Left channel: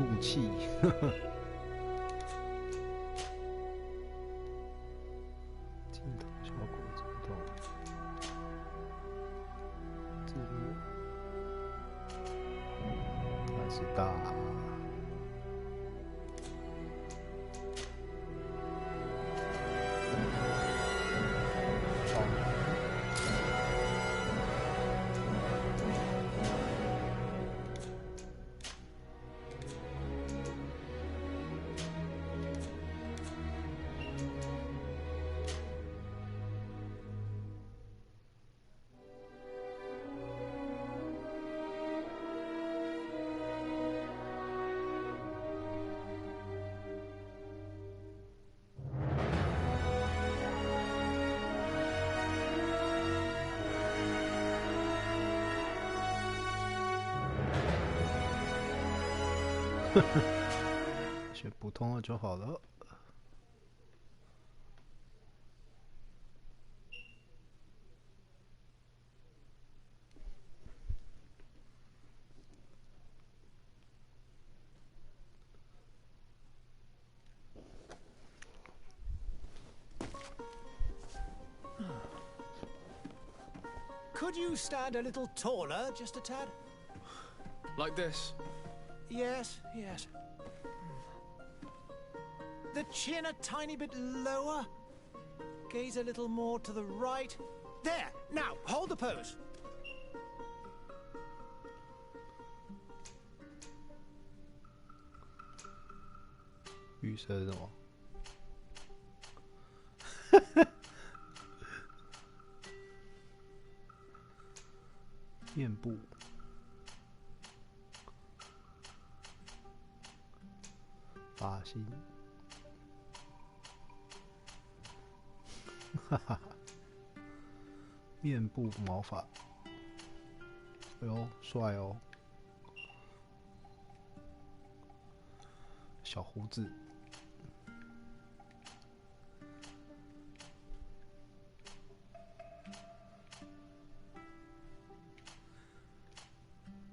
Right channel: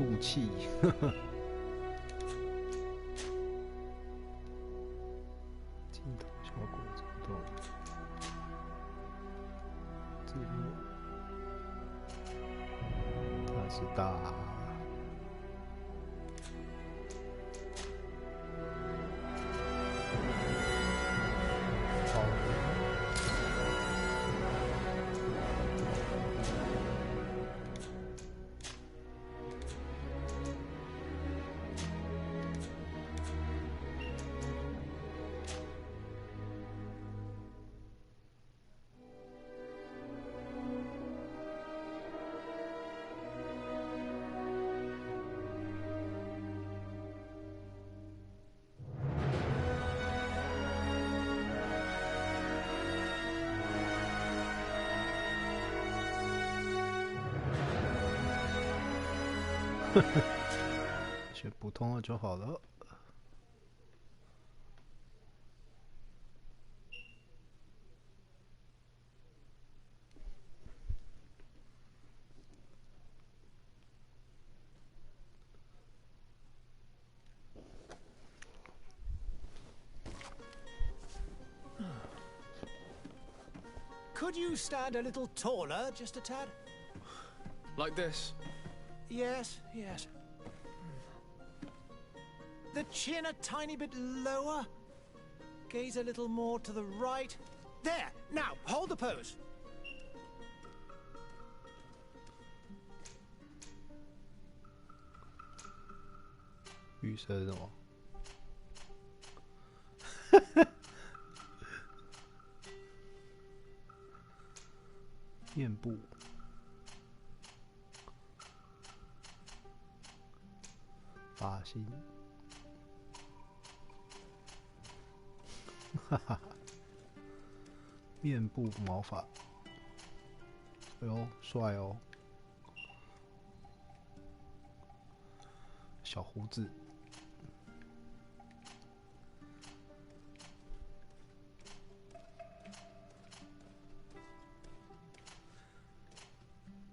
怒气。镜头效果震动，自律，它是大。选普通的就好了。Could you stand a little taller, just a tad? Like this? Yes, yes. The chin a tiny bit lower. Gaze a little more to the right. There! Now, hold the pose. 预设是什么？面部。发型。哈哈，面部毛发。哎呦，帅哦！小胡子。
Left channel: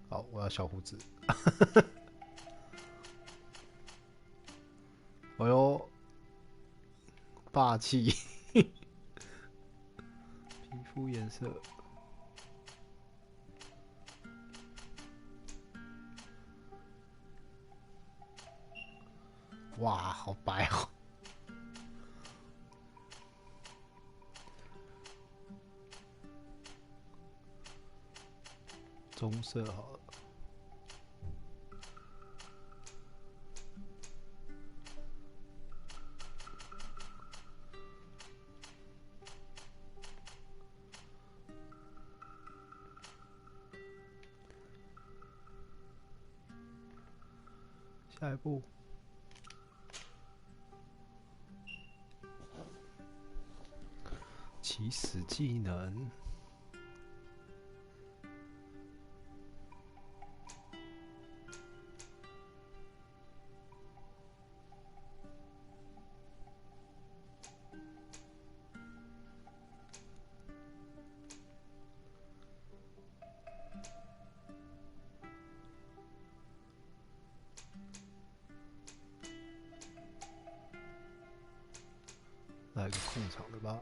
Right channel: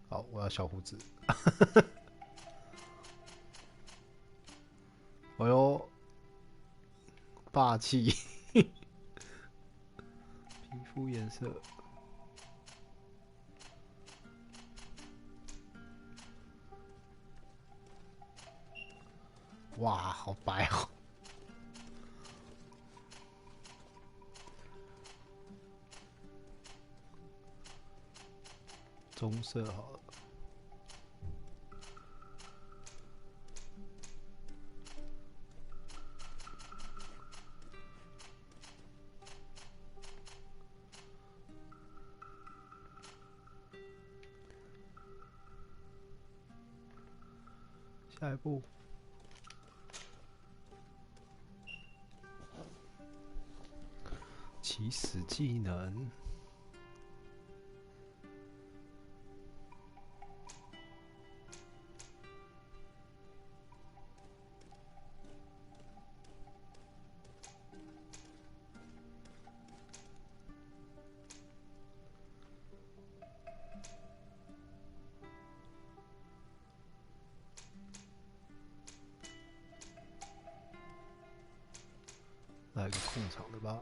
好，我要小胡子。哎呦，霸气！皮肤颜色，哇，好白哦！棕色好了。下一步，起始技能。来个控场的吧。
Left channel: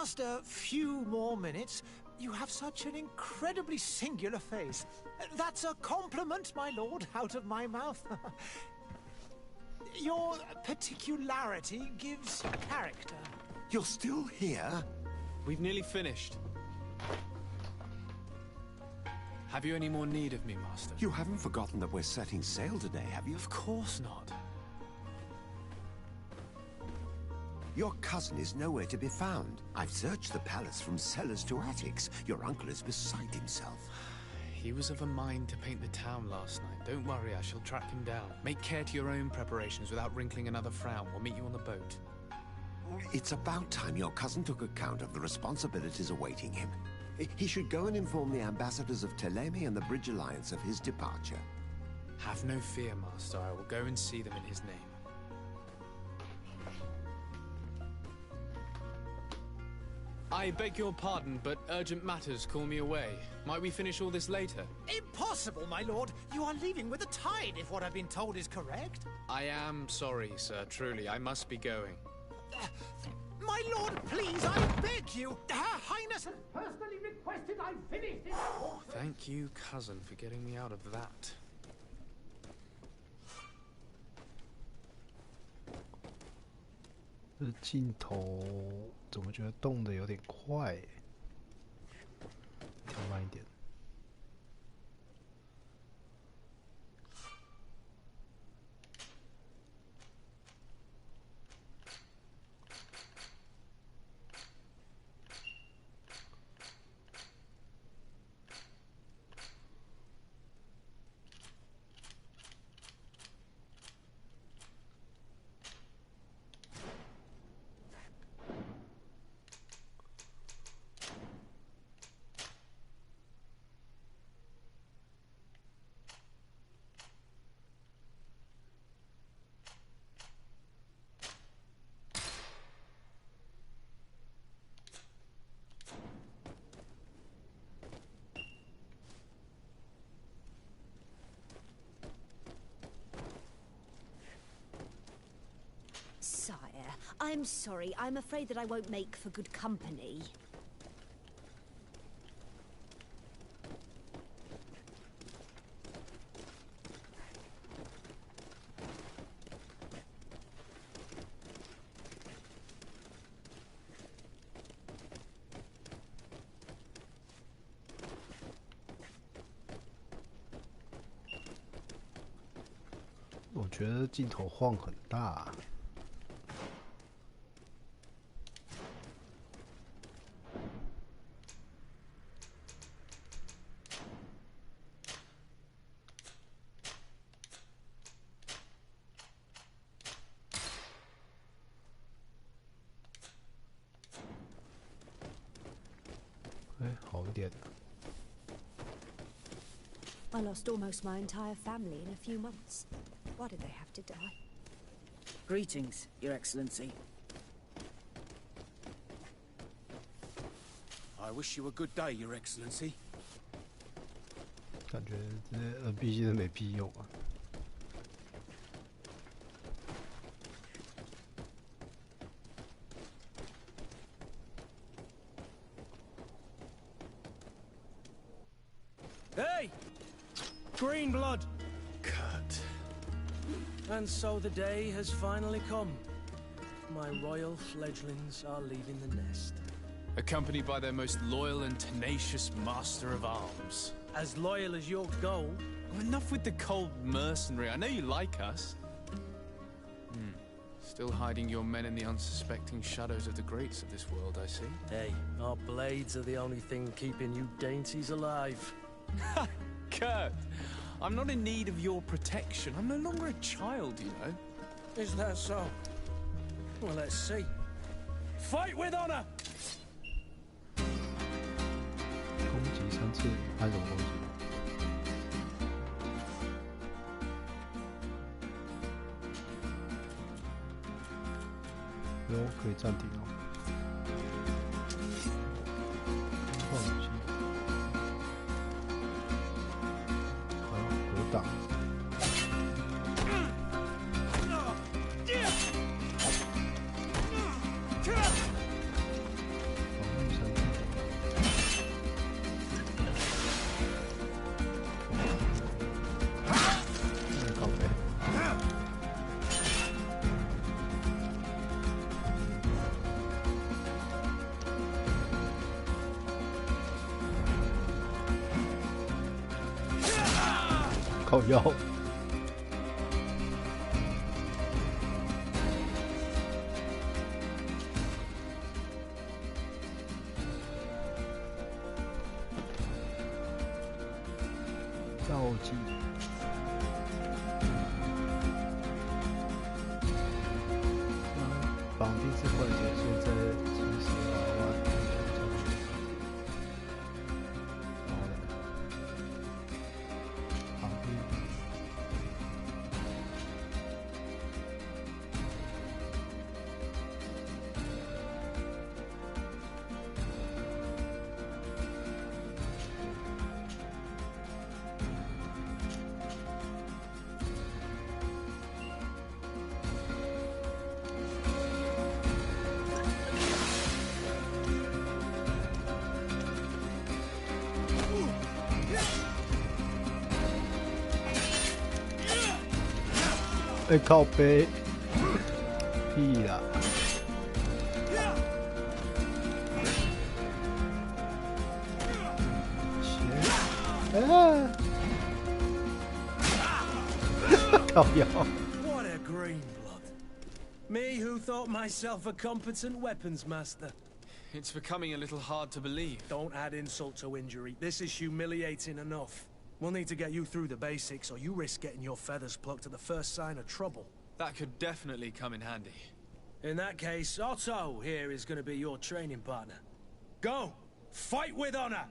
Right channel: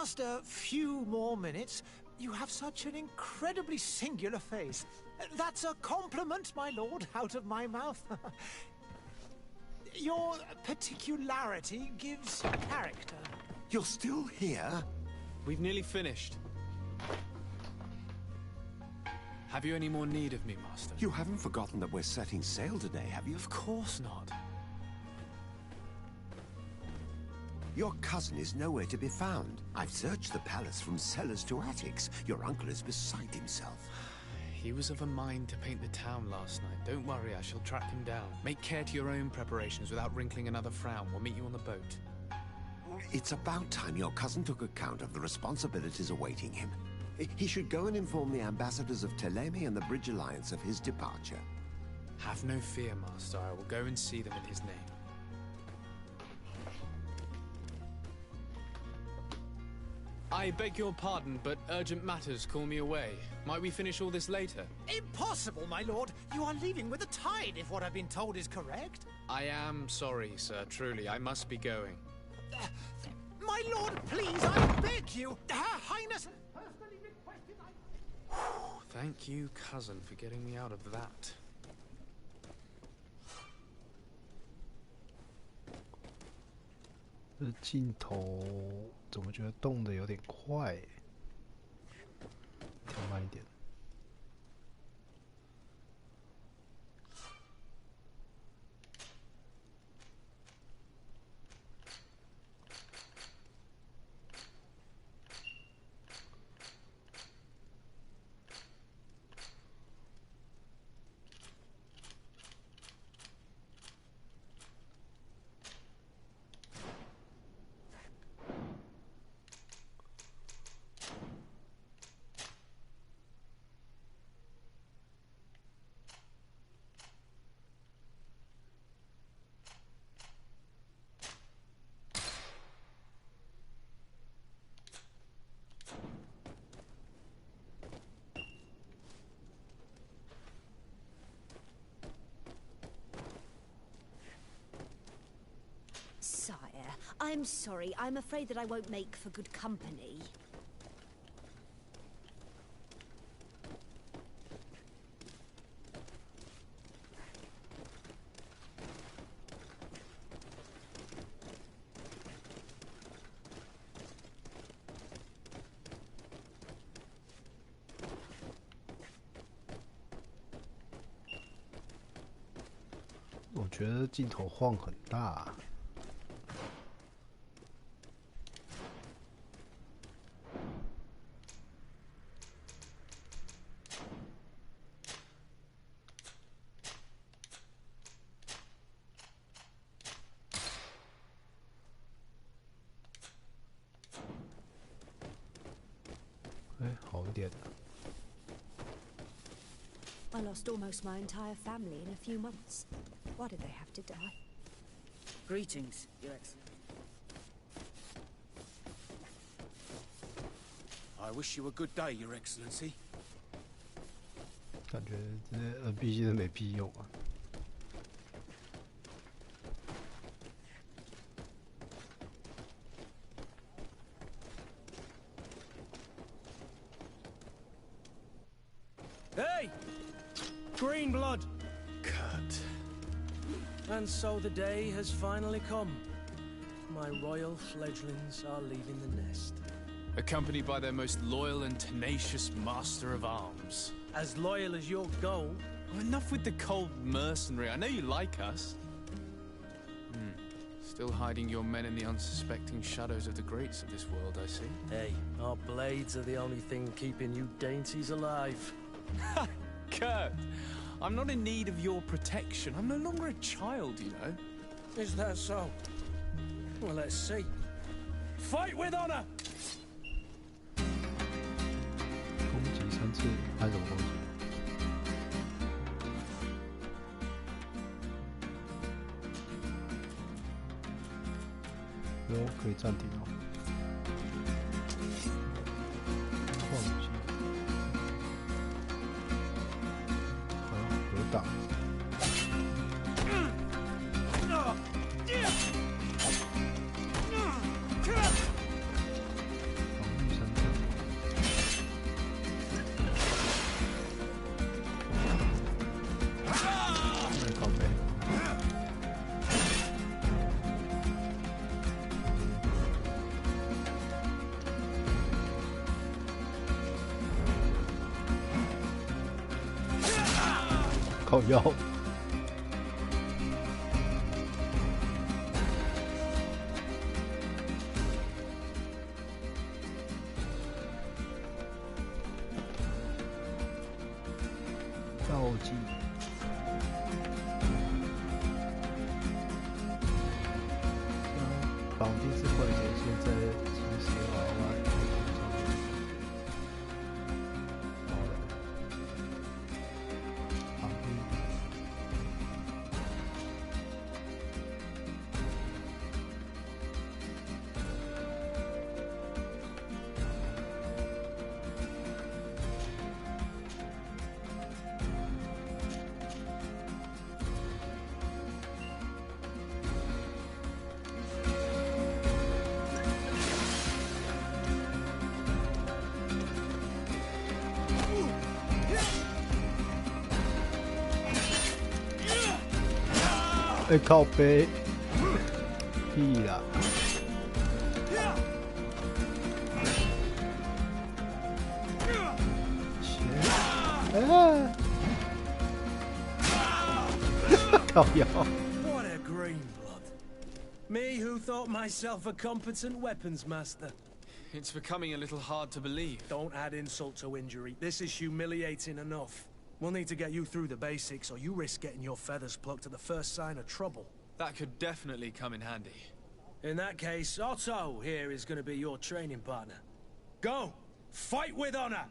just a few more minutes. You have such an incredibly singular face. That's a compliment, my lord, out of my mouth. Your particularity gives character. You're still here? We've nearly finished. Have you any more need of me, Master? You haven't forgotten that we're setting sail today, have you? Of course not. Your cousin is nowhere to be found. I've searched the palace from cellars to attics. Your uncle is beside himself. He was of a mind to paint the town last night. Don't worry, I shall track him down. Make care to your own preparations without wrinkling another frown. We'll meet you on the boat. It's about time your cousin took account of the responsibilities awaiting him. He should go and inform the ambassadors of Teleme and the Bridge Alliance of his departure. Have no fear, Master. I will go and see them in his name. I beg your pardon, but urgent matters call me away. Might we finish all this later? Impossible, my lord. You are leaving with the tide, if what I've been told is correct. I am sorry, sir. Truly, I must be going. My lord, please, I beg you. Her Highness has personally requested I finish it. Thank you, cousin, for getting me out of that. 这镜头怎么觉得动的有点快？调慢一点。Sire, I'm sorry. I'm afraid that I won't make for good company.我觉得镜头晃很大。好一点。 I lost almost my entire family in a few months. Why did they have to die? Greetings, Your Excellency. I wish you a good day, Your Excellency. 感觉这些NPC 都没屁用啊。 Hey! Green blood! Kurt. And so the day has finally come. My royal fledglings are leaving the nest. Accompanied by their most loyal and tenacious master of arms. As loyal as your gold. Oh, enough with the cold mercenary. I know you like us. Still hiding your men in the unsuspecting shadows of the greats of this world, I see. Hey, our blades are the only thing keeping you dainties alive. Ha! Kurt! I'm not in need of your protection. I'm no longer a child, you know. Is that so? Well, let's see. Fight with honor! 攻击3次，按什么攻击？哟，可以暂停哦。放弃。好，有打。 Ugh! 靠腰。造记。将绑定式快捷线在其实娃娃上面。然后呢？绑定。靠背，屁啦！靠腰。What a green blood! Me who thought myself a competent weapons master. It's becoming a little hard to believe. Don't add insult to injury. This is humiliating enough. We'll need to get you through the basics, or you risk getting your feathers plucked at the first sign of trouble. That could definitely come in handy. In that case, Otto here is going to be your training partner. Go! Fight with honor!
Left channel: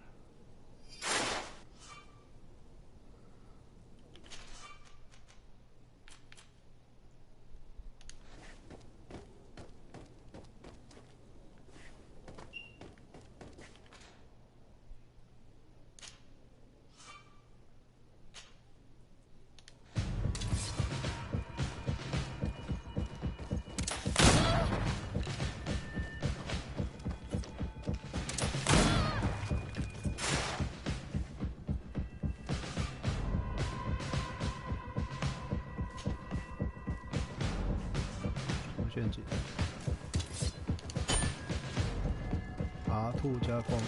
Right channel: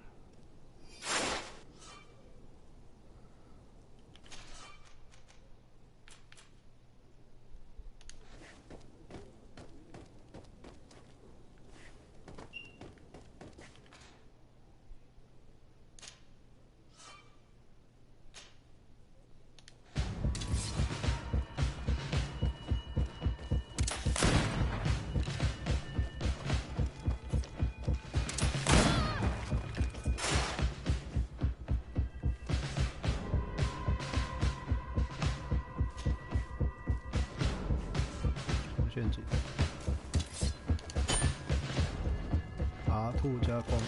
陷阱。R兔加光。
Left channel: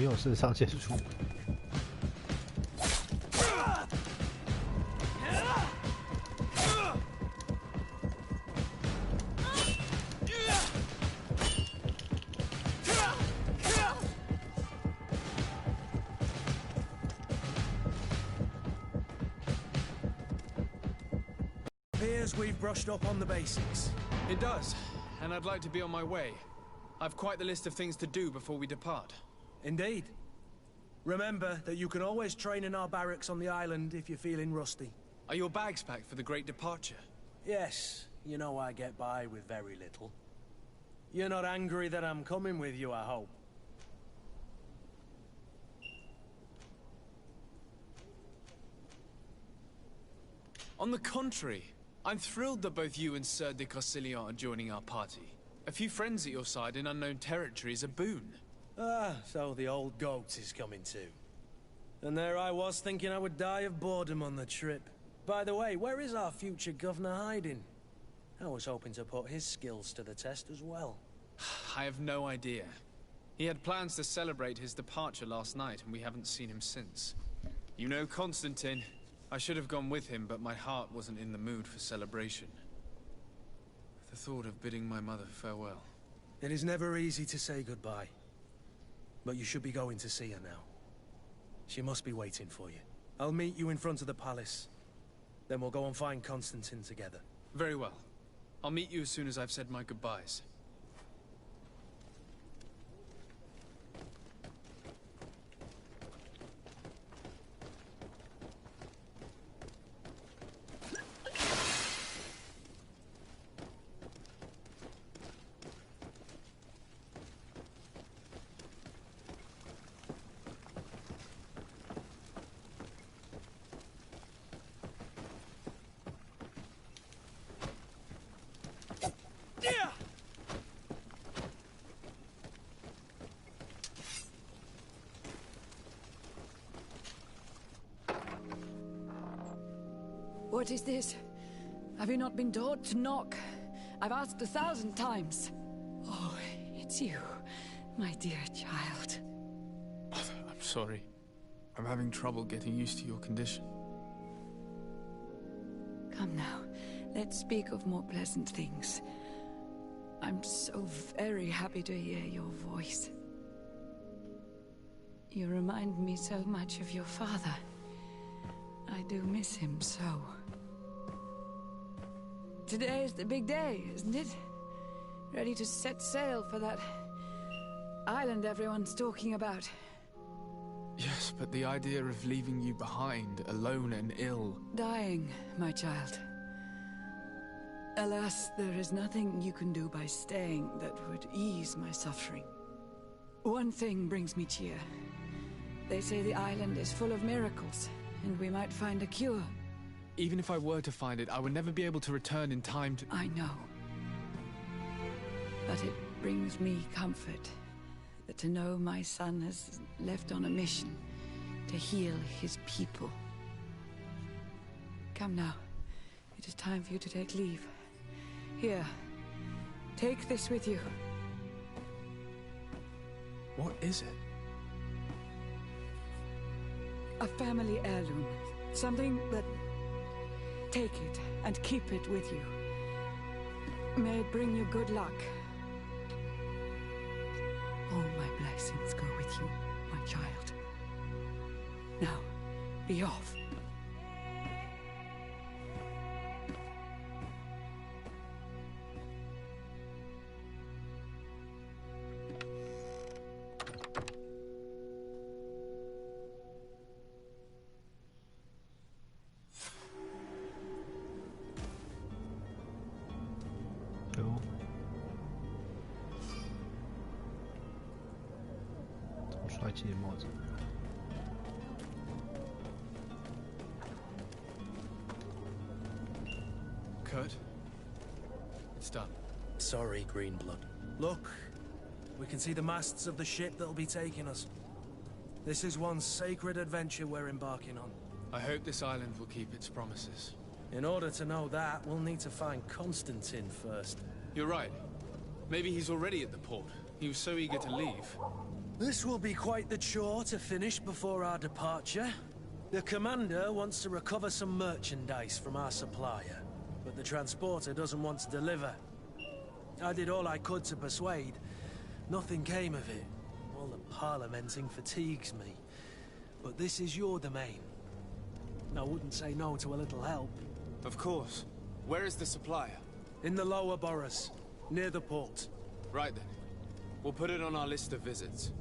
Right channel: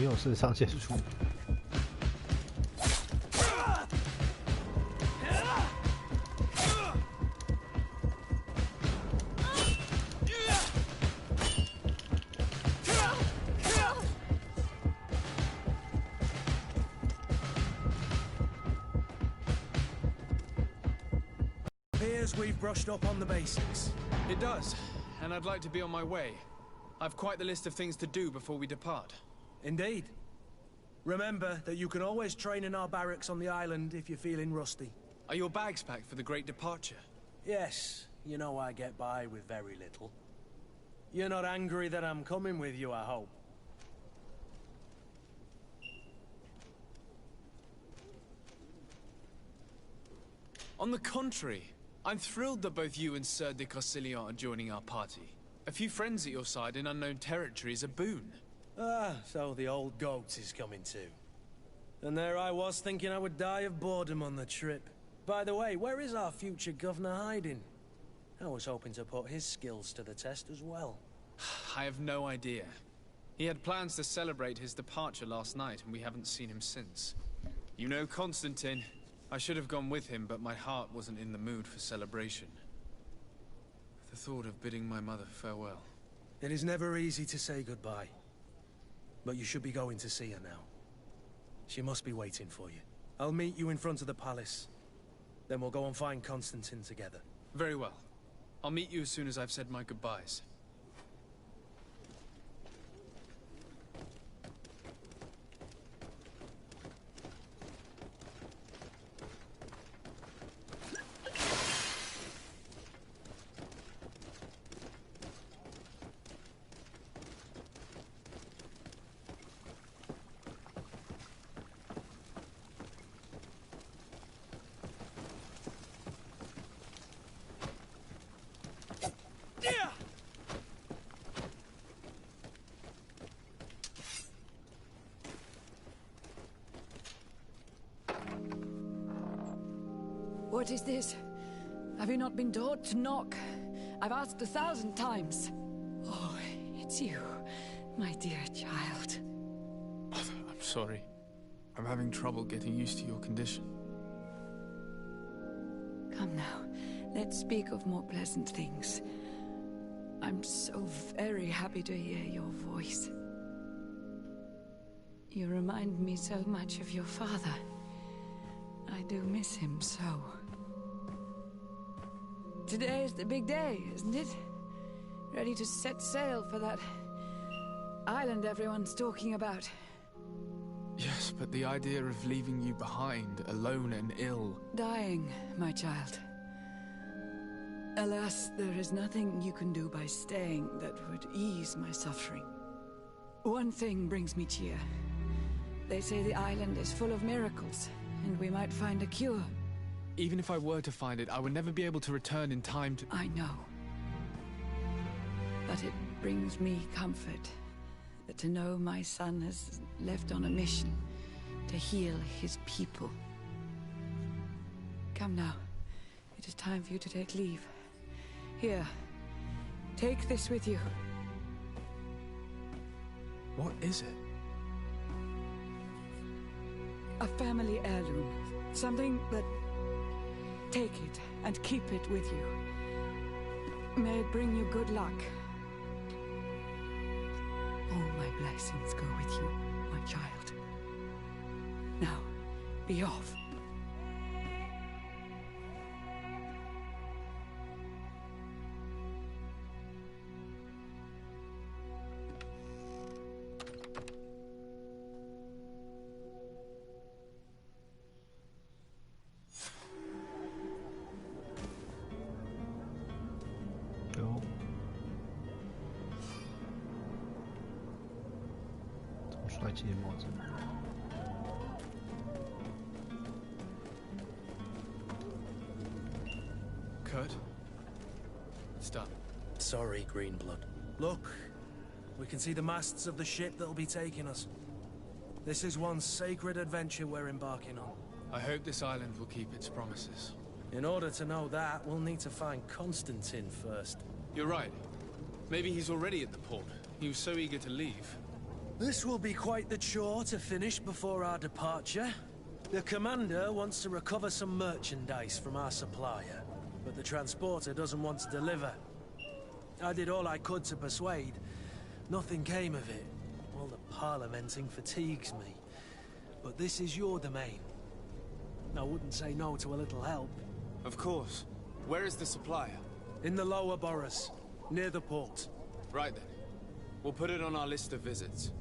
没有肾上腺素。Appears we've brushed up on the basics. It does, and I'd like to be on my way. I've quite the list of things to do before we depart. Indeed. Remember that you can always train in our barracks on the island if you're feeling rusty. Are your bags packed for the great departure? Yes, you know I get by with very little. You're not angry that I'm coming with you, I hope. On the contrary, I'm thrilled that both you and Sir de Corsillon are joining our party. A few friends at your side in unknown territory is a boon. Ah, so the old goat is coming too. And there I was thinking I would die of boredom on the trip. By the way, where is our future governor hiding? I was hoping to put his skills to the test as well. I have no idea. He had plans to celebrate his departure last night, and we haven't seen him since. You know Constantine. I should have gone with him, but my heart wasn't in the mood for celebration. The thought of bidding my mother farewell. It is never easy to say goodbye. But you should be going to see her now. She must be waiting for you. I'll meet you in front of the palace. Then we'll go and find Constantine together. Very well. I'll meet you as soon as I've said my goodbyes. What is this? Have you not been taught to knock? I've asked 1,000 times. Oh, it's you, my dear child. I'm sorry. I'm having trouble getting used to your condition. Come now, let's speak of more pleasant things. I'm so very happy to hear your voice. You remind me so much of your father. I do miss him so. Today is the big day, isn't it? Ready to set sail for that island everyone's talking about. Yes, but the idea of leaving you behind, alone and ill... Dying, my child. Alas, there is nothing you can do by staying that would ease my suffering. One thing brings me cheer. They say the island is full of miracles, and we might find a cure. Even if I were to find it, I would never be able to return in time to... I know. But it brings me comfort to know my son has left on a mission to heal his people. Come now. It is time for you to take leave. Here, take this with you. What is it? A family heirloom. Something that... Take it and keep it with you. May it bring you good luck. All my blessings go with you, my child. Now, be off. Go. 这么帅气的帽子。Kurt? It's done. Sorry, Greenblood. Look, we can see the masts of the ship that'll be taking us. This is one sacred adventure we're embarking on. I hope this island will keep its promises. In order to know that, we'll need to find Constantine first. You're right. Maybe he's already at the port. He was so eager to leave. This will be quite the chore to finish before our departure. The commander wants to recover some merchandise from our supplier, but the transporter doesn't want to deliver. I did all I could to persuade. Nothing came of it. All the parliamenting fatigues me. But this is your domain. I wouldn't say no to a little help. Of course. Where is the supplier? In the lower boroughs, near the port. Right then. We'll put it on our list of visits.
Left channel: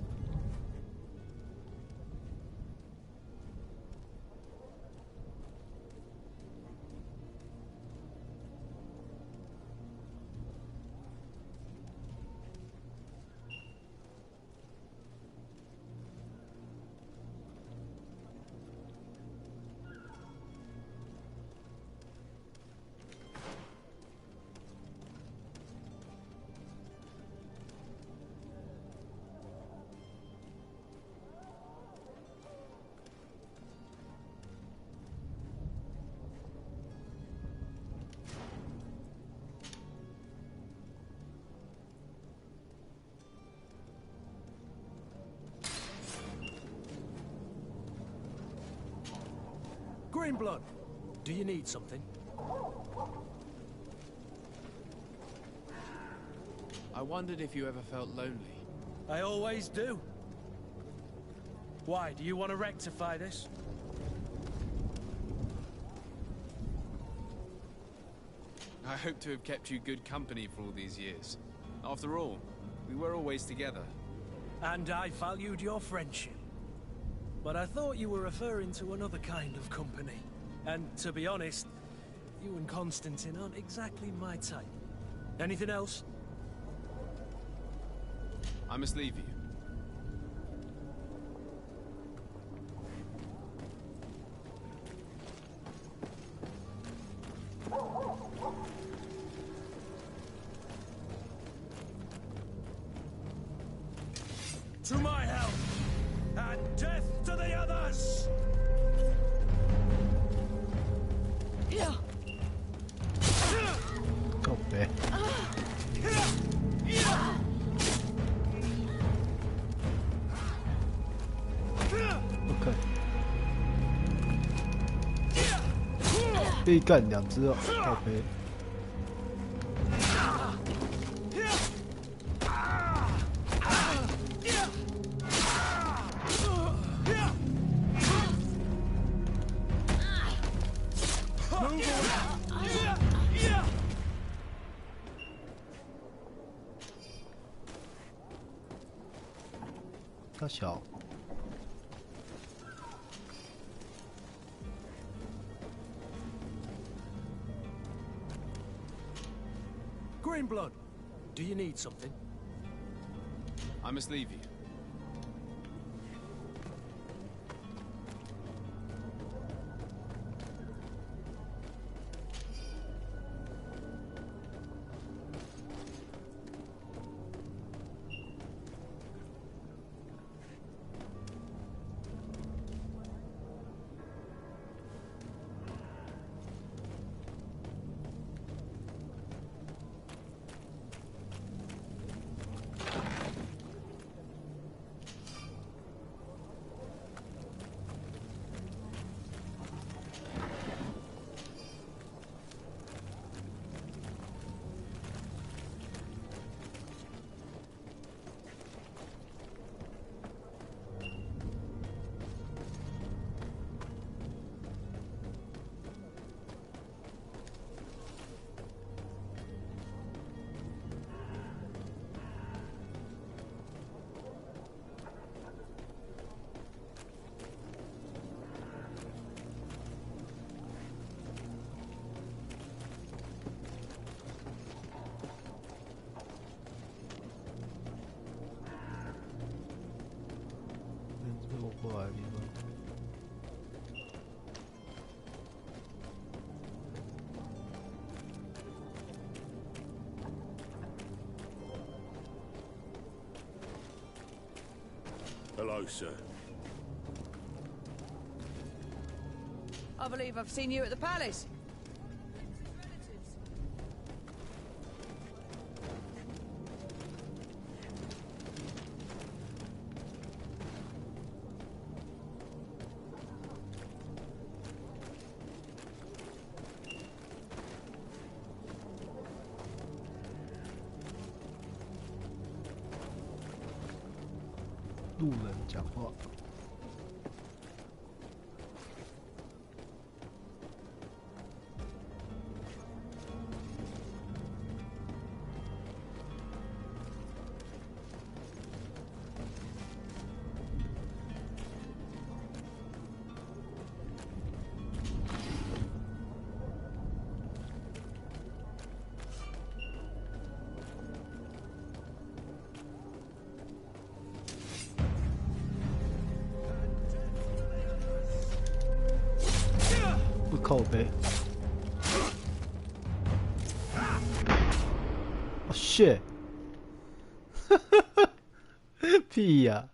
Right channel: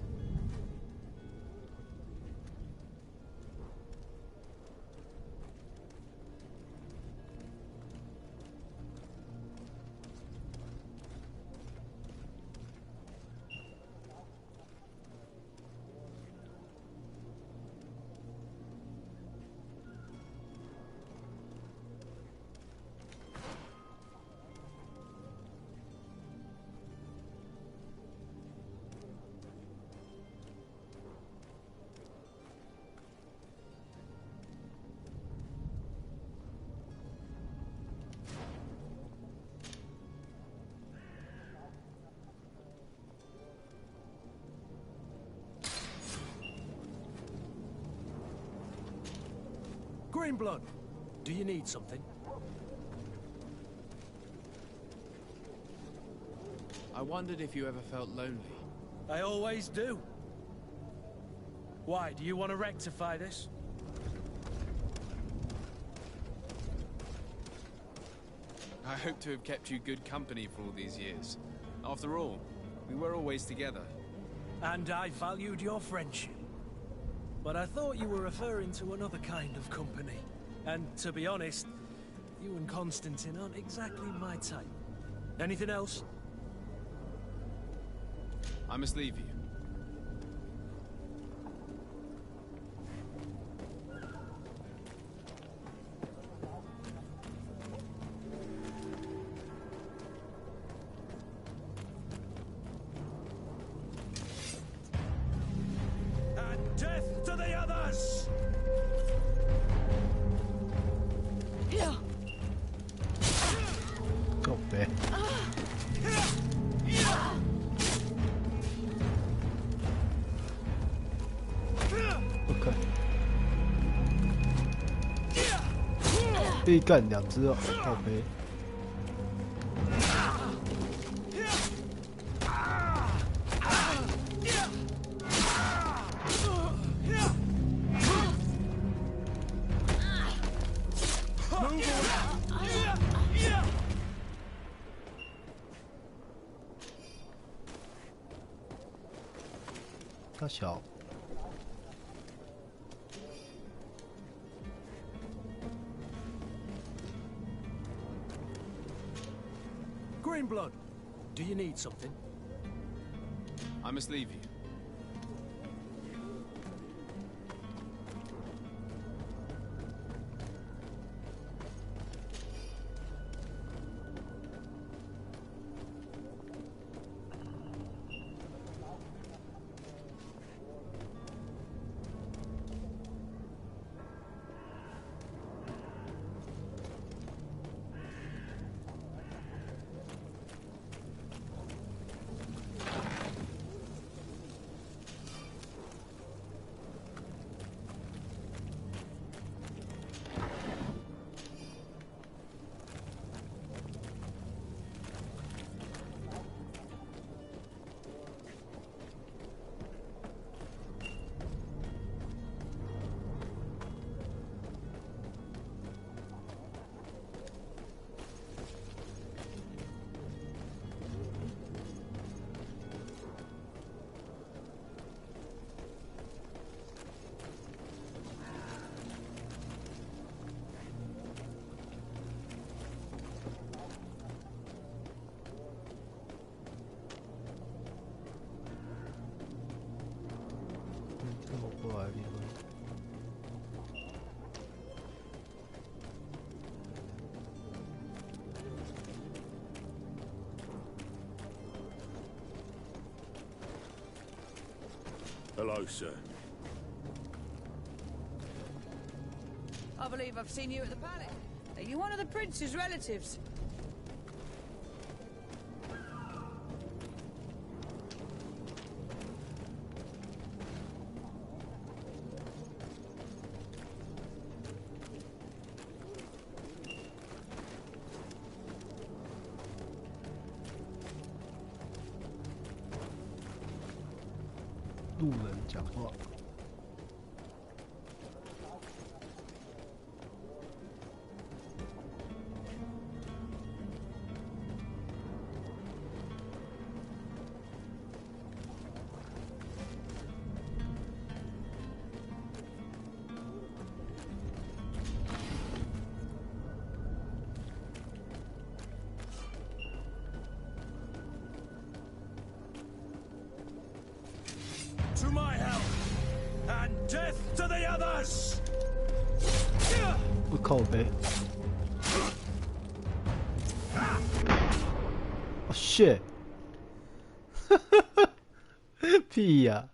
Greenblood, do you need something? I wondered if you ever felt lonely. I always do. Why, do you want to rectify this? I hope to have kept you good company for all these years. After all, we were always together. And I valued your friendship. But I thought you were referring to another kind of company. And to be honest, you and Constantine aren't exactly my type. Anything else? I must leave you. To my help! And death to the others! Yeah. 可以干2只哦，靠背。他小。 Greenblood, do you need something? I must leave you.过来地方。Hello, sir. I believe I've seen you at the palace. Are you one of the prince's relatives?路人讲话。不靠背。哦 shit！ 屁呀！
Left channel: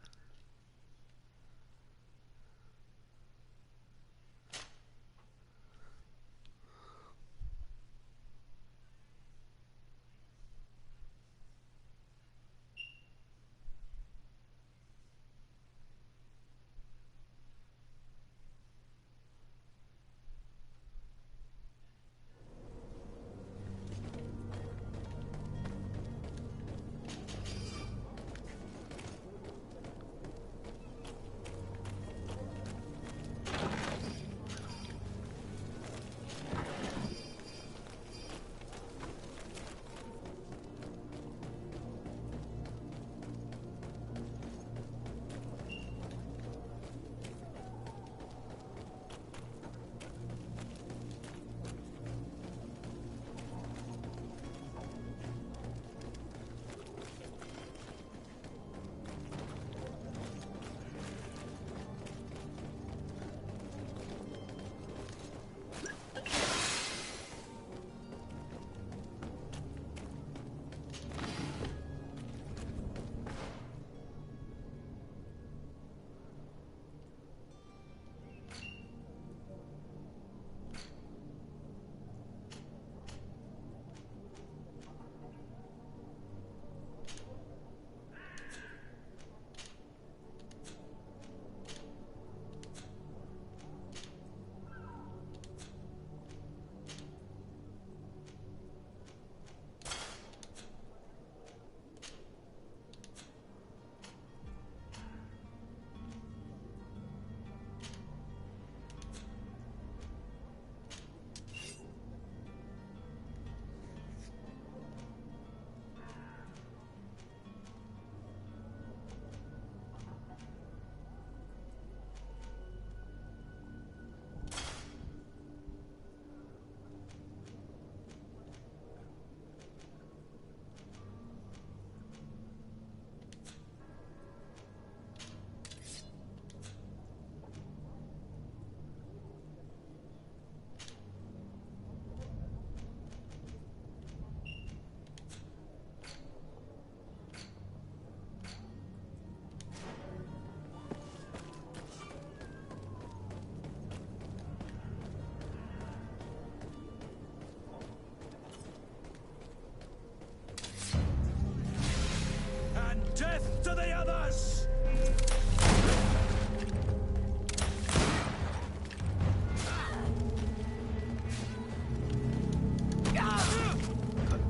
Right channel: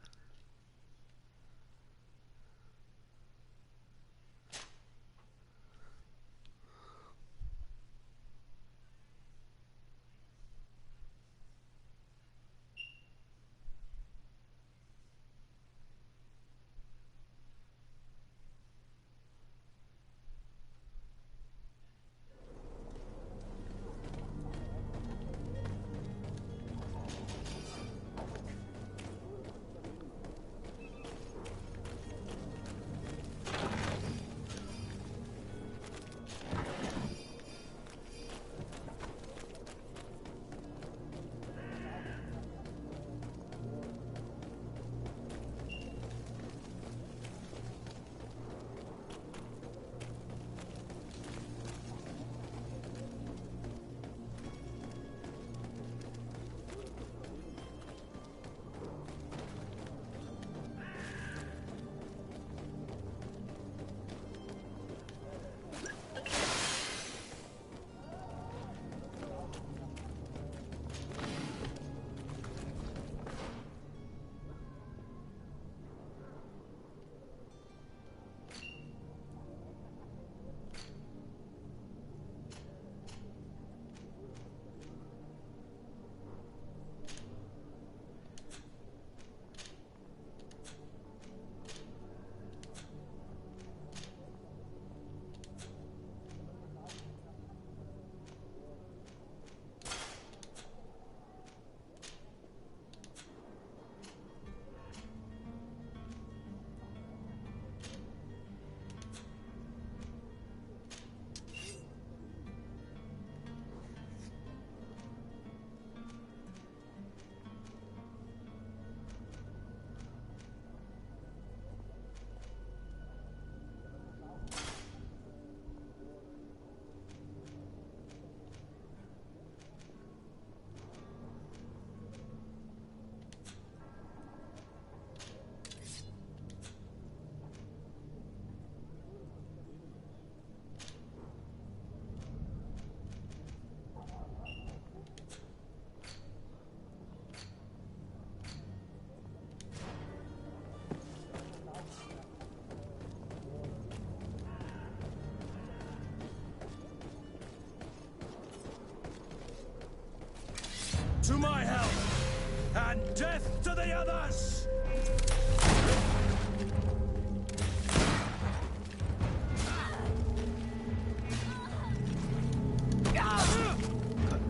others!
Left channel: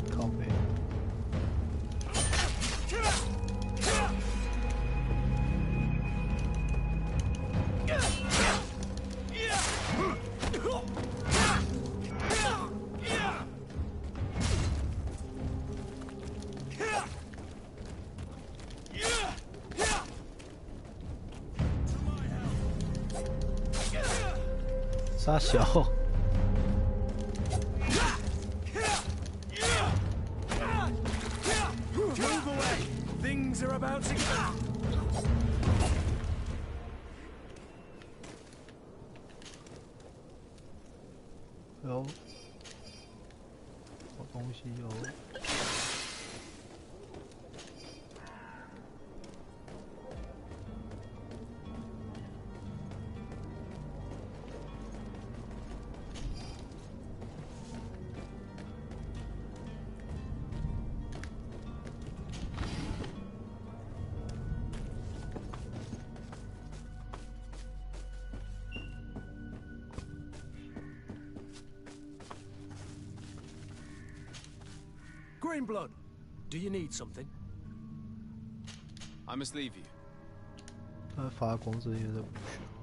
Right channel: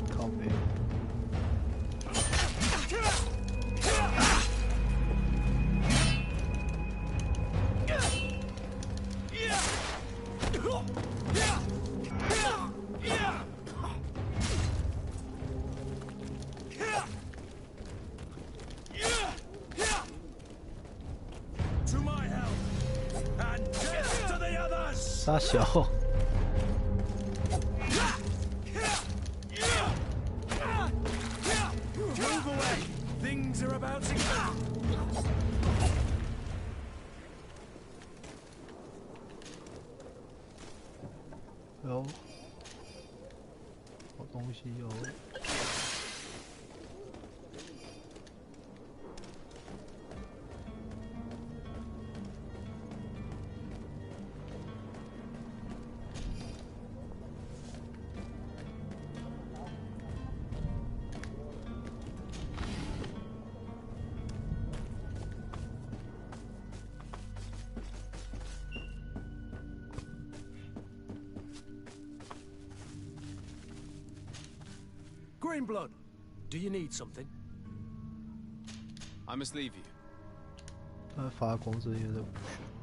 靠背。傻小。Move away! Things are about to go. 有，好东西有。Greenblood, do you need something? I must leave you. 他发光这些都不需要。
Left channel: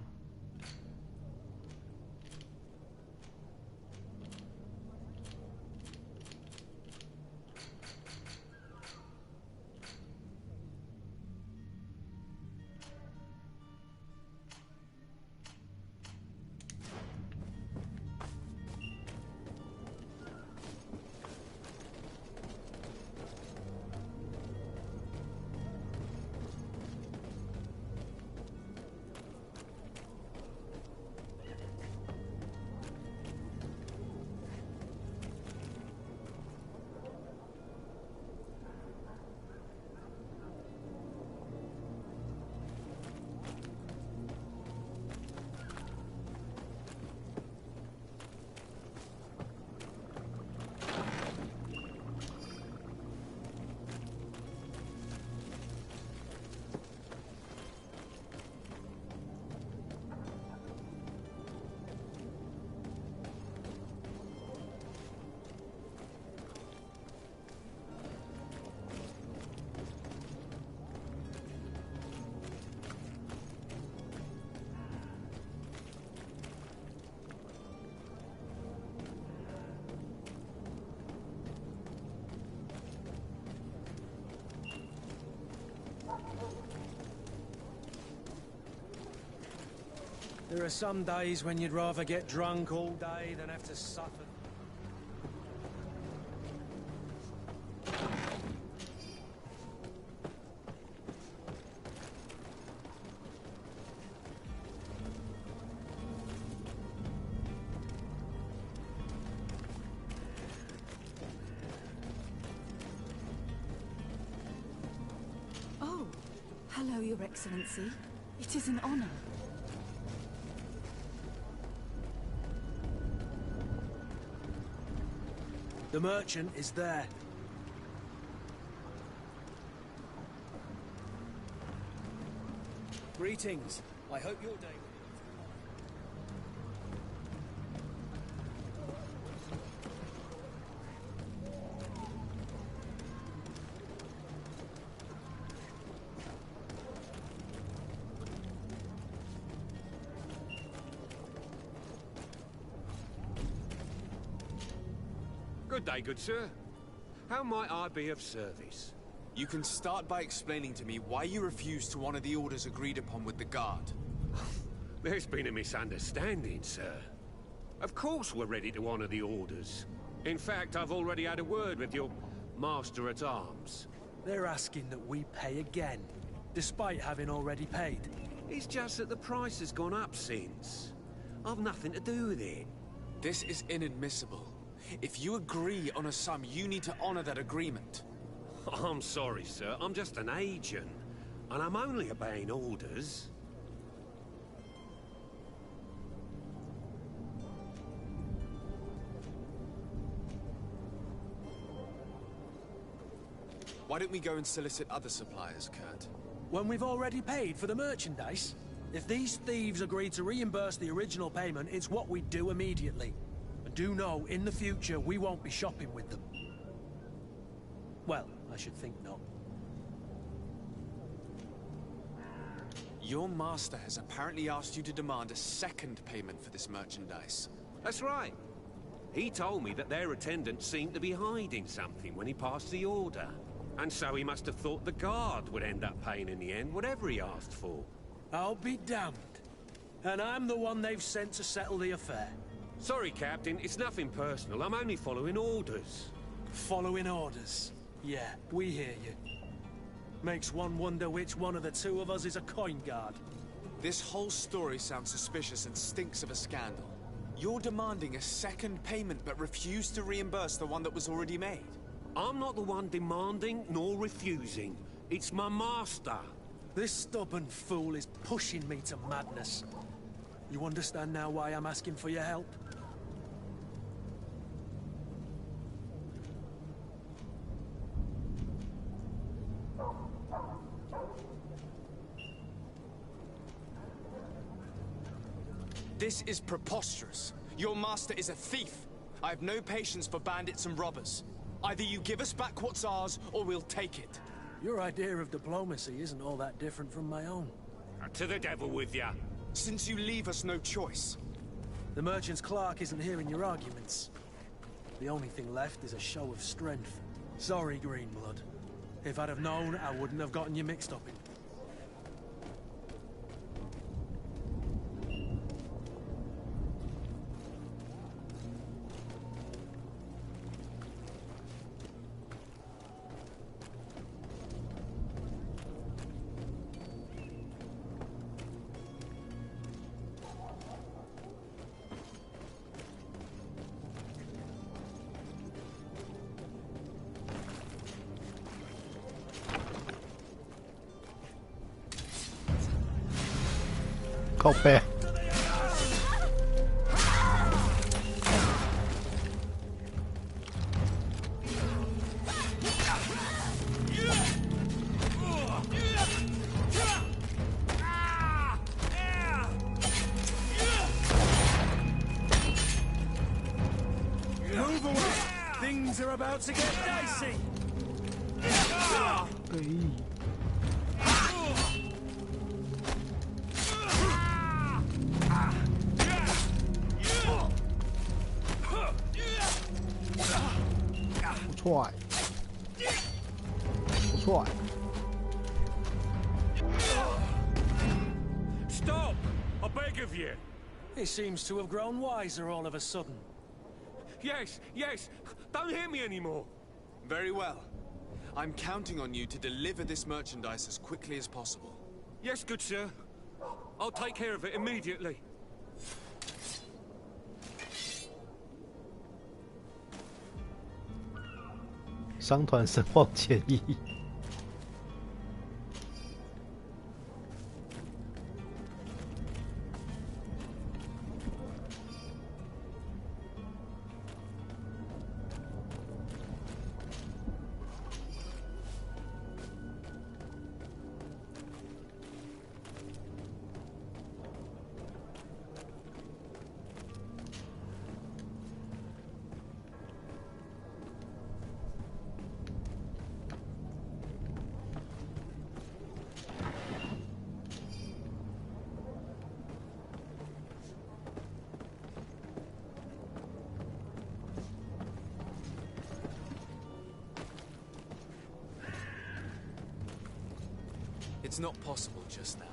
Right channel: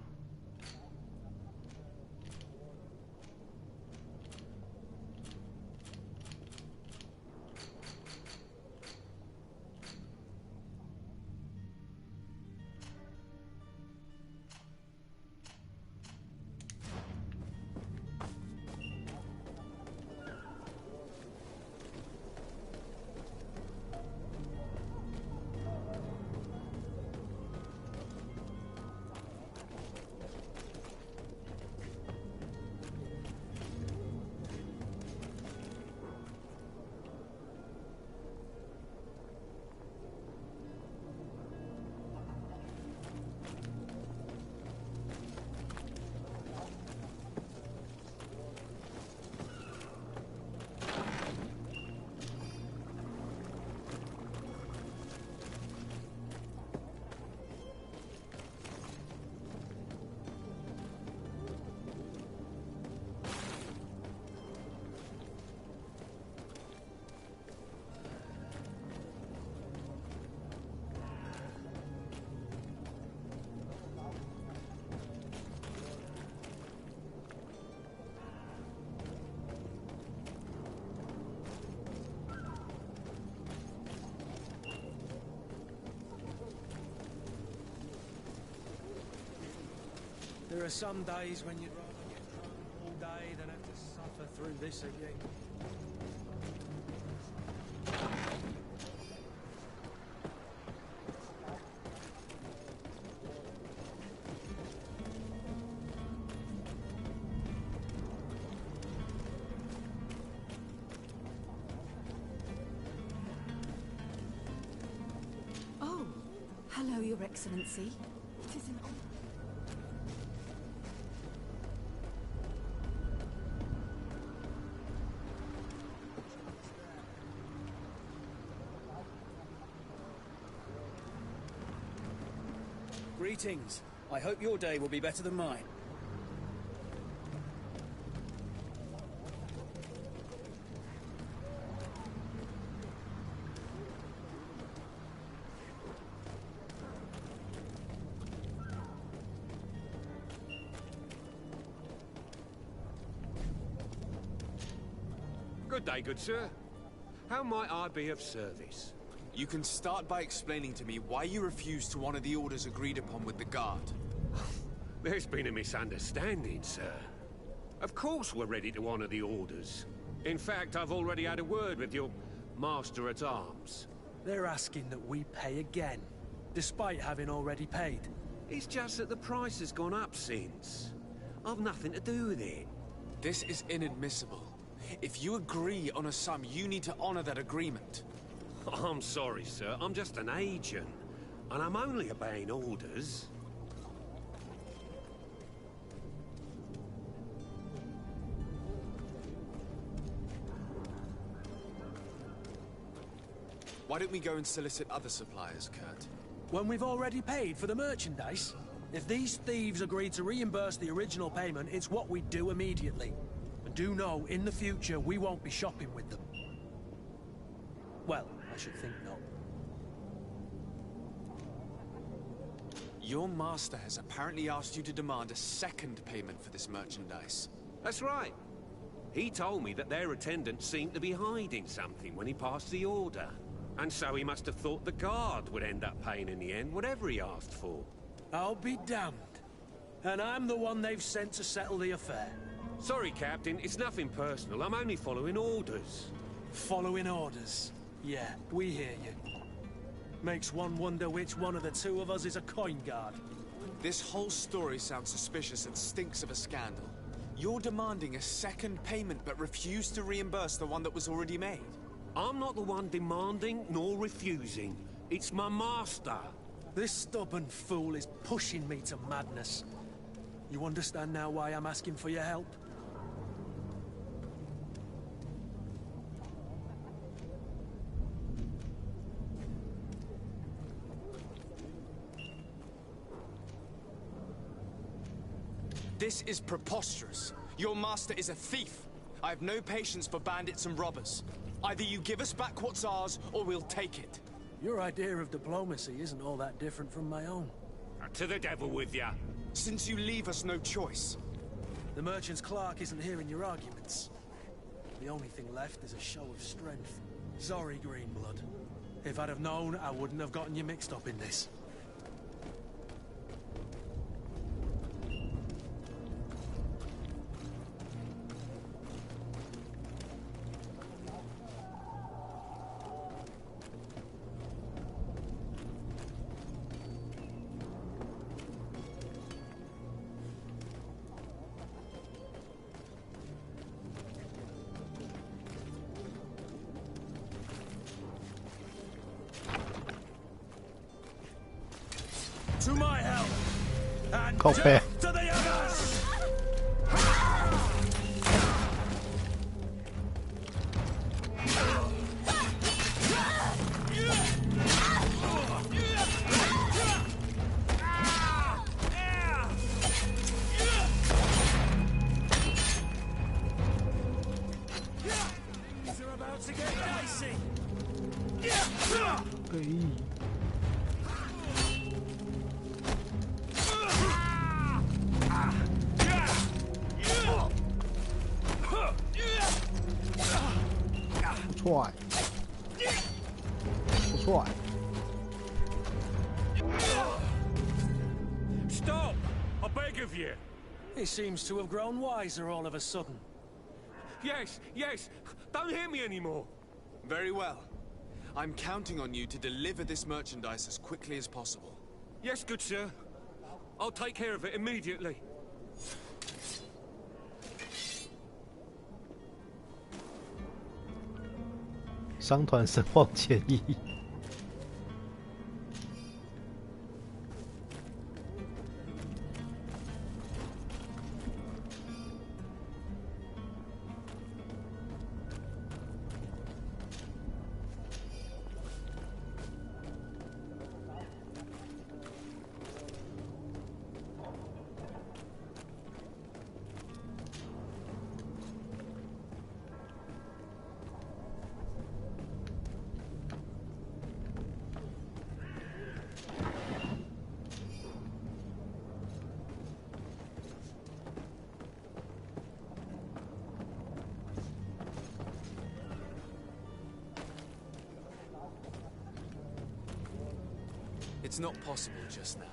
There are some days when you'd rather get drunk all day than have to suffer through this again. Oh, hello, Your Excellency. It is an honor. The merchant is there. Greetings. I hope your day will be better than mine. Good day, good sir. How might I be of service? You can start by explaining to me why you refuse to honor the orders agreed upon with the guard. There's been a misunderstanding, sir. Of course we're ready to honor the orders. In fact, I've already had a word with your master-at-arms. They're asking that we pay again, despite having already paid. It's just that the price has gone up since. I've nothing to do with it. This is inadmissible. If you agree on a sum, you need to honor that agreement. I'm sorry, sir. I'm just an agent. And I'm only obeying orders. Why don't we go and solicit other suppliers, Kurt? When we've already paid for the merchandise? If these thieves agreed to reimburse the original payment, it's what we'd do immediately. And do know, in the future, we won't be shopping with them. Well, I should think not. Your master has apparently asked you to demand a second payment for this merchandise. That's right. He told me that their attendant seemed to be hiding something when he passed the order. And so he must have thought the guard would end up paying in the end, whatever he asked for. I'll be damned. And I'm the one they've sent to settle the affair. Sorry, Captain, it's nothing personal. I'm only following orders. Following orders? Yeah, we hear you. Makes one wonder which one of the two of us is a coin guard. This whole story sounds suspicious and stinks of a scandal. You're demanding a second payment but refuse to reimburse the one that was already made. I'm not the one demanding nor refusing. It's my master. This stubborn fool is pushing me to madness. You understand now why I'm asking for your help? This is preposterous. Your master is a thief. I have no patience for bandits and robbers. Either you give us back what's ours, or we'll take it. Your idea of diplomacy isn't all that different from my own. To the devil with ya. Since you leave us no choice. The merchant's clerk isn't hearing your arguments. The only thing left is a show of strength. Sorry, Greenblood. If I'd have known, I wouldn't have gotten you mixed up in this.靠背。Things are about to get dicey. 不错哎，不错哎。 Stop! I beg of you. He seems to have grown wiser all of a sudden. Yes, yes. Don't hit me anymore. Very well. I'm counting on you to deliver this merchandise as quickly as possible. Yes, good sir. I'll take care of it immediately. 商团声望前移。It's not possible just now.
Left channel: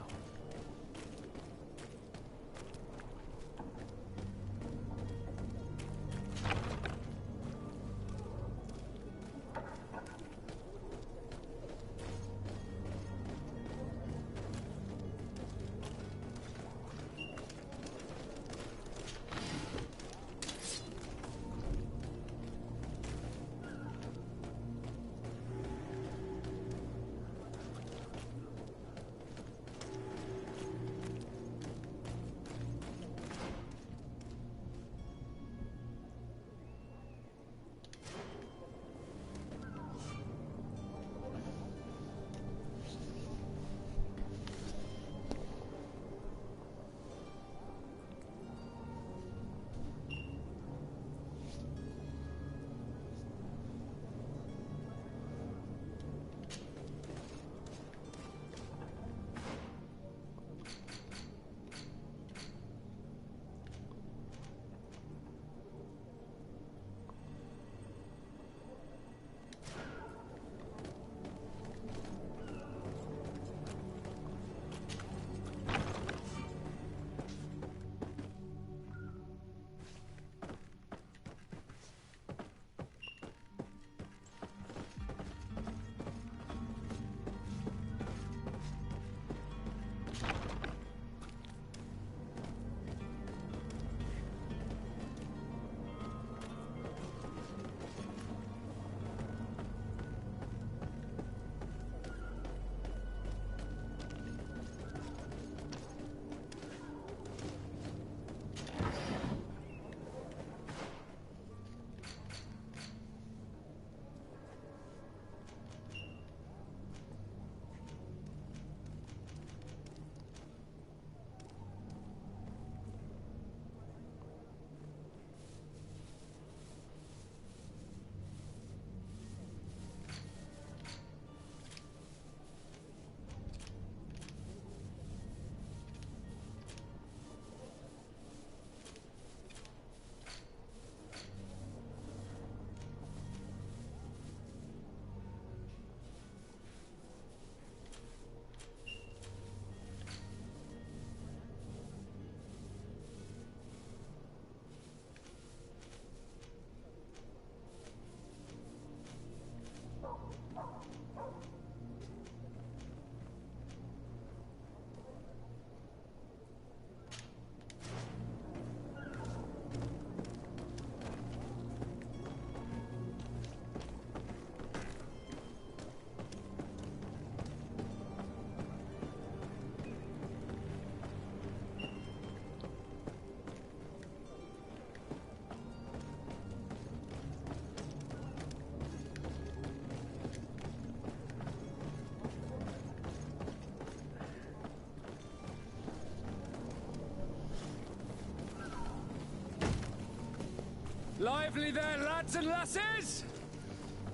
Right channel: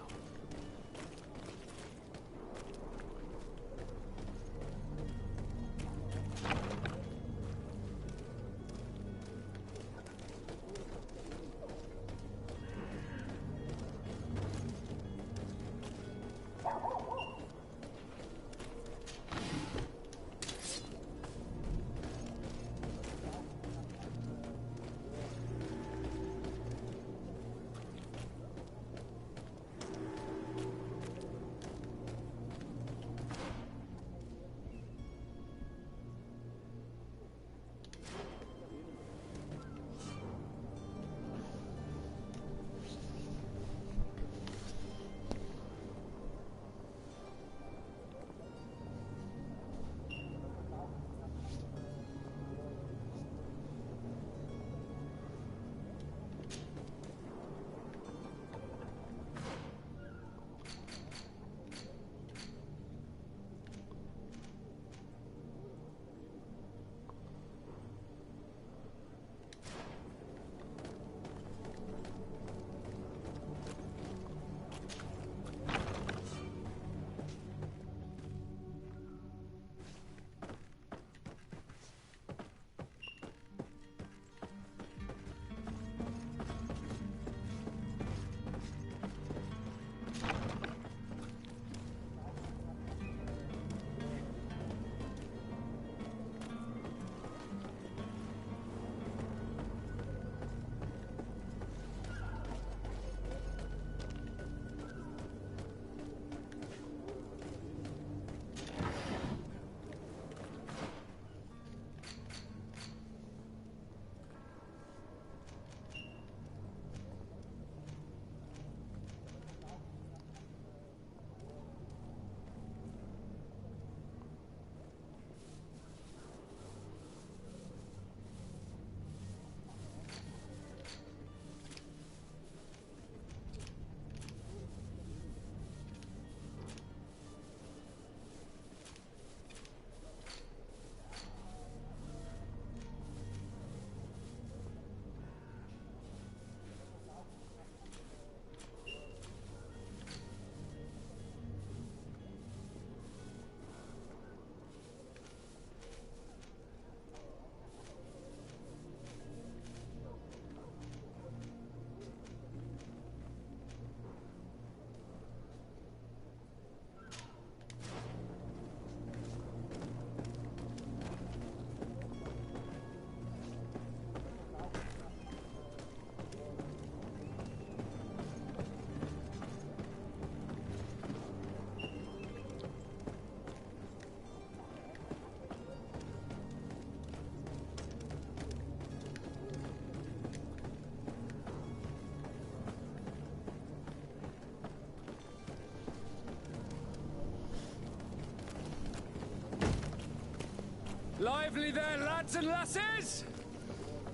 Lively there, lads and lasses!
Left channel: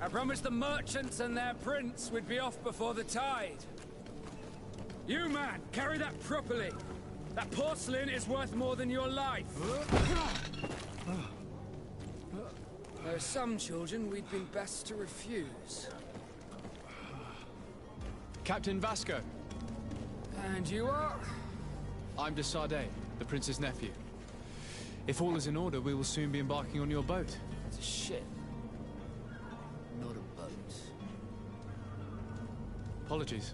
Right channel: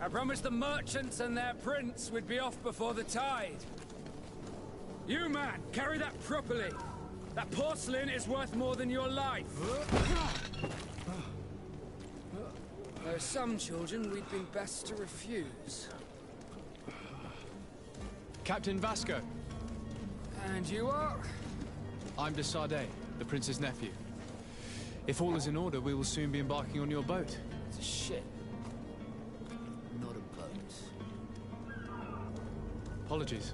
I promised the merchants and their prince we'd be off before the tide. You, man, carry that properly. That porcelain is worth more than your life. There are some children we'd been best to refuse. Captain Vasco. And you are? I'm TzuHsiuPeng0703, the prince's nephew. If all is in order, we will soon be embarking on your boat. It's a ship. Not a boat. Apologies.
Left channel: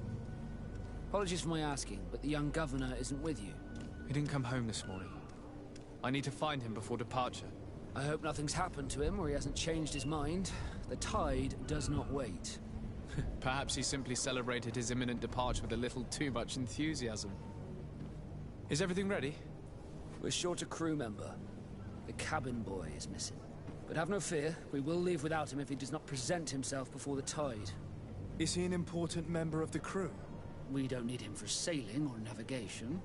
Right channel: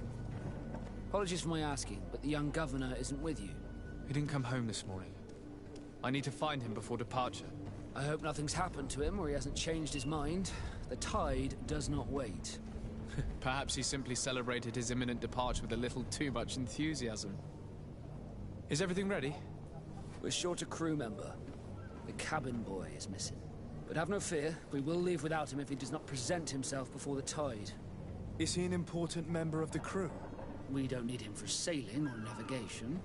Apologies for my asking, but the young governor isn't with you. He didn't come home this morning. I need to find him before departure. I hope nothing's happened to him or he hasn't changed his mind. The tide does not wait. Perhaps he simply celebrated his imminent departure with a little too much enthusiasm. Is everything ready? We're short a crew member. The cabin boy is missing. But have no fear, we will leave without him if he does not present himself before the tide. Is he an important member of the crew? We don't need him for sailing or navigation.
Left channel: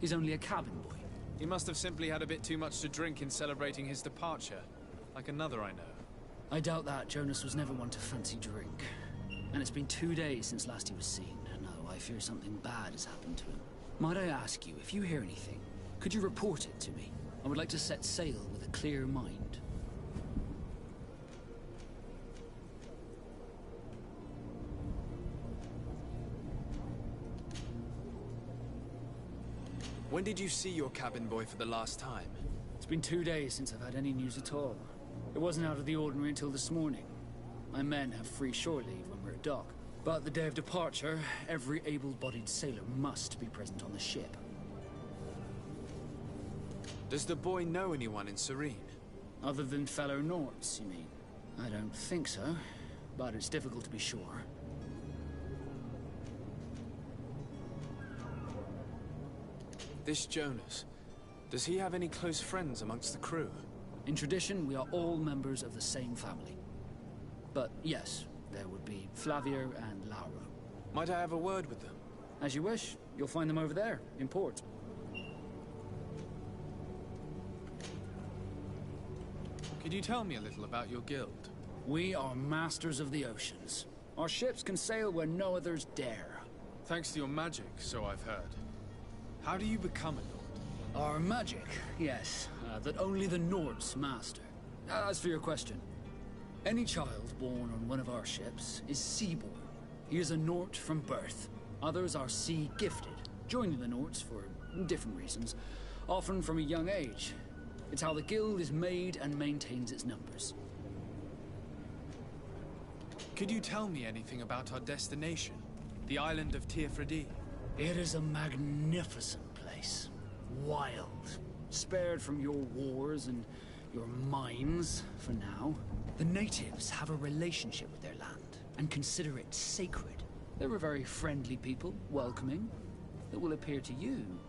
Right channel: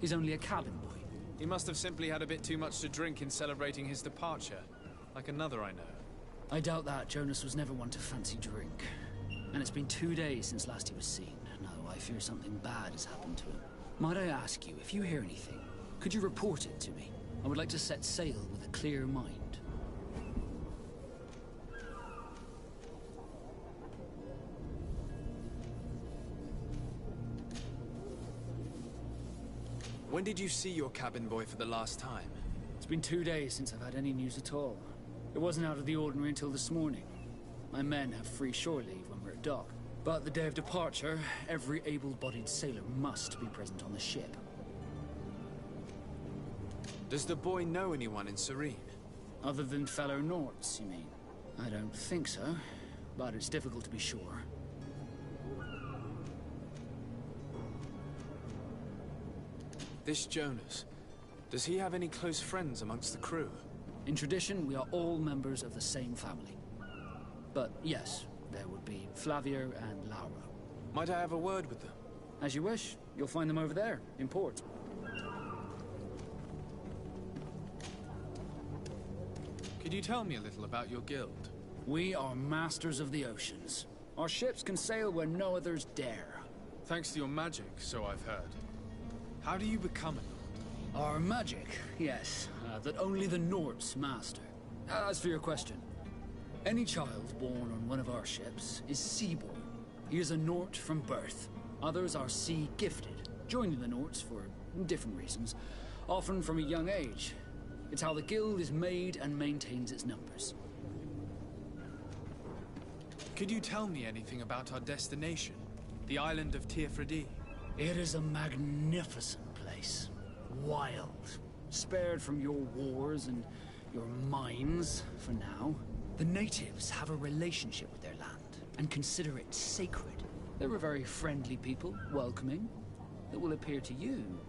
He's only a cabin boy. He must have simply had a bit too much to drink in celebrating his departure. Like another I know. I doubt that. Jonas was never one to fancy drink. And it's been 2 days since last he was seen. No, I fear something bad has happened to him. Might I ask you, if you hear anything, could you report it to me? I would like to set sail with a clear mind. When did you see your cabin boy for the last time? It's been 2 days since I've had any news at all. It wasn't out of the ordinary until this morning. My men have free shore leave when we're at dock. But the day of departure, every able-bodied sailor must be present on the ship. Does the boy know anyone in Serene? Other than fellow Norts, you mean? I don't think so, but it's difficult to be sure. This Jonas, does he have any close friends amongst the crew? In tradition, we are all members of the same family. But yes, there would be Flavio and Laura. Might I have a word with them? As you wish. You'll find them over there, in port. Could you tell me a little about your guild? We are masters of the oceans. Our ships can sail where no others dare. Thanks to your magic, so I've heard. How do you become a Nord? Our magic, yes, that only the Nords master. As for your question, any child born on one of our ships is seaborn. He is a Nord from birth. Others are sea-gifted, joining the Nords for different reasons, often from a young age. It's how the guild is made and maintains its numbers. Could you tell me anything about our destination? The island of TzuHsiuPeng0703? It is a magnificent place. Wild. Spared from your wars and your mines, for now. The natives have a relationship with their land, and consider it sacred. They're a very friendly people, welcoming. That will appear to you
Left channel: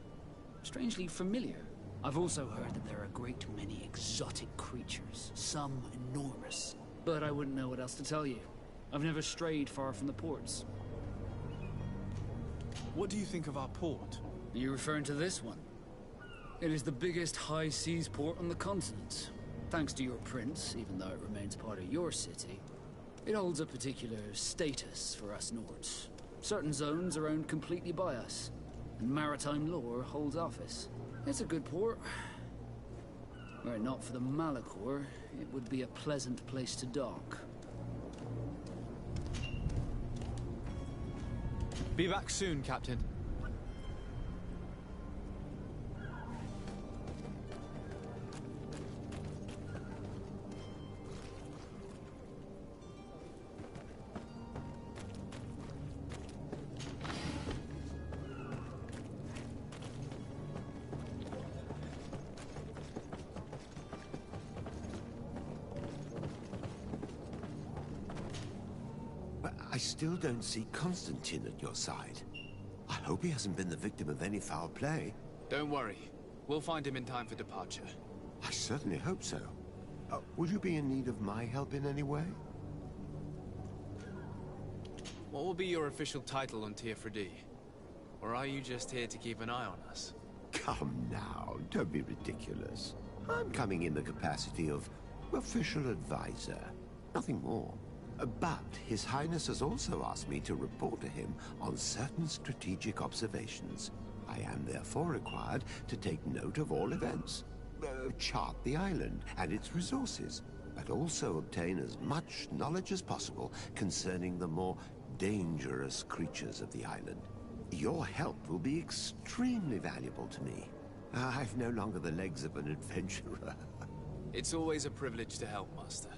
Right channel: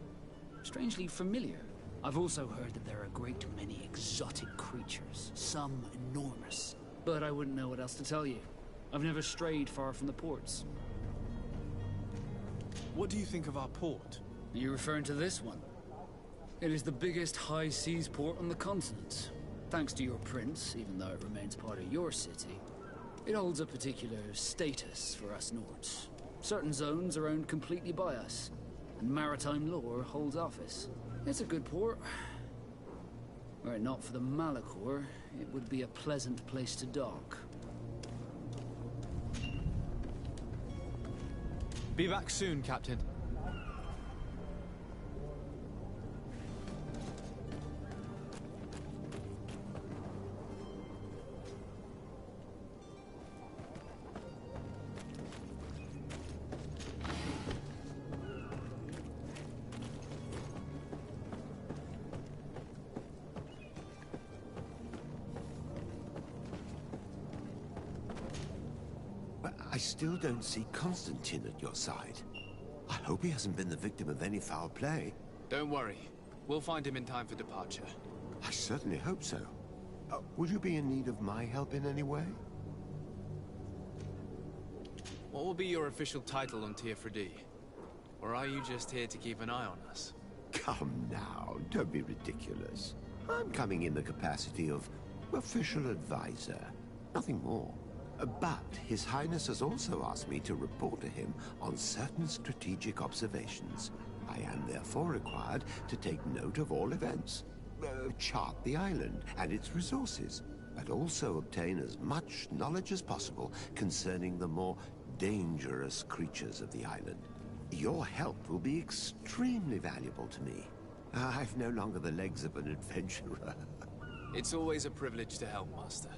strangely familiar. I've also heard that there are a great many exotic creatures, some enormous. But I wouldn't know what else to tell you. I've never strayed far from the ports. What do you think of our port? Are you referring to this one? It is the biggest high seas port on the continent. Thanks to your prince, even though it remains part of your city, it holds a particular status for us Nords. Certain zones are owned completely by us, and maritime law holds office. It's a good port. Were it not for the Malachor, it would be a pleasant place to dock. Be back soon, Captain. I still don't see Constantine at your side. I hope he hasn't been the victim of any foul play. Don't worry. We'll find him in time for departure. I certainly hope so. Would you be in need of my help in any way? What will be your official title on TzuHsiuPeng0703? Or are you just here to keep an eye on us? Come now, don't be ridiculous. I'm coming in the capacity of Official advisor. Nothing more. But His Highness has also asked me to report to him on certain strategic observations. I am therefore required to take note of all events, chart the island and its resources, but also obtain as much knowledge as possible concerning the more dangerous creatures of the island. Your help will be extremely valuable to me. I've no longer the legs of an adventurer. It's always a privilege to help, Master.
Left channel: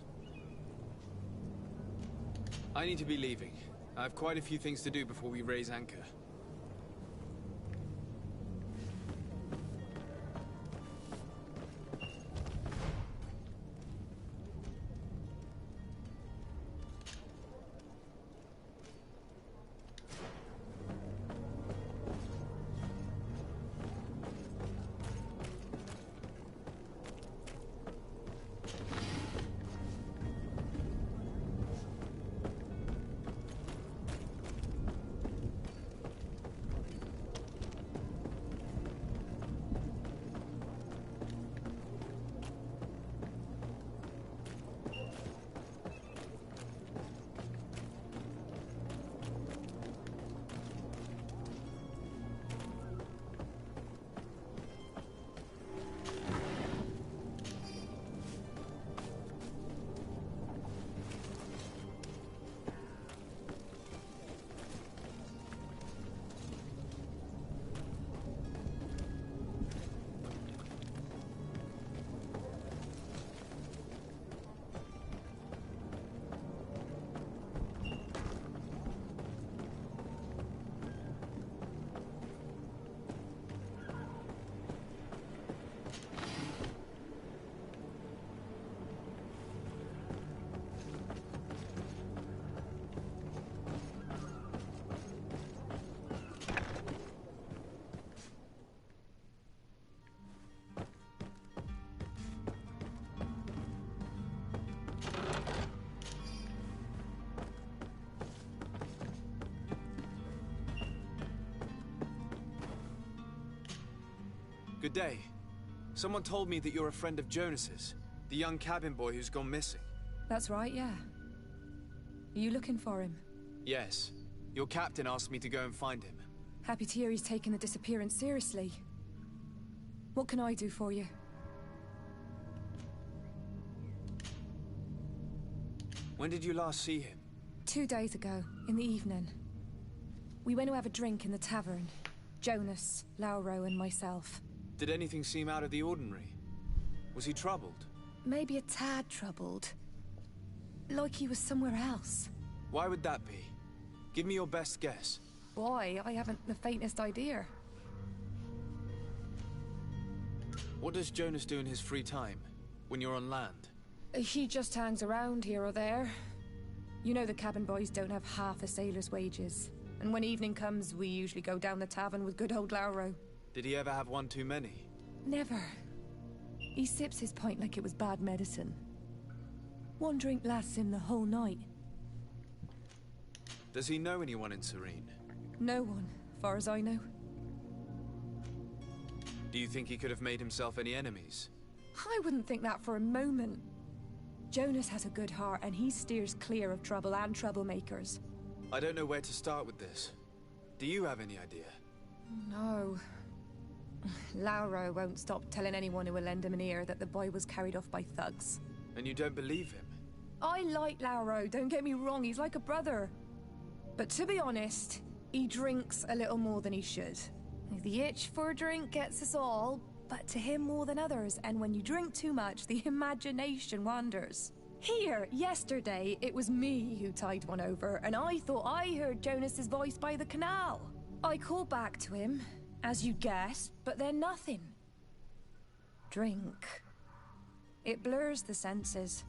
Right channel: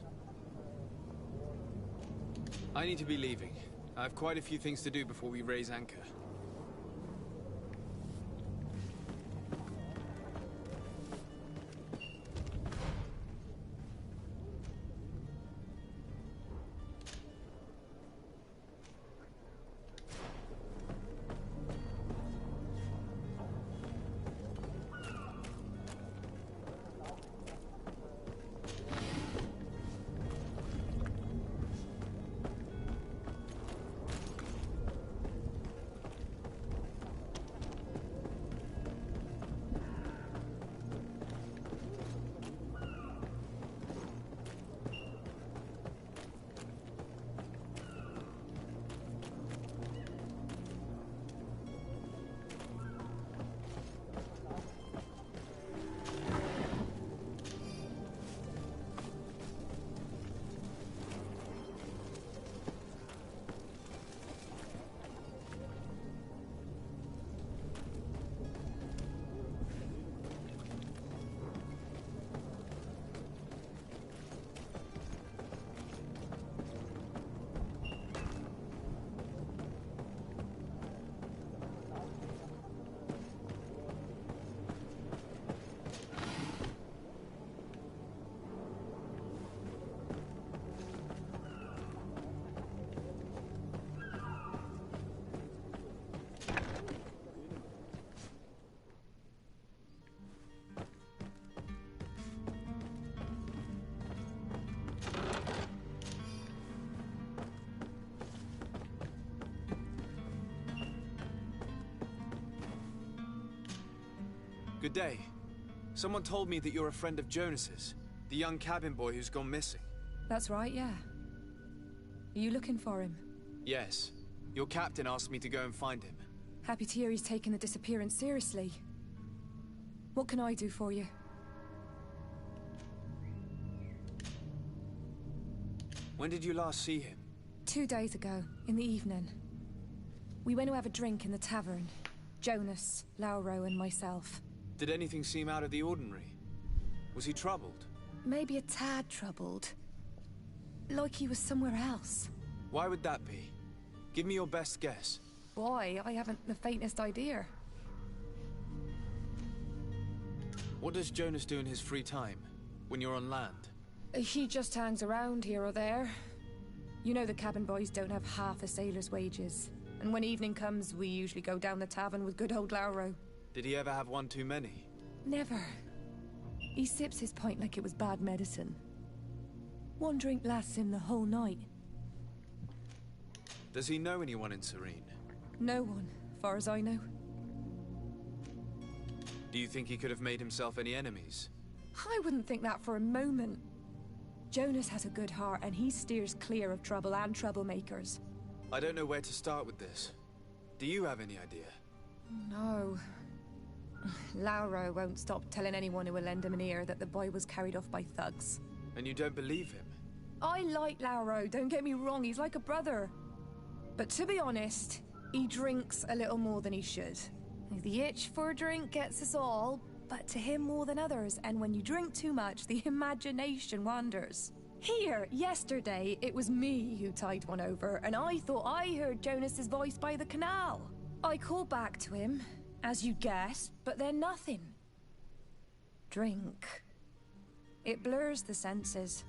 I need to be leaving. I have quite a few things to do before we raise anchor. Good day. Someone told me that you're a friend of Jonas's, the young cabin boy who's gone missing. That's right, yeah. Are you looking for him? Yes. Your captain asked me to go and find him. Happy to hear he's taken the disappearance seriously. What can I do for you? When did you last see him? 2 days ago, in the evening. We went to have a drink in the tavern. Jonas, Lauro, and myself. Did anything seem out of the ordinary? Was he troubled? Maybe a tad troubled. Like he was somewhere else. Why would that be? Give me your best guess. Why? I haven't the faintest idea. What does Jonas do in his free time, when you're on land? He just hangs around here or there. You know the cabin boys don't have half a sailor's wages. And when evening comes, we usually go down the tavern with good old Lauro. Did he ever have one too many? Never. He sips his pint like it was bad medicine. One drink lasts him the whole night. Does he know anyone in Serene? No one, far as I know. Do you think he could have made himself any enemies? I wouldn't think that for a moment. Jonas has a good heart and he steers clear of trouble and troublemakers. I don't know where to start with this. Do you have any idea? No. Lauro won't stop telling anyone who will lend him an ear that the boy was carried off by thugs. And you don't believe him? I like Lauro, don't get me wrong, he's like a brother. But to be honest, he drinks a little more than he should. The itch for a drink gets us all, but to him more than others, and when you drink too much, the imagination wanders. Here, yesterday, it was me who tied one over, and I thought I heard Jonas's voice by the canal. I called back to him, as you guessed, but then nothing. Drink. It blurs the senses.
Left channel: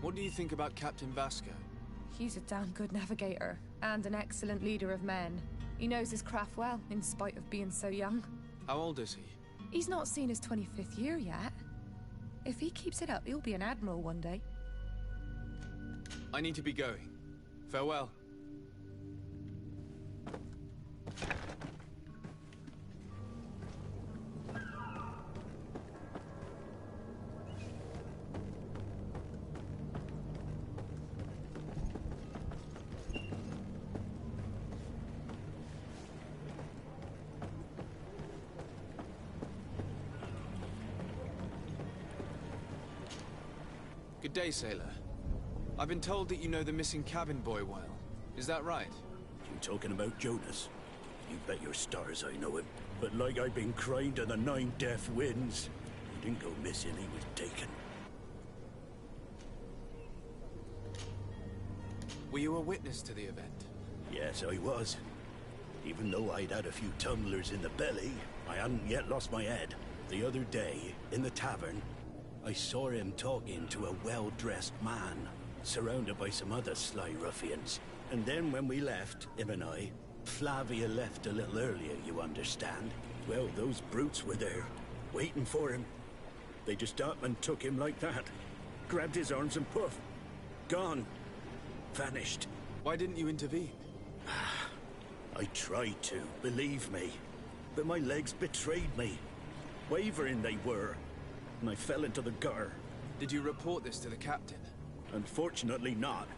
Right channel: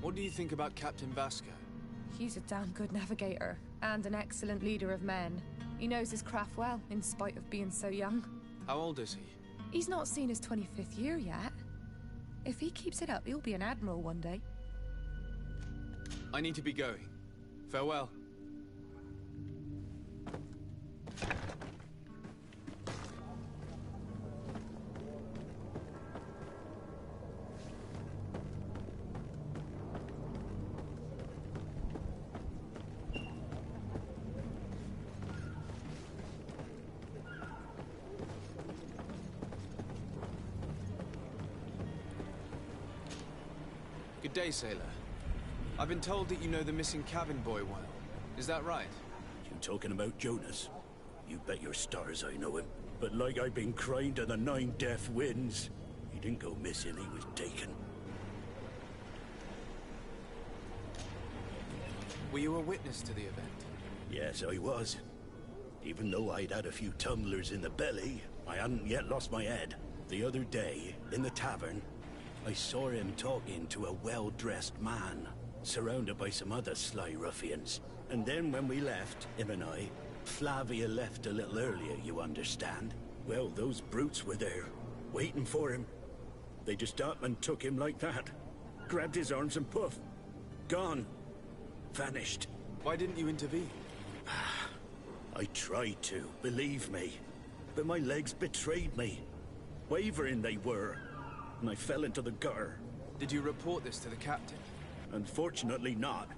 What do you think about Captain Vasco? He's a damn good navigator, and an excellent leader of men. He knows his craft well, in spite of being so young. How old is he? He's not seen his 25th year yet. If he keeps it up, he'll be an admiral one day. I need to be going. Farewell. day, sailor. I've been told that you know the missing cabin boy well. Is that right? You talking about Jonas? You bet your stars I know him. But like I've been crying to the 9 deaf winds, he didn't go missing, he was taken. Were you a witness to the event? Yes, I was. Even though I'd had a few tumblers in the belly, I hadn't yet lost my head. The other day, in the tavern, I saw him talking to a well-dressed man, surrounded by some other sly ruffians. And then when we left, him and I, Flavia left a little earlier, you understand. Well, those brutes were there, waiting for him. They just up and took him like that. Grabbed his arms and poof. Gone. Vanished. Why didn't you intervene? I tried to, believe me. But my legs betrayed me. Wavering they were. And I fell into the gutter. Did you report this to the captain? Unfortunately not.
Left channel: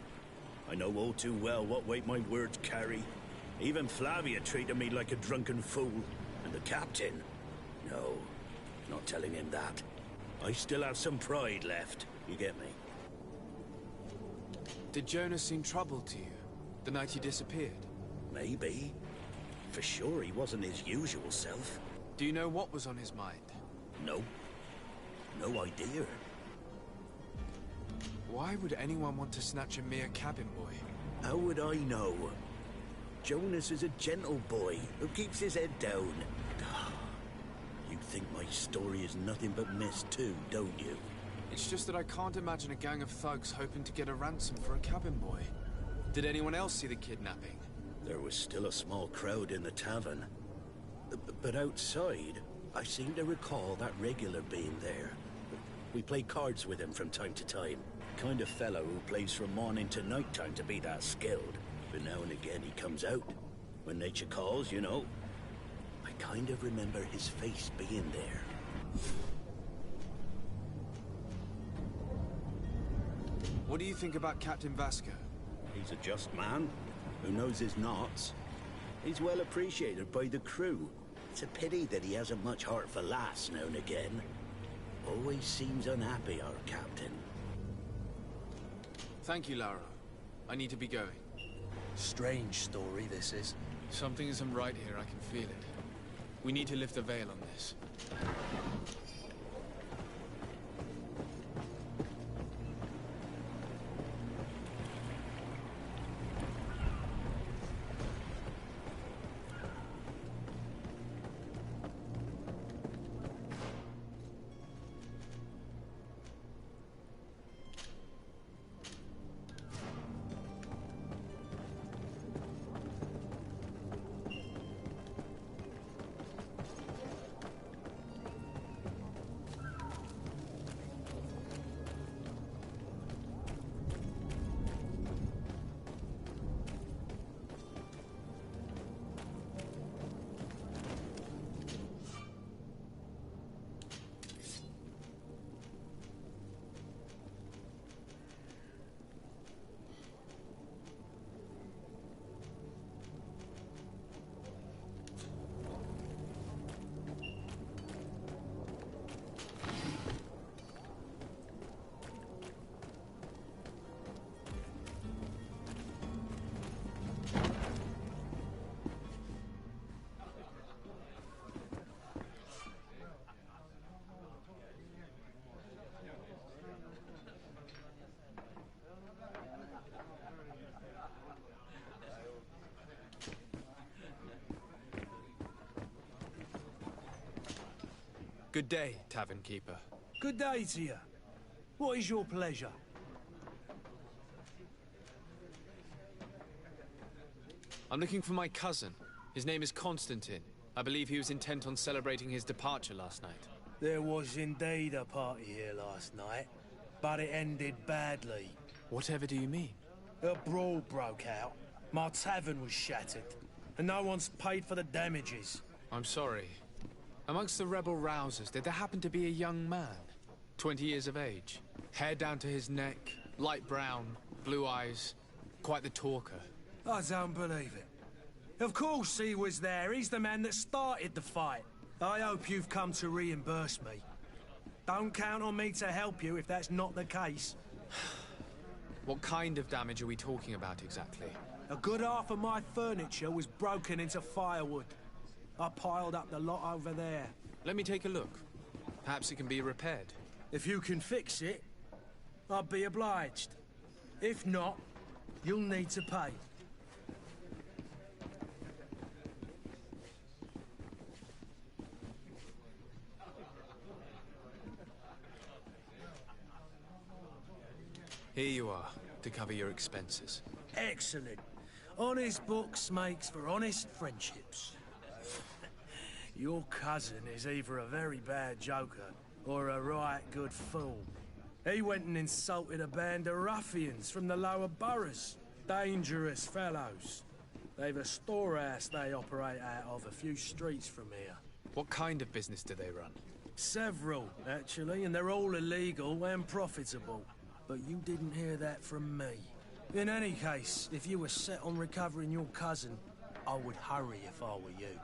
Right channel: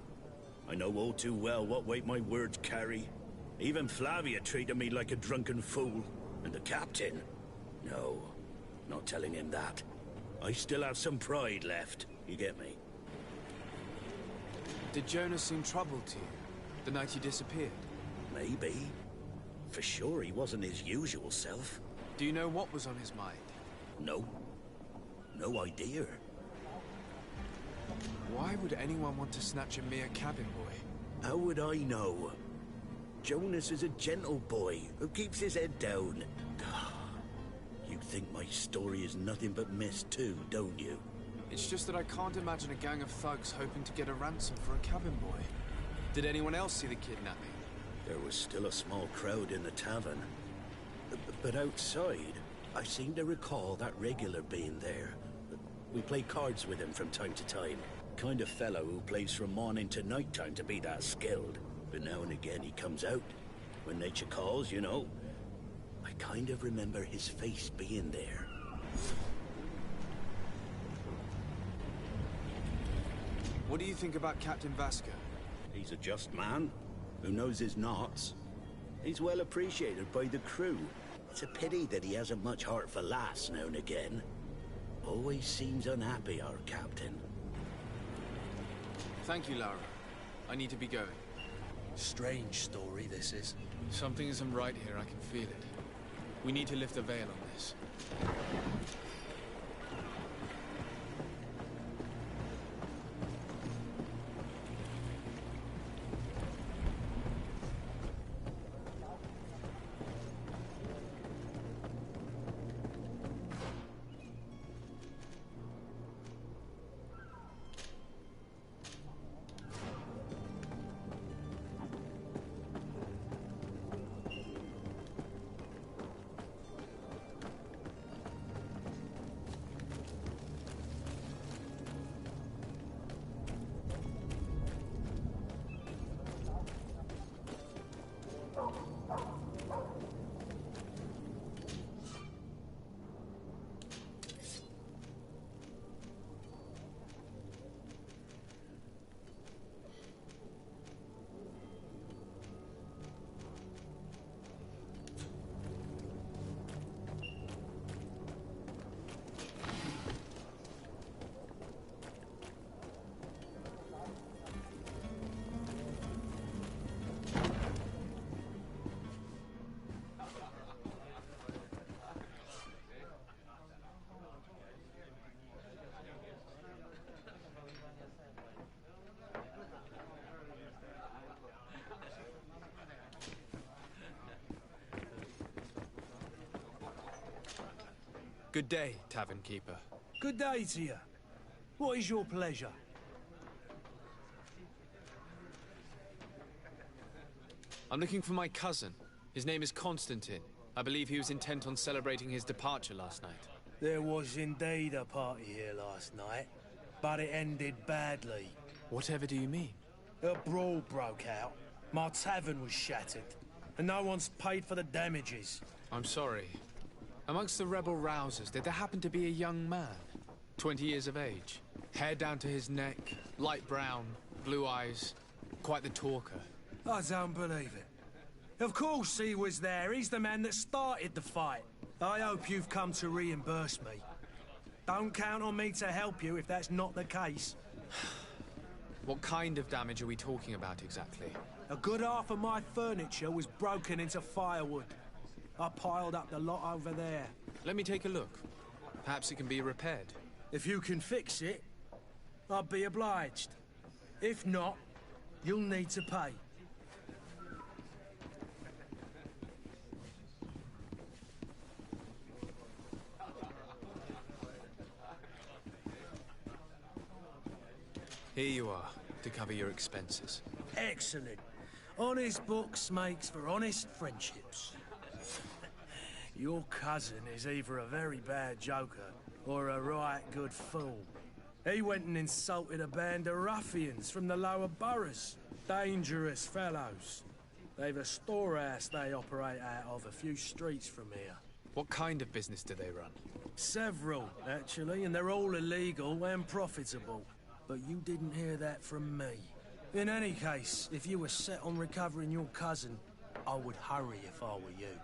I know all too well what weight my words carry. Even Flavia treated me like a drunken fool. And the captain? No, not telling him that. I still have some pride left, you get me? Did Jonas seem troubled to you, the night he disappeared? Maybe. For sure he wasn't his usual self. Do you know what was on his mind? No. No idea. Why would anyone want to snatch a mere cabin boy? How would I know? Jonas is a gentle boy who keeps his head down. You think my story is nothing but mist too, don't you? It's just that I can't imagine a gang of thugs hoping to get a ransom for a cabin boy. Did anyone else see the kidnapping? There was still a small crowd in the tavern. But outside, I seem to recall that regular being there. We play cards with him from time to time. Kind of fellow who plays from morning to night time to be that skilled. But now and again he comes out. When nature calls, you know. I kind of remember his face being there. What do you think about Captain Vasco? He's a just man, who knows his knots. He's well appreciated by the crew. It's a pity that he hasn't much heart for lass now and again. Always seems unhappy, our captain. Thank you, Lara. I need to be going. Strange story, this is. Something isn't right here, I can feel it. We need to lift the veil on this. Good day, tavern keeper. Good day to you. What is your pleasure? I'm looking for my cousin. His name is Constantine. I believe he was intent on celebrating his departure last night. There was indeed a party here last night, but it ended badly. Whatever do you mean? A brawl broke out. My tavern was shattered, and no one's paid for the damages. I'm sorry. Amongst the rebel rousers, did there happen to be a young man? 20 years of age. Hair down to his neck, light brown, blue eyes. Quite the talker. I don't believe it. Of course he was there. He's the man that started the fight. I hope you've come to reimburse me. Don't count on me to help you if that's not the case. What kind of damage are we talking about exactly? A good half of my furniture was broken into firewood. I piled up the lot over there. Let me take a look. Perhaps it can be repaired. If you can fix it, I'd be obliged. If not, you'll need to pay. Here you are, to cover your expenses. Excellent. Honest books makes for honest friendships. Your cousin is either a very bad joker or a right good fool. He went and insulted a band of ruffians from the lower boroughs. Dangerous fellows. They've a storehouse they operate out of a few streets from here. What kind of business do they run? Several, actually, and they're all illegal and profitable. But you didn't hear that from me. In any case, if you were set on recovering your cousin, I would hurry if I were you.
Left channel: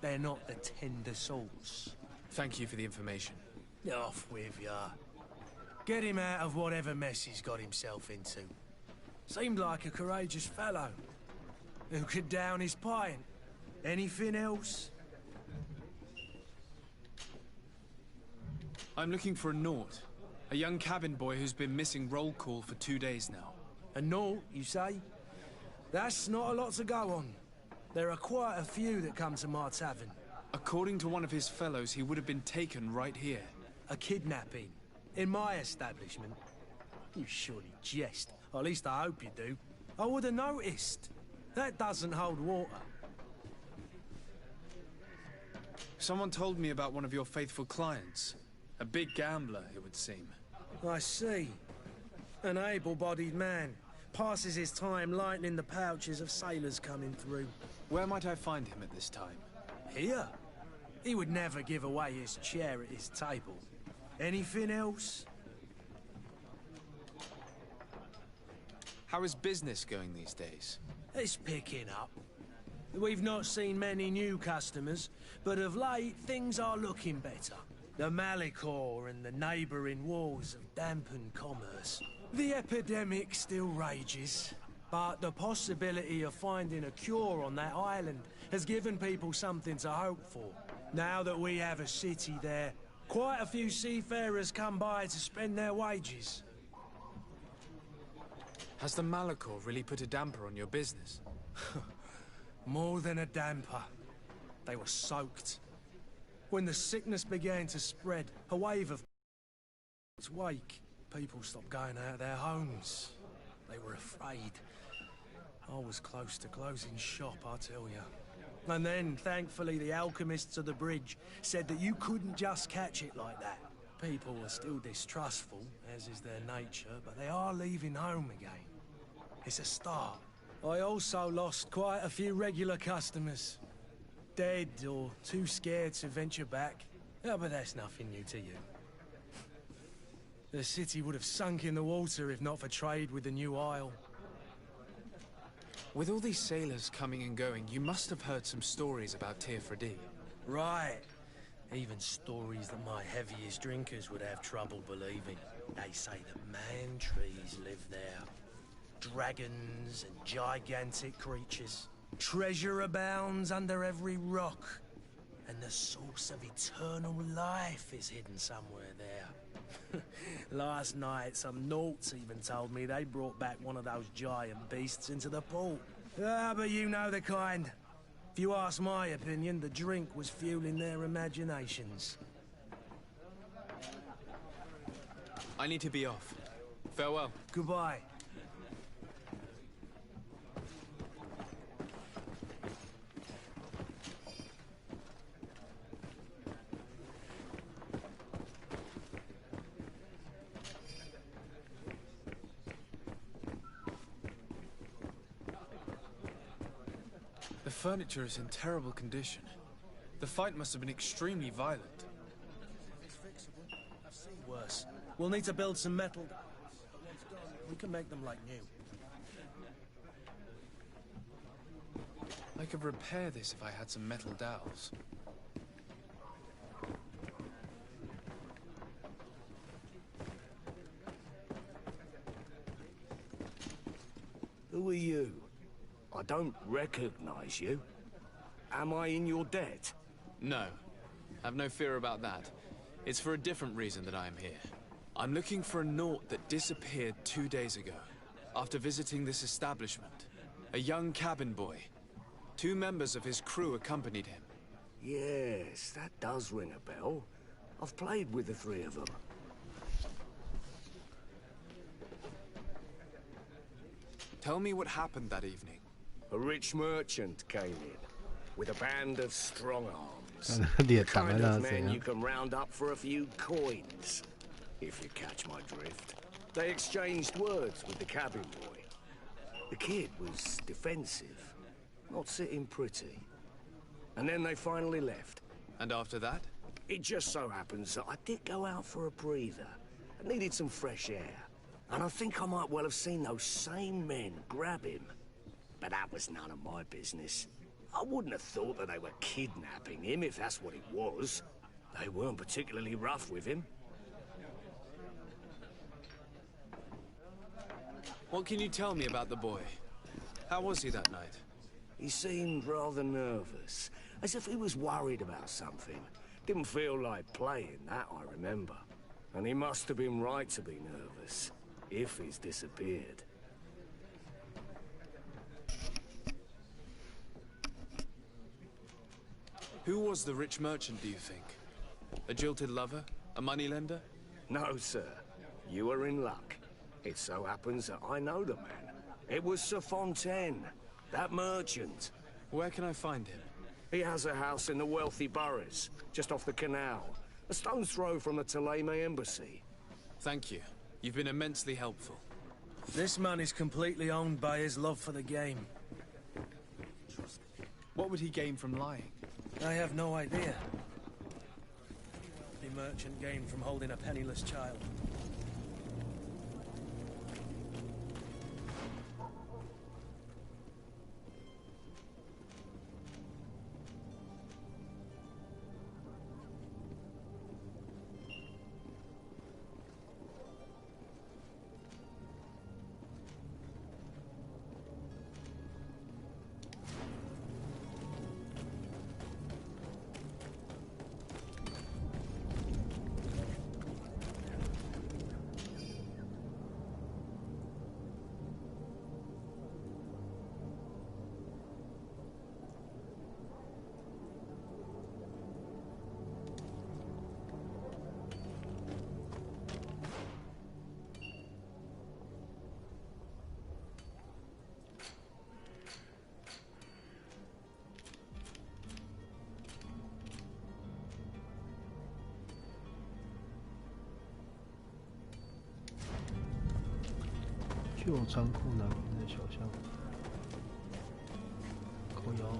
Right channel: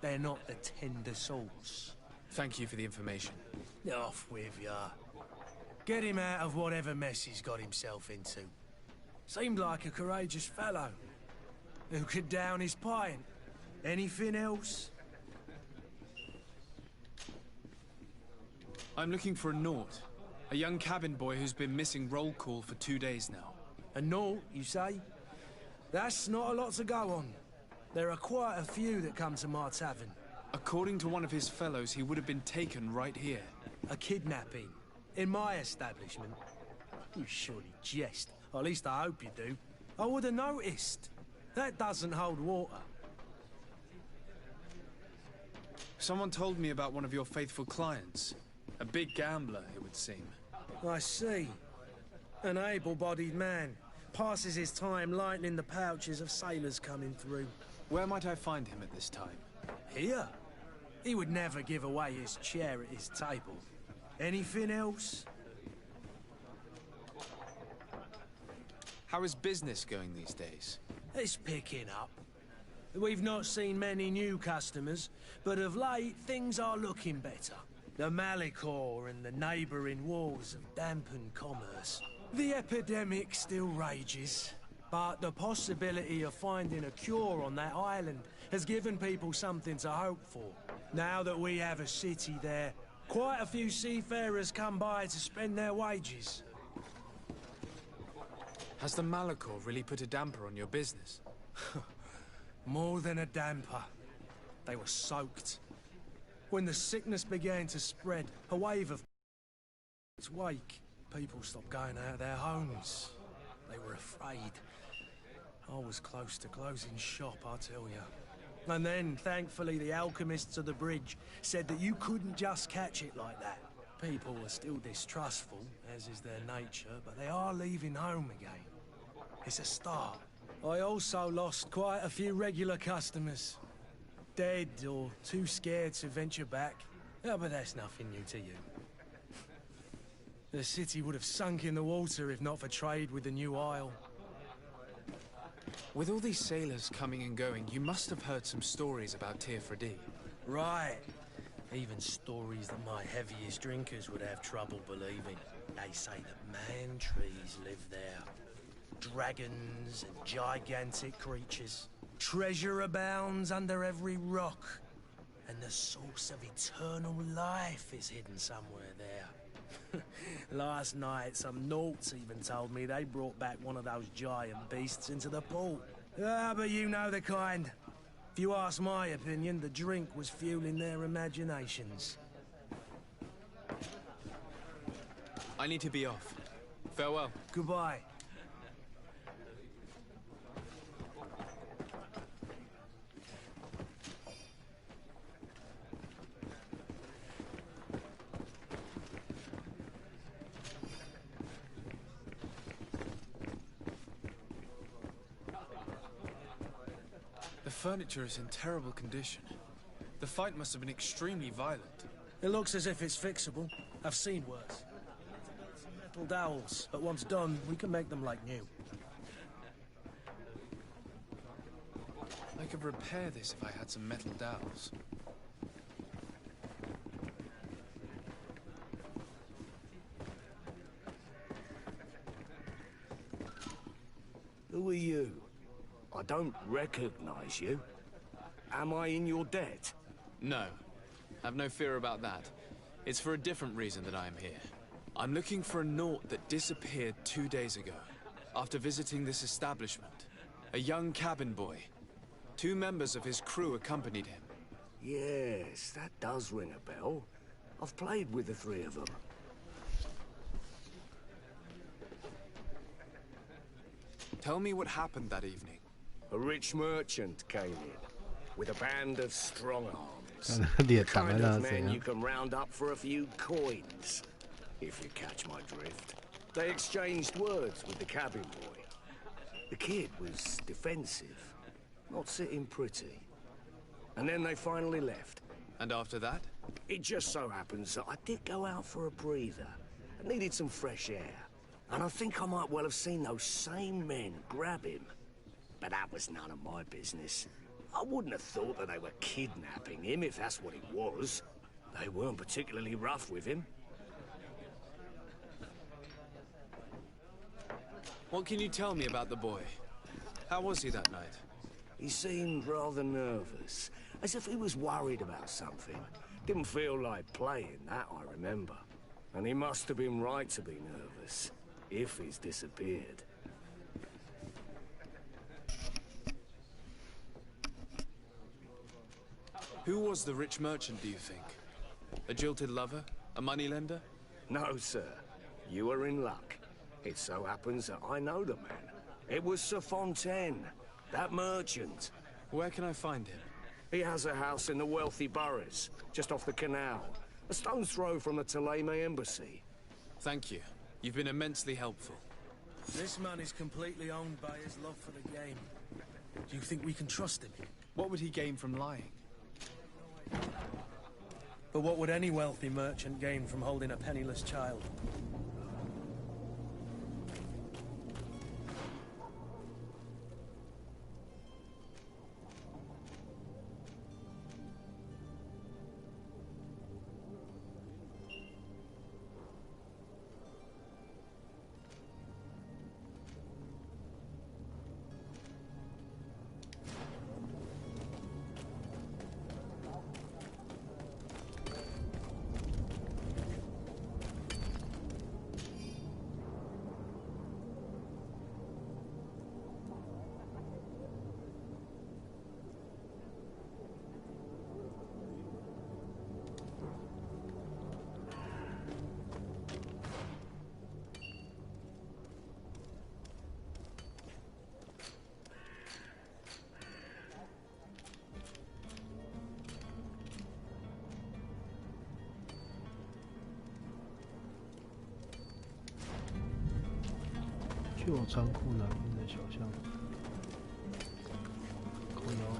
They're not the tender sorts. Thank you for the information. Off with ya. Get him out of whatever mess he's got himself into. Seemed like a courageous fellow. Who could down his pint. Anything else? I'm looking for a Naut. A young cabin boy who's been missing roll call for 2 days now. A Naut, you say? That's not a lot to go on. There are quite a few that come to my tavern. According to one of his fellows, he would have been taken right here. A kidnapping? In my establishment? You surely jest. Or at least I hope you do. I would have noticed. That doesn't hold water. Someone told me about one of your faithful clients. A big gambler, it would seem. I see. An able-bodied man. Passes his time lightening the pouches of sailors coming through. Where might I find him at this time? Here? He would never give away his chair at his table. Anything else? How is business going these days? It's picking up. We've not seen many new customers, but of late things are looking better. The Malicor and the neighbouring wars have dampened commerce. The epidemic still rages, but the possibility of finding a cure on that island has given people something to hope for. Now that we have a city there, quite a few seafarers come by to spend their wages. Has the Malicor really put a damper on your business? More than a damper. They were soaked. When the sickness began to spread, a wave of its wake, people stopped going out of their homes. They were afraid. I was close to closing shop, I tell you. And then, thankfully, the alchemists of the bridge said that you couldn't just catch it like that. People are still distrustful, as is their nature, but they are leaving home again. It's a start. I also lost quite a few regular customers. Dead or too scared to venture back. Oh, but that's nothing new to you. The city would have sunk in the water if not for trade with the new isle. With all these sailors coming and going, you must have heard some stories about TzuHsiuPeng. Right. Even stories that my heaviest drinkers would have trouble believing. They say that man-trees live there. Dragons and gigantic creatures. Treasure abounds under every rock. And the source of eternal life is hidden somewhere there. Last night, some Nauts even told me they brought back one of those giant beasts into the port. Ah, but you know the kind. If you ask my opinion, the drink was fueling their imaginations. I need to be off. Farewell. Goodbye. The furniture is in terrible condition. The fight must have been extremely violent. It looks as if it's fixable. I've seen worse. We'll need to build some metal dowels, but once done, we can make them like new. I could repair this if I had some metal dowels. you? I don't recognize you. Am I in your debt? No. Have no fear about that. It's for a different reason that I am here. I'm looking for a Naut that disappeared 2 days ago, after visiting this establishment. A young cabin boy. 2 members of his crew accompanied him. Yes, that does ring a bell. I've played with the 3 of them. Tell me what happened that evening. A rich merchant came in, with a band of strong arms. 脸 The 挡在 kind 那 of 怎 men 样 you can round up for a few coins, if you catch my drift. They exchanged words with the cabin boy. The kid was defensive, not sitting pretty. And then they finally left. And after that? It just so happens that I did go out for a breather. I needed some fresh air. And I think I might well have seen those same men grab him. But that was none of my business. I wouldn't have thought that they were kidnapping him, if that's what it was. They weren't particularly rough with him. What can you tell me about the boy? How was he that night? He seemed rather nervous, as if he was worried about something. Didn't feel like playing, that I remember. And he must have been right to be nervous, if he's disappeared. Who was the rich merchant, do you think? A jilted lover? A moneylender? No, sir. You are in luck. It so happens that I know the man. It was Sir Fontaine, that merchant. Where can I find him? He has a house in the wealthy boroughs, just off the canal. A stone's throw from the TzuHsiuPeng embassy. Thank you. You've been immensely helpful. This man is completely owned by his love for the game. Do you think we can trust him? What would he gain from lying? I have no idea. But what would any wealthy merchant gain from holding a penniless child?旧仓库南边的小巷，靠腰。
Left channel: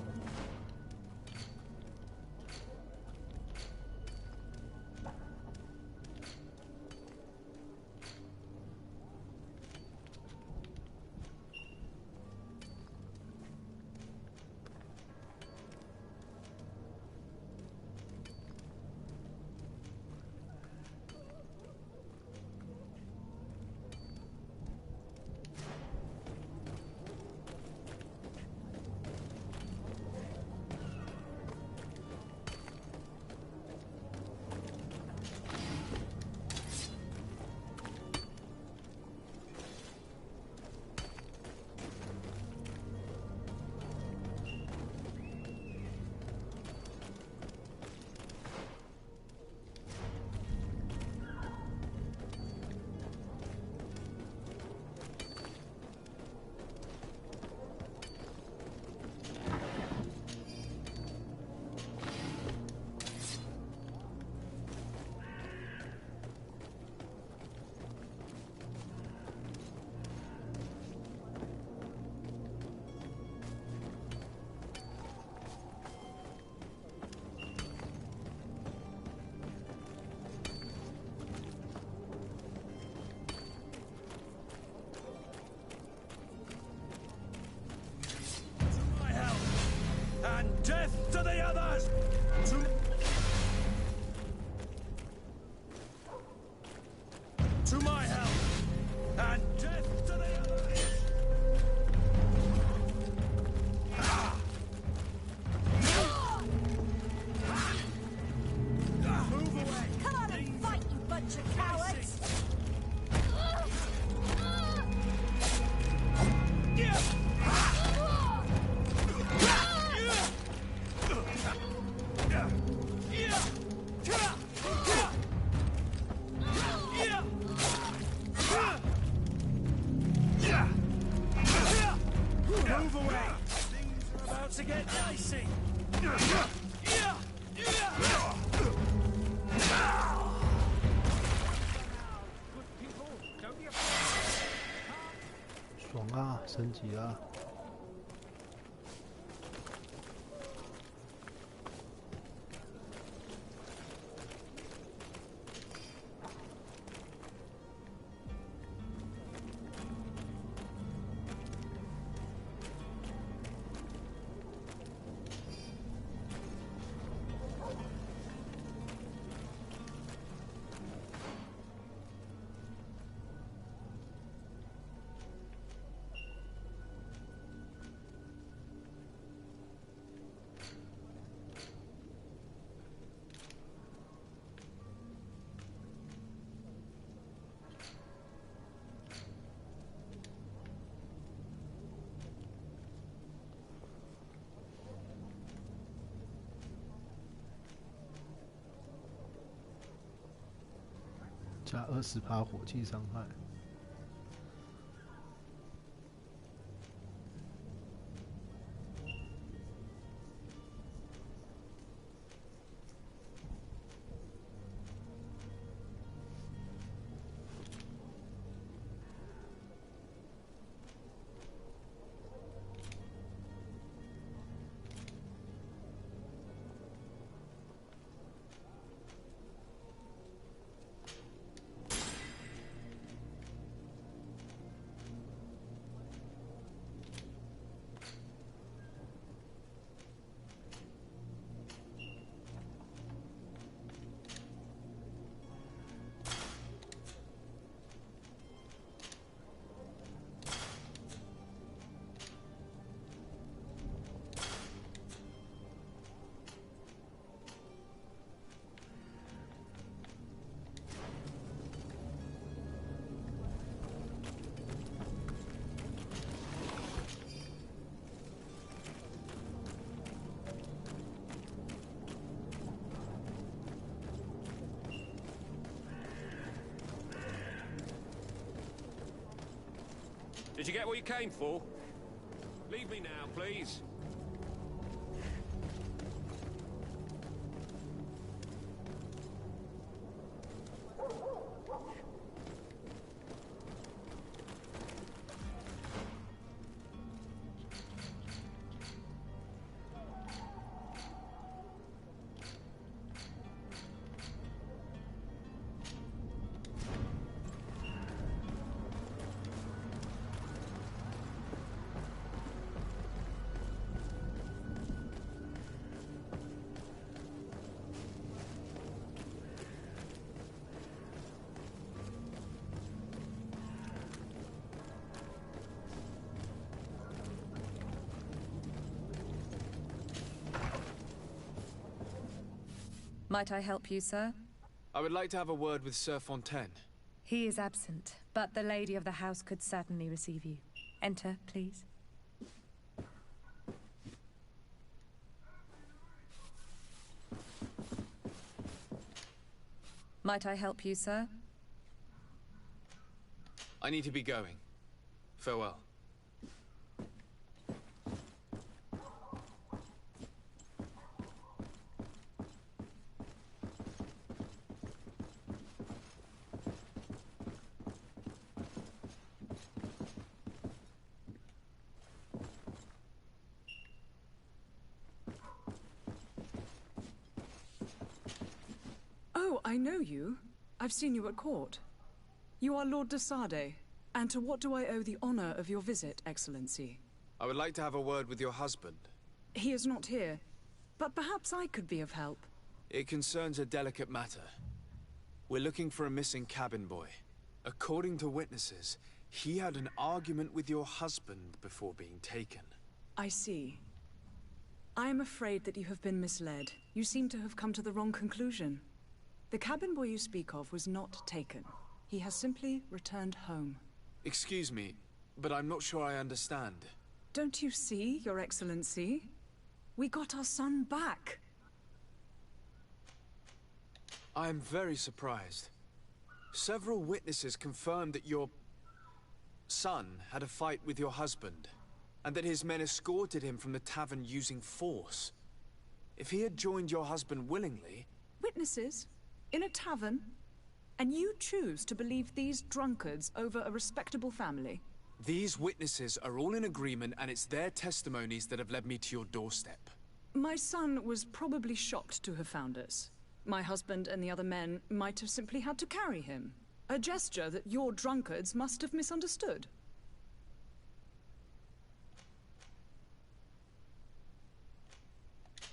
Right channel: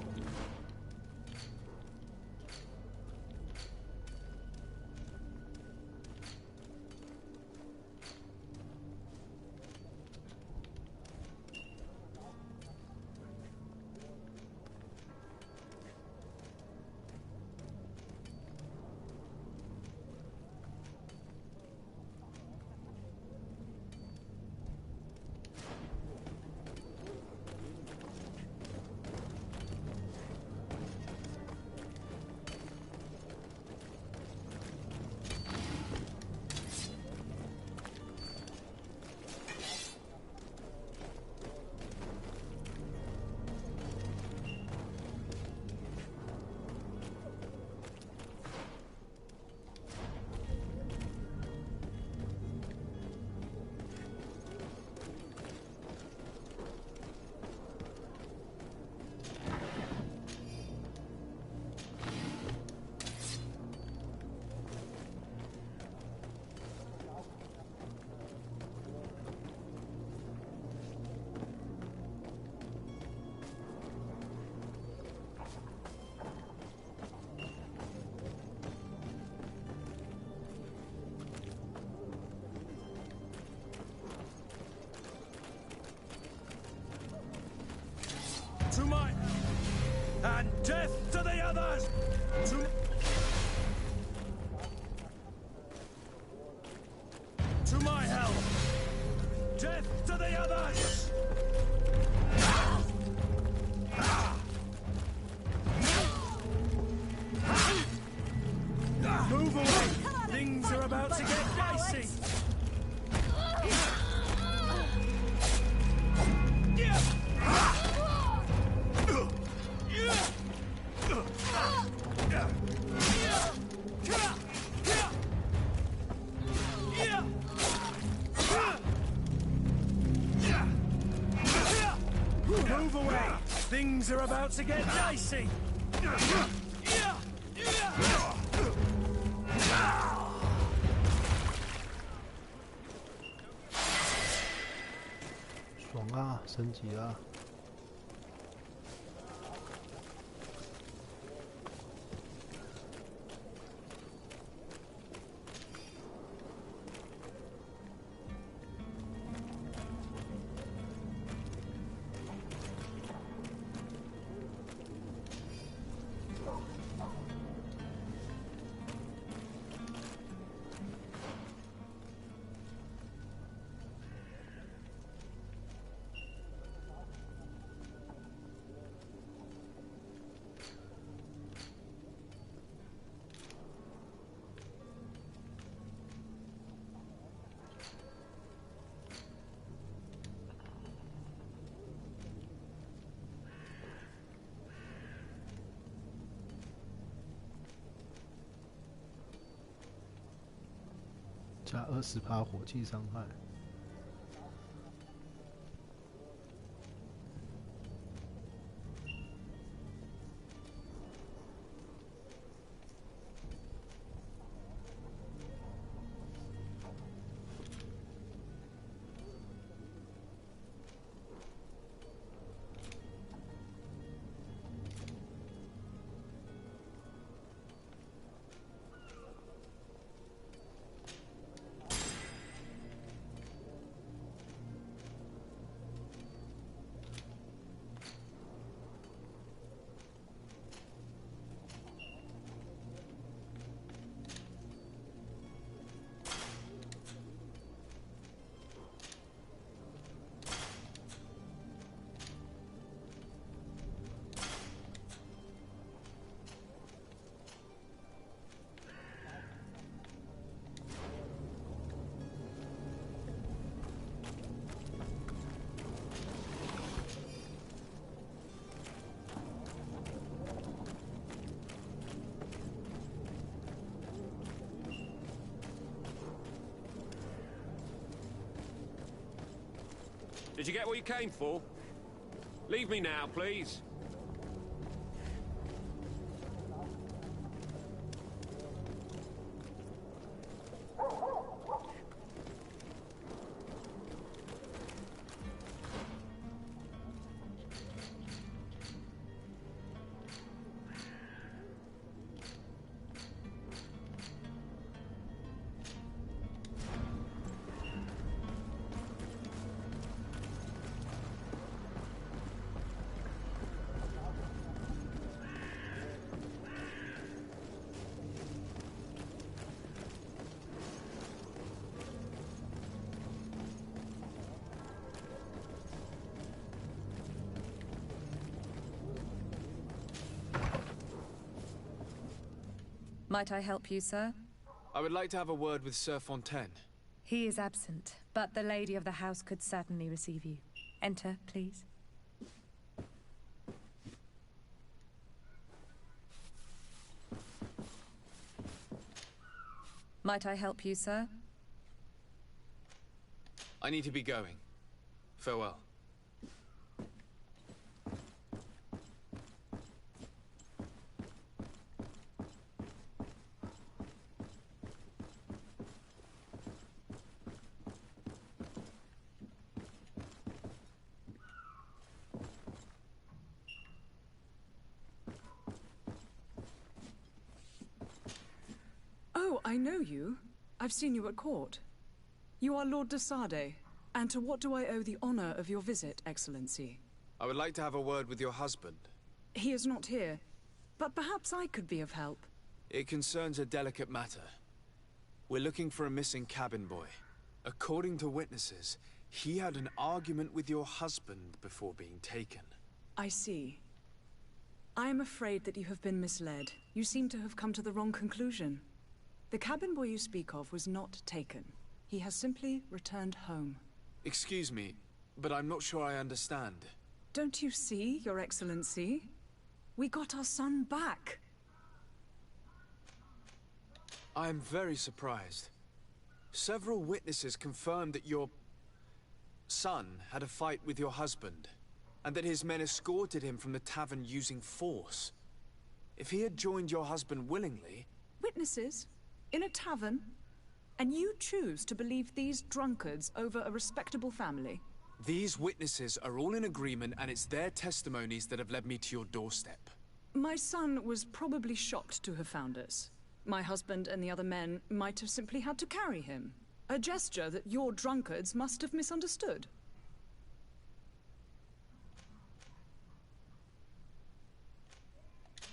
To my help! And death to the others! To my help! And death to the others! Move away! Things are about to get dicey! 爽啊，升级啦！加20%火器伤害。Did you get what you came for? Leave me now, please. Might I help you, sir? I would like to have a word with Sir Fontaine. He is absent, but the lady of the house could certainly receive you. Enter, please. Might I help you, sir? I need to be going. Farewell. Oh, I know you. I've seen you at court. You are Lord de Sade. And to what do I owe the honor of your visit, Excellency? I would like to have a word with your husband. He is not here, but perhaps I could be of help. It concerns a delicate matter. We're looking for a missing cabin boy. According to witnesses, he had an argument with your husband before being taken. I see. I am afraid that you have been misled. You seem to have come to the wrong conclusion. The cabin boy you speak of was not taken. He has simply returned home. Excuse me, but I'm not sure I understand. Don't you see, Your Excellency? We got our son back. I am very surprised. Several witnesses confirmed that your son had a fight with your husband, and that his men escorted him from the tavern using force. If he had joined your husband willingly... Witnesses? In a tavern? And you choose to believe these drunkards over a respectable family? These witnesses are all in agreement, and it's their testimonies that have led me to your doorstep. My son was probably shocked to have found us. My husband and the other men might have simply had to carry him. A gesture that your drunkards must have misunderstood.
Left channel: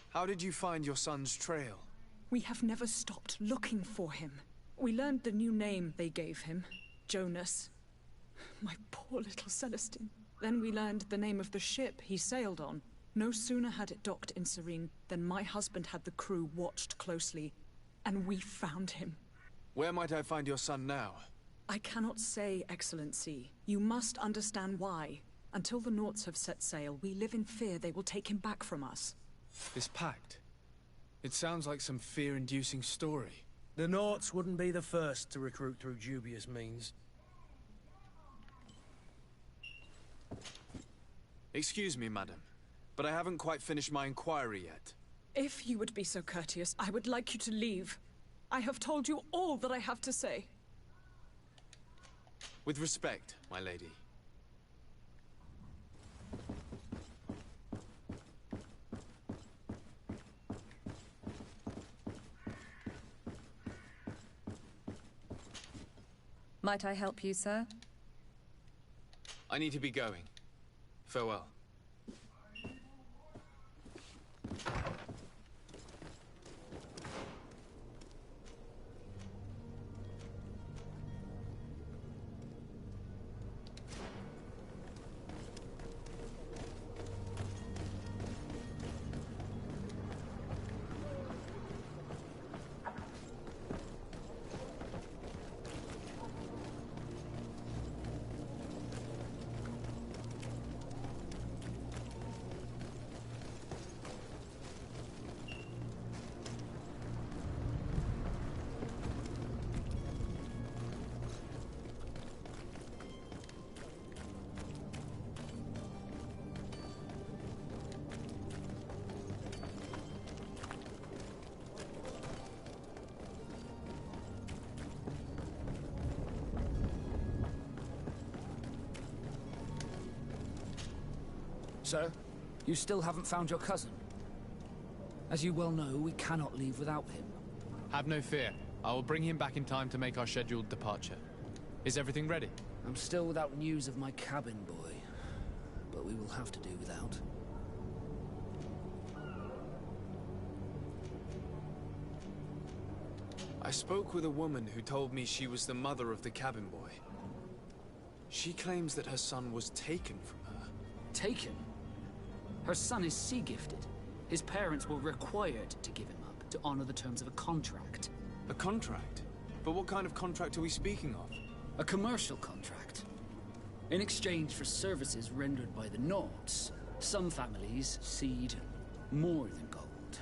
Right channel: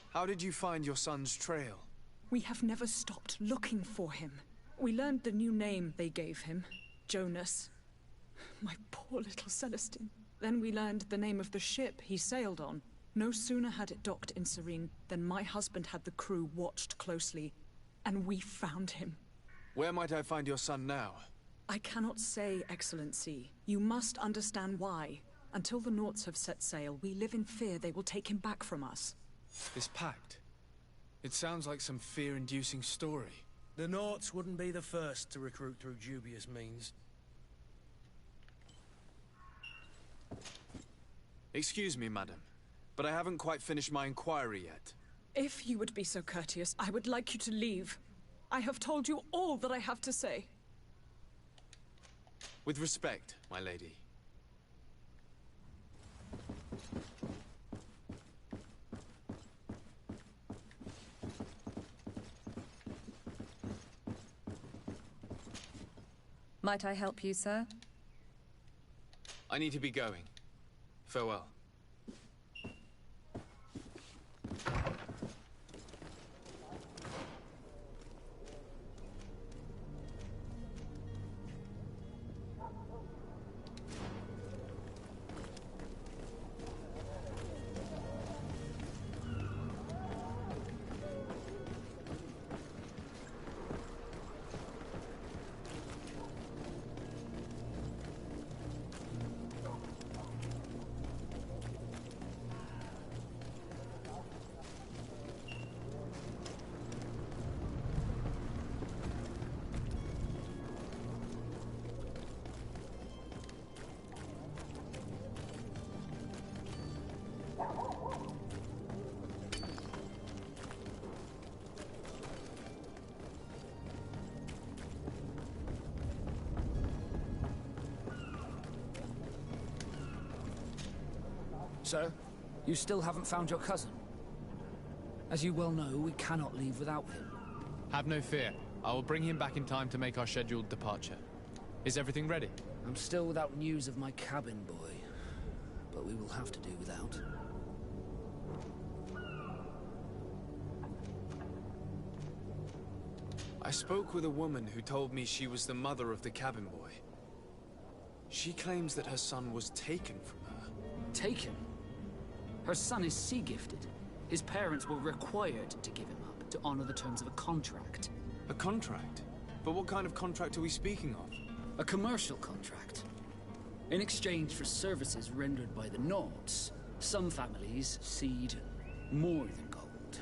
How did you find your son's trail? We have never stopped looking for him. We learned the new name they gave him, Jonas. My poor little Celestine. Then we learned the name of the ship he sailed on. No sooner had it docked in Serene than my husband had the crew watched closely, and we found him. Where might I find your son now? I cannot say, Excellency. You must understand why. Until the Nauts have set sail, we live in fear they will take him back from us. This pact? It sounds like some fear-inducing story. The Nauts wouldn't be the first to recruit through dubious means. Excuse me, madam, but I haven't quite finished my inquiry yet. If you would be so courteous, I would like you to leave. I have told you all that I have to say. With respect, my lady. Might I help you, sir? I need to be going. Farewell. Sir, you still haven't found your cousin. As you well know, we cannot leave without him. Have no fear. I will bring him back in time to make our scheduled departure. Is everything ready? I'm still without news of my cabin boy, but we will have to do without. I spoke with a woman who told me she was the mother of the cabin boy. She claims that her son was taken from her. Taken? Her son is sea-gifted. His parents were required to give him up, to honor the terms of a contract. A contract? But what kind of contract are we speaking of? A commercial contract. In exchange for services rendered by the Nauts, some families cede more than gold.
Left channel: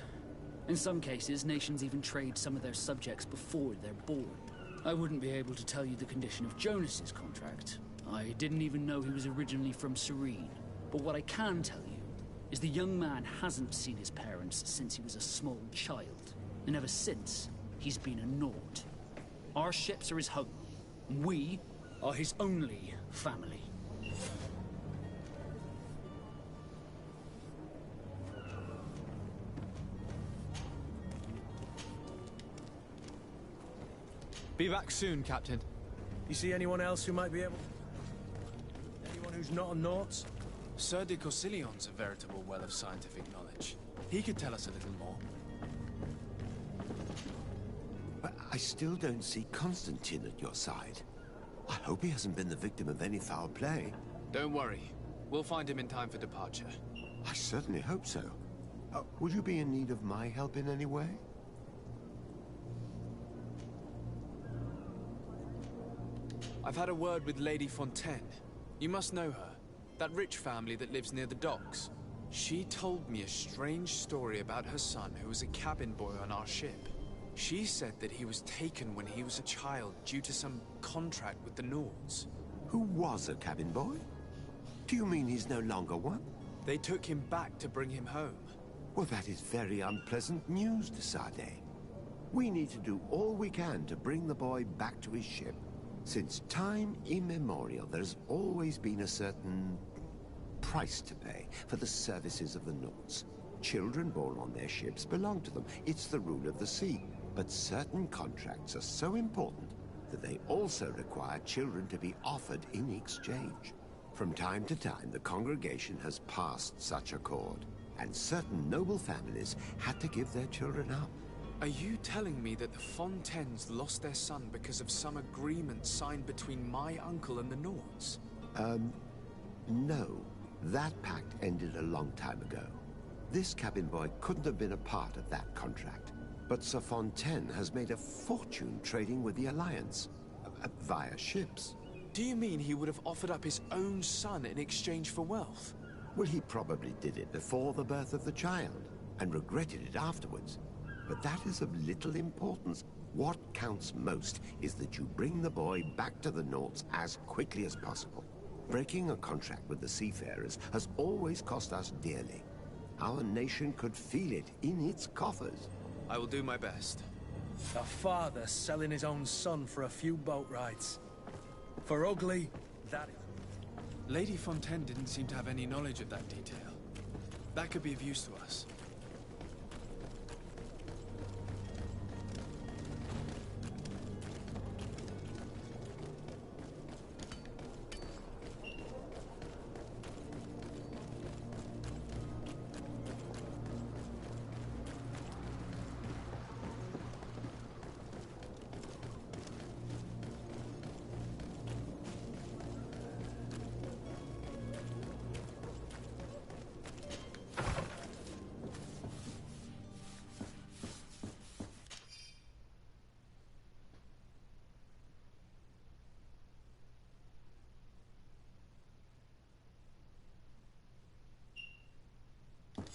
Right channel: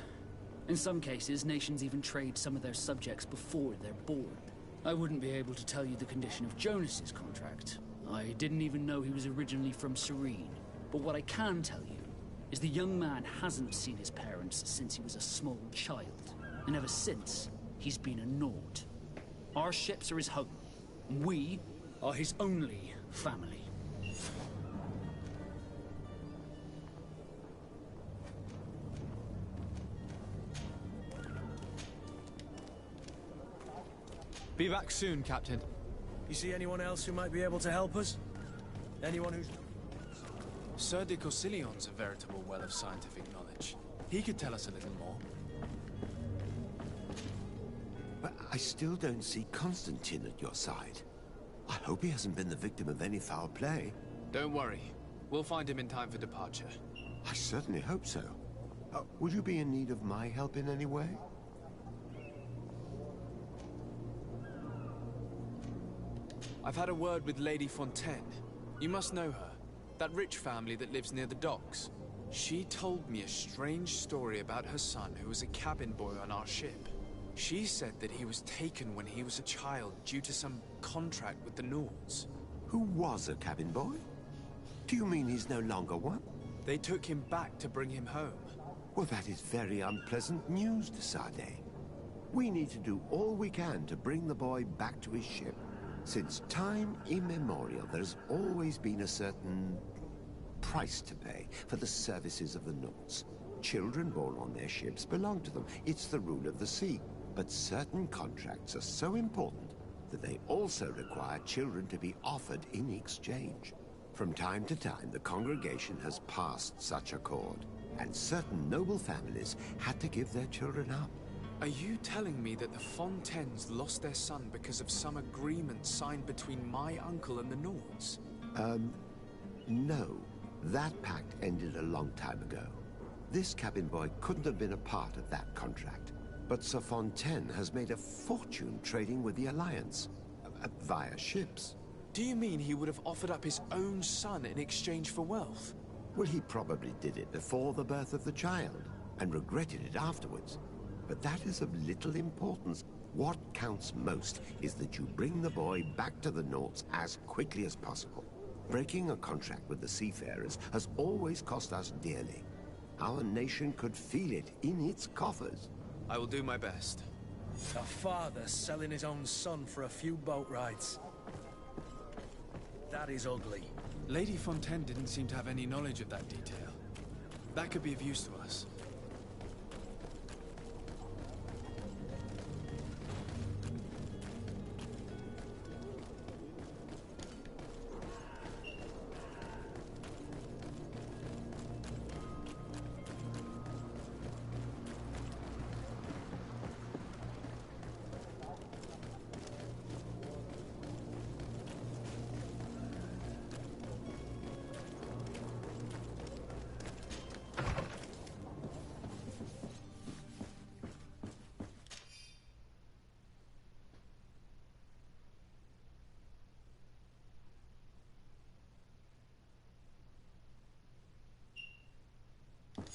In some cases, nations even trade some of their subjects before they're born. I wouldn't be able to tell you the condition of Jonas's contract. I didn't even know he was originally from Serene. But what I can tell you is the young man hasn't seen his parents since he was a small child. And ever since, he's been a Naut. Our ships are his home. We are his only family. Be back soon, Captain. You see anyone else who might be able to help us? Anyone who's not a Naut? Sir de Corsillion's a veritable well of scientific knowledge. He could tell us a little more. But I still don't see Constantine at your side. I hope he hasn't been the victim of any foul play. Don't worry. We'll find him in time for departure. I certainly hope so. Would you be in need of my help in any way? I've had a word with Lady Fontaine. You must know her. That rich family that lives near the docks. She told me a strange story about her son who was a cabin boy on our ship. She said that he was taken when he was a child due to some contract with the Nords. Who was a cabin boy? Do you mean he's no longer one? They took him back to bring him home. Well, that is very unpleasant news, TzuHsiuPeng. We need to do all we can to bring the boy back to his ship. Since time immemorial, there's always been a certain price to pay for the services of the Nords. Children born on their ships belong to them. It's the rule of the sea. But certain contracts are so important that they also require children to be offered in exchange. From time to time, the congregation has passed such accord, and certain noble families had to give their children up. Are you telling me that the Fontaines lost their son because of some agreement signed between my uncle and the Nords? No. That pact ended a long time ago. This cabin boy couldn't have been a part of that contract. But Sir Fontaine has made a fortune trading with the Alliance, via ships. Do you mean he would have offered up his own son in exchange for wealth? Well, he probably did it before the birth of the child, and regretted it afterwards. But that is of little importance. What counts most is that you bring the boy back to the Nords as quickly as possible. Breaking a contract with the seafarers has always cost us dearly. Our nation could feel it in its coffers. I will do my best. A father selling his own son for a few boat rides. For ugly, that is ugly. Lady Fontaine didn't seem to have any knowledge of that detail. That could be of use to us.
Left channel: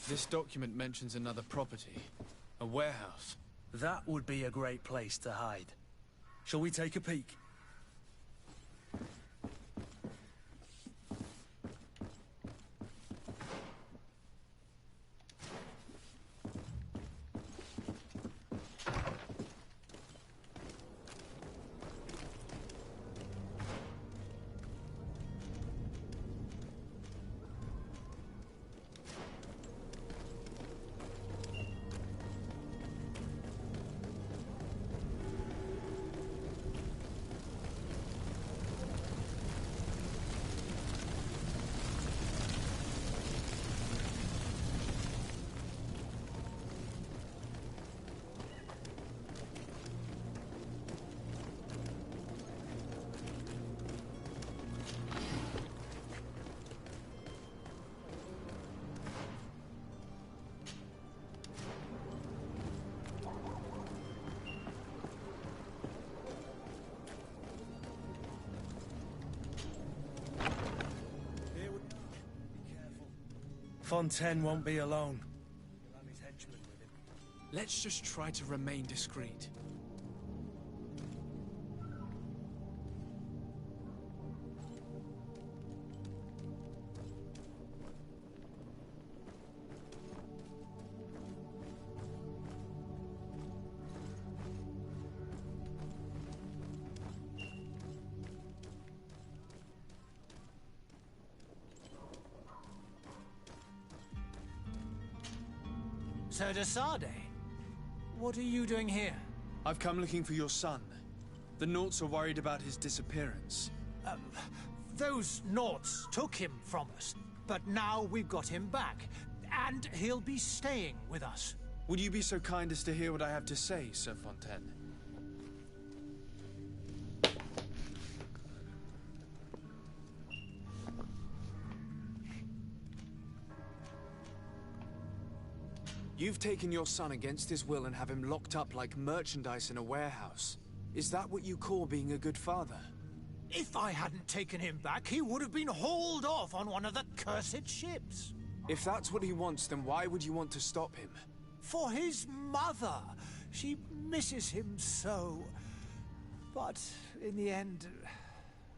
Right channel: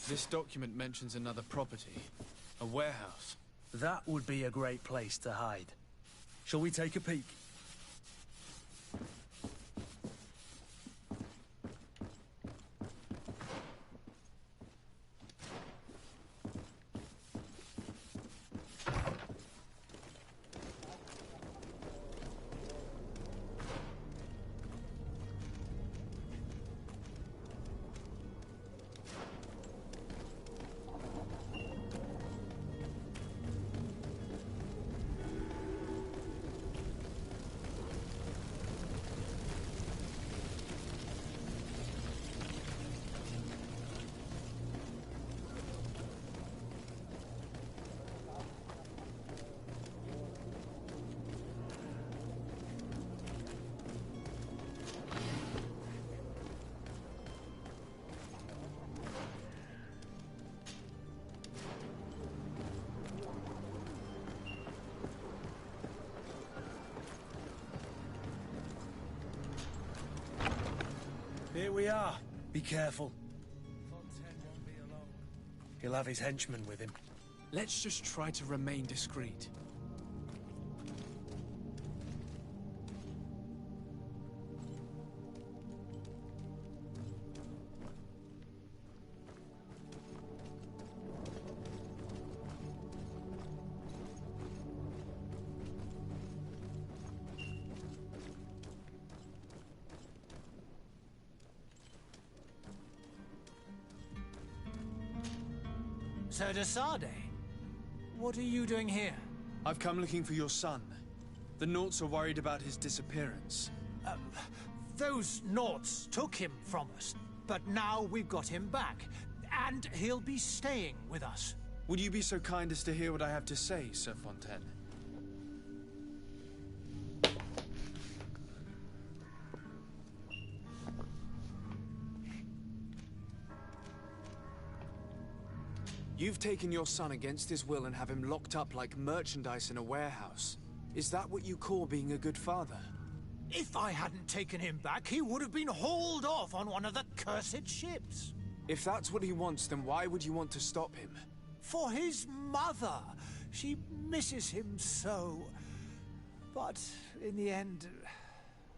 This document mentions another property. A warehouse. That would be a great place to hide. Shall we take a peek? Here we are. Be careful. Fontaine won't be alone. He'll have his henchmen with him. Let's just try to remain discreet. Sir TzuHsiuPeng, what are you doing here? I've come looking for your son. The Nords are worried about his disappearance. Those Nords took him from us, but now we've got him back, and he'll be staying with us. Would you be so kind as to hear what I have to say, Sir Fontaine? You've taken your son against his will and have him locked up like merchandise in a warehouse. Is that what you call being a good father? If I hadn't taken him back, he would have been hauled off on one of the cursed ships. If that's what he wants, then why would you want to stop him? For his mother. She misses him so. But in the end,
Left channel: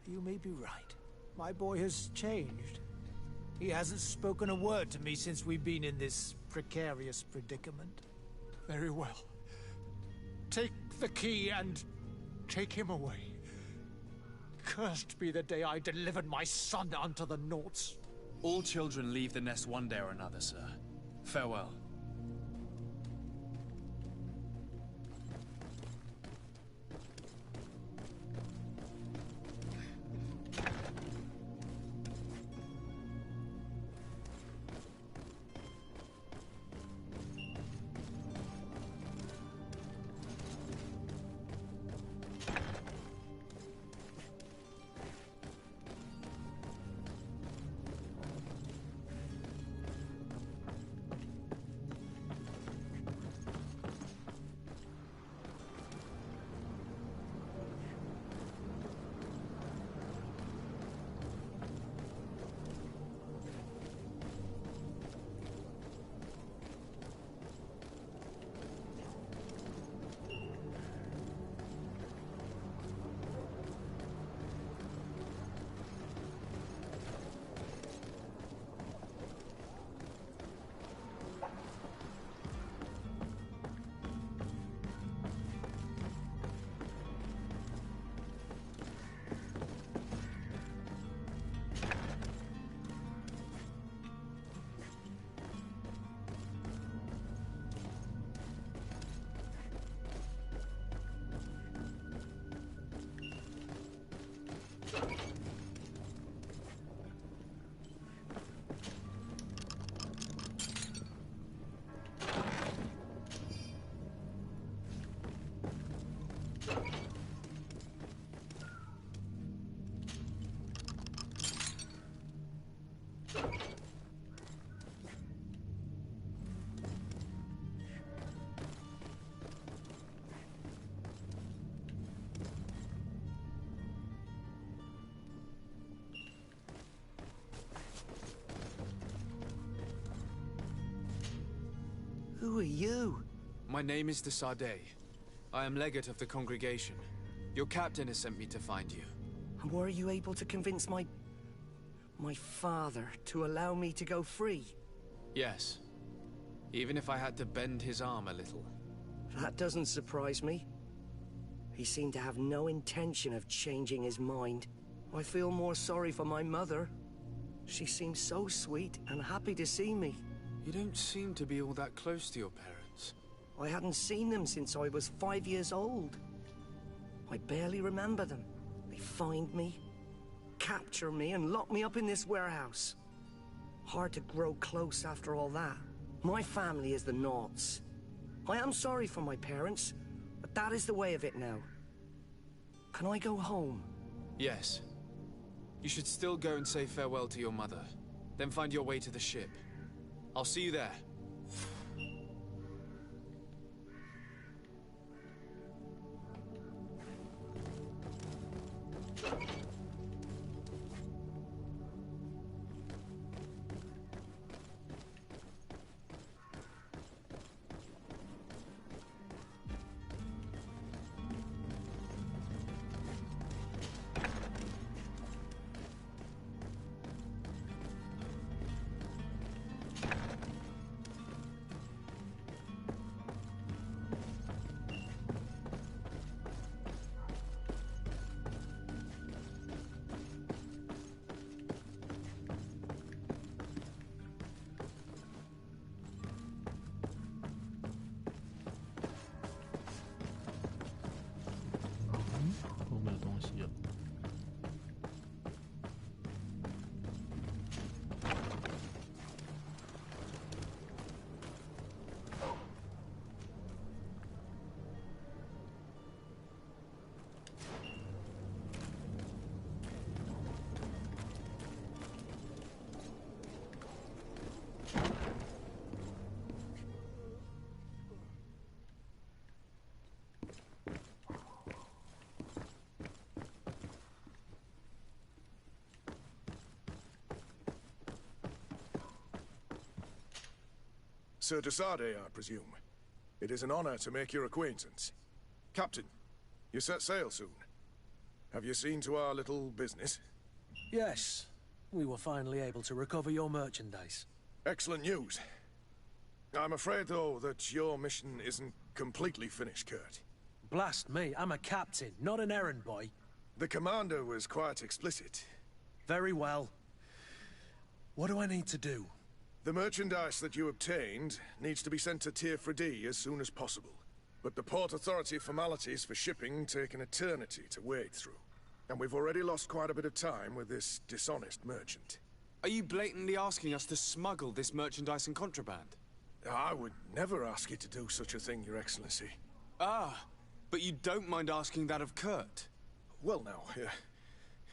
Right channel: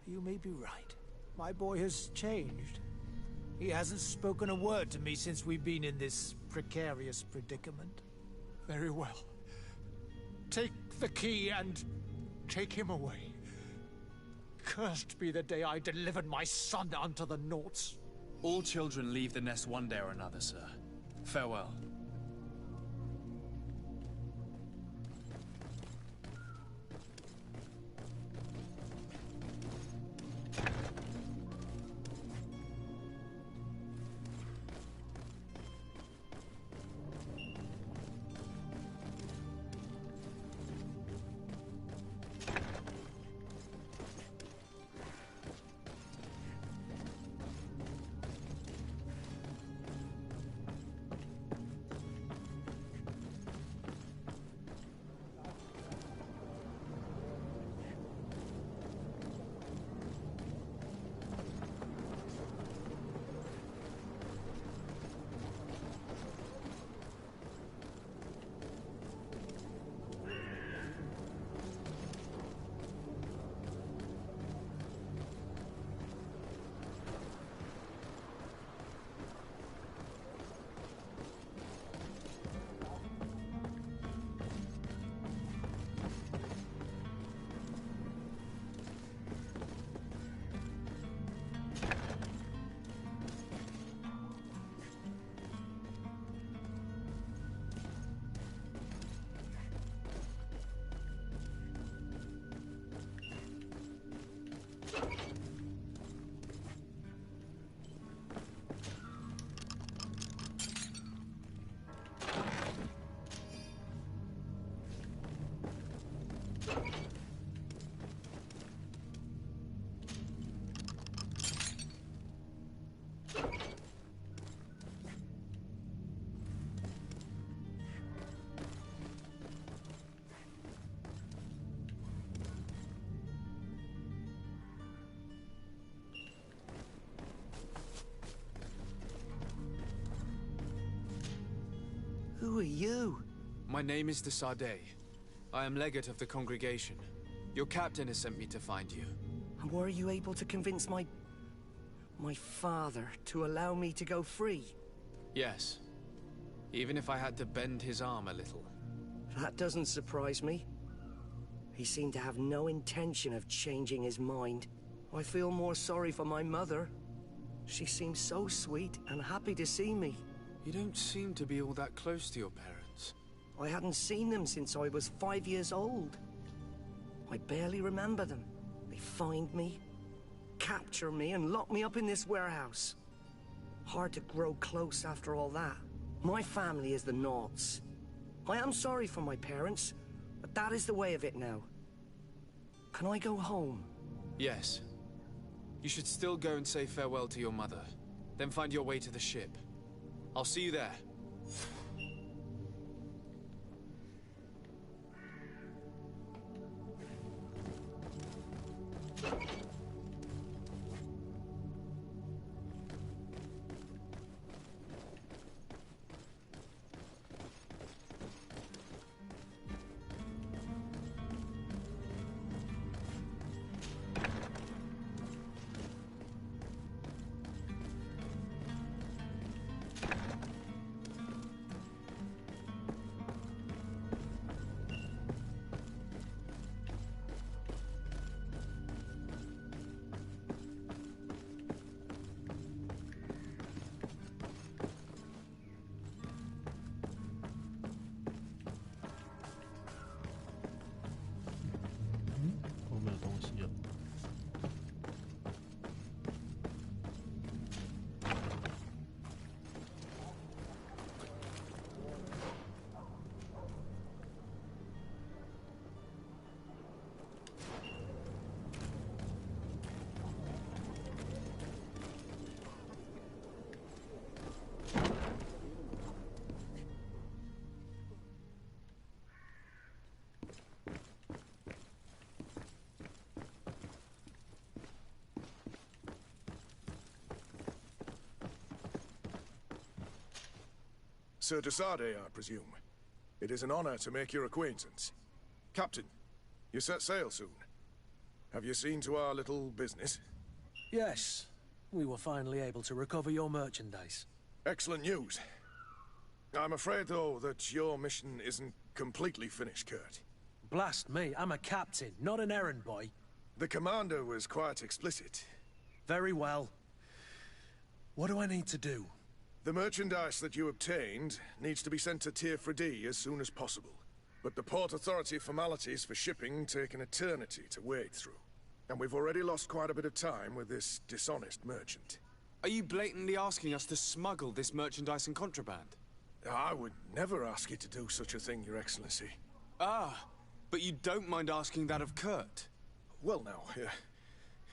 you may be right. My boy has changed. He hasn't spoken a word to me since we've been in this precarious predicament. Very well. Take the key and take him away. Cursed be the day I delivered my son unto the Naughts. All children leave the nest one day or another, sir. Farewell. Who are you? My name is TzuHsiuPeng. I am legate of the congregation. Your captain has sent me to find you. And were you able to convince my father to allow me to go free? Yes. Even if I had to bend his arm a little. That doesn't surprise me. He seemed to have no intention of changing his mind. I feel more sorry for my mother. She seemed so sweet and happy to see me. You don't seem to be all that close to your parents. I hadn't seen them since I was 5 years old. I barely remember them. They find me, capture me, and lock me up in this warehouse. Hard to grow close after all that. My family is the Naughts. I am sorry for my parents, but that is the way of it now. Can I go home? Yes. You should still go and say farewell to your mother. Then find your way to the ship. I'll see you there. Sir TzuHsiuPeng, I presume. It is an honor to make your acquaintance. Captain, you set sail soon. Have you seen to our little business? Yes. We were finally able to recover your merchandise. Excellent news. I'm afraid, though, that your mission isn't completely finished, Kurt. Blast me, I'm a captain, not an errand boy. The commander was quite explicit. Very well. What do I need to do? The merchandise that you obtained needs to be sent to Tier 4D as soon as possible. But the Port Authority formalities for shipping take an eternity to wade through. And we've already lost quite a bit of time with this dishonest merchant. Are you blatantly asking us to smuggle this merchandise and contraband? I would never ask you to do such a thing, Your Excellency. Ah, but you don't mind asking that of Kurt? Well, now,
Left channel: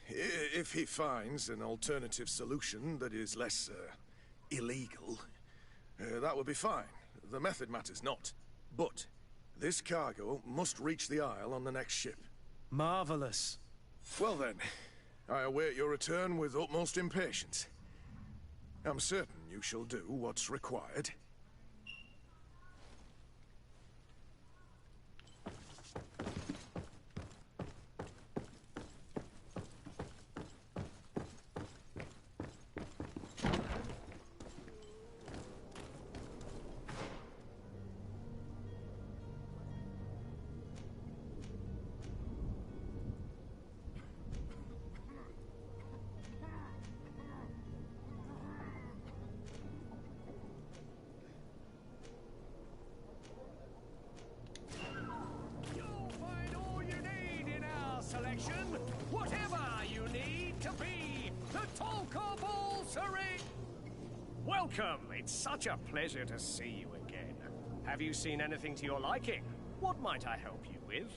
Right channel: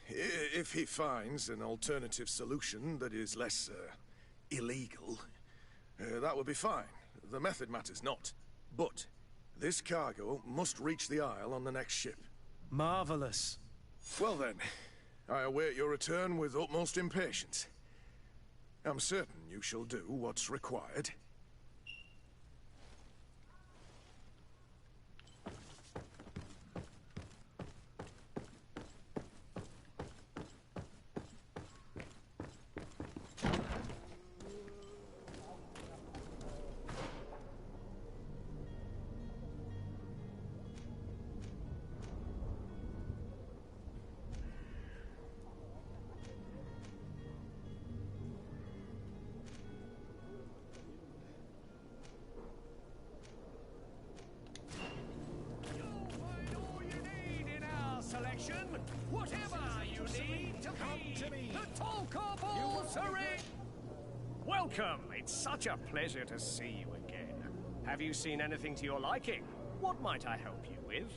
if he finds an alternative solution that is less, illegal, that would be fine. The method matters not. But this cargo must reach the Isle on the next ship. Marvelous. Well then, I await your return with utmost impatience. I'm certain you shall do what's required. Whatever you need to be the talk of all Surrey. Welcome. It's such a pleasure to see you again. Have you seen anything to your liking? What might I help you with?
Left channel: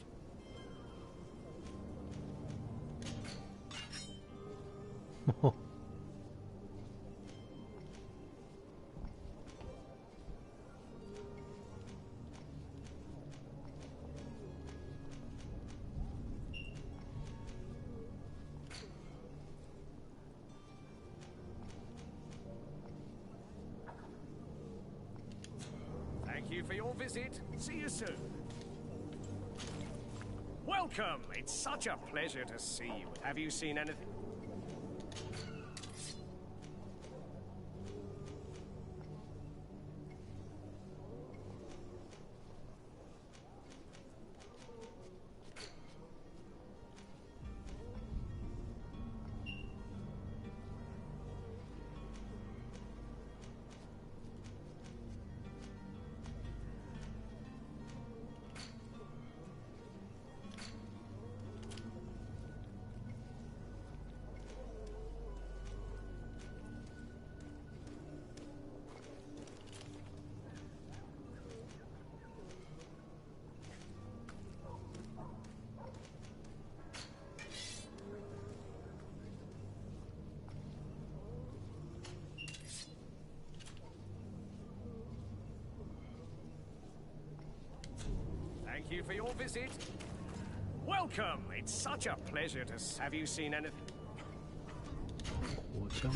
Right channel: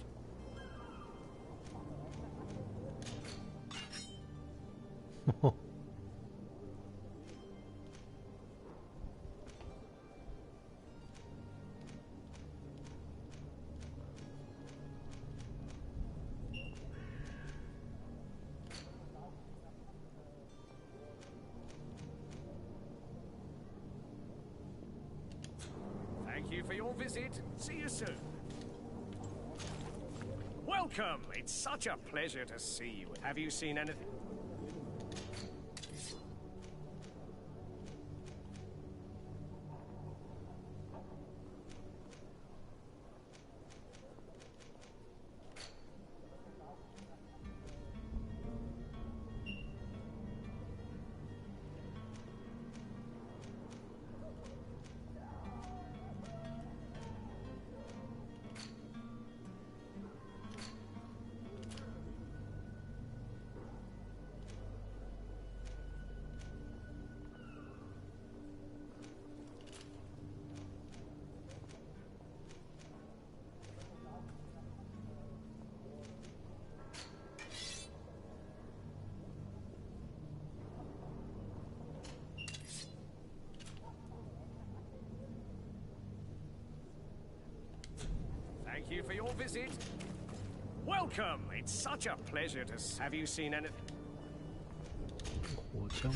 Thank you for your visit. See you soon. Welcome. It's such a pleasure to see you. Have you seen anything? Thank you for your visit. Welcome. It's such a pleasure to... Have you seen anything? 火枪。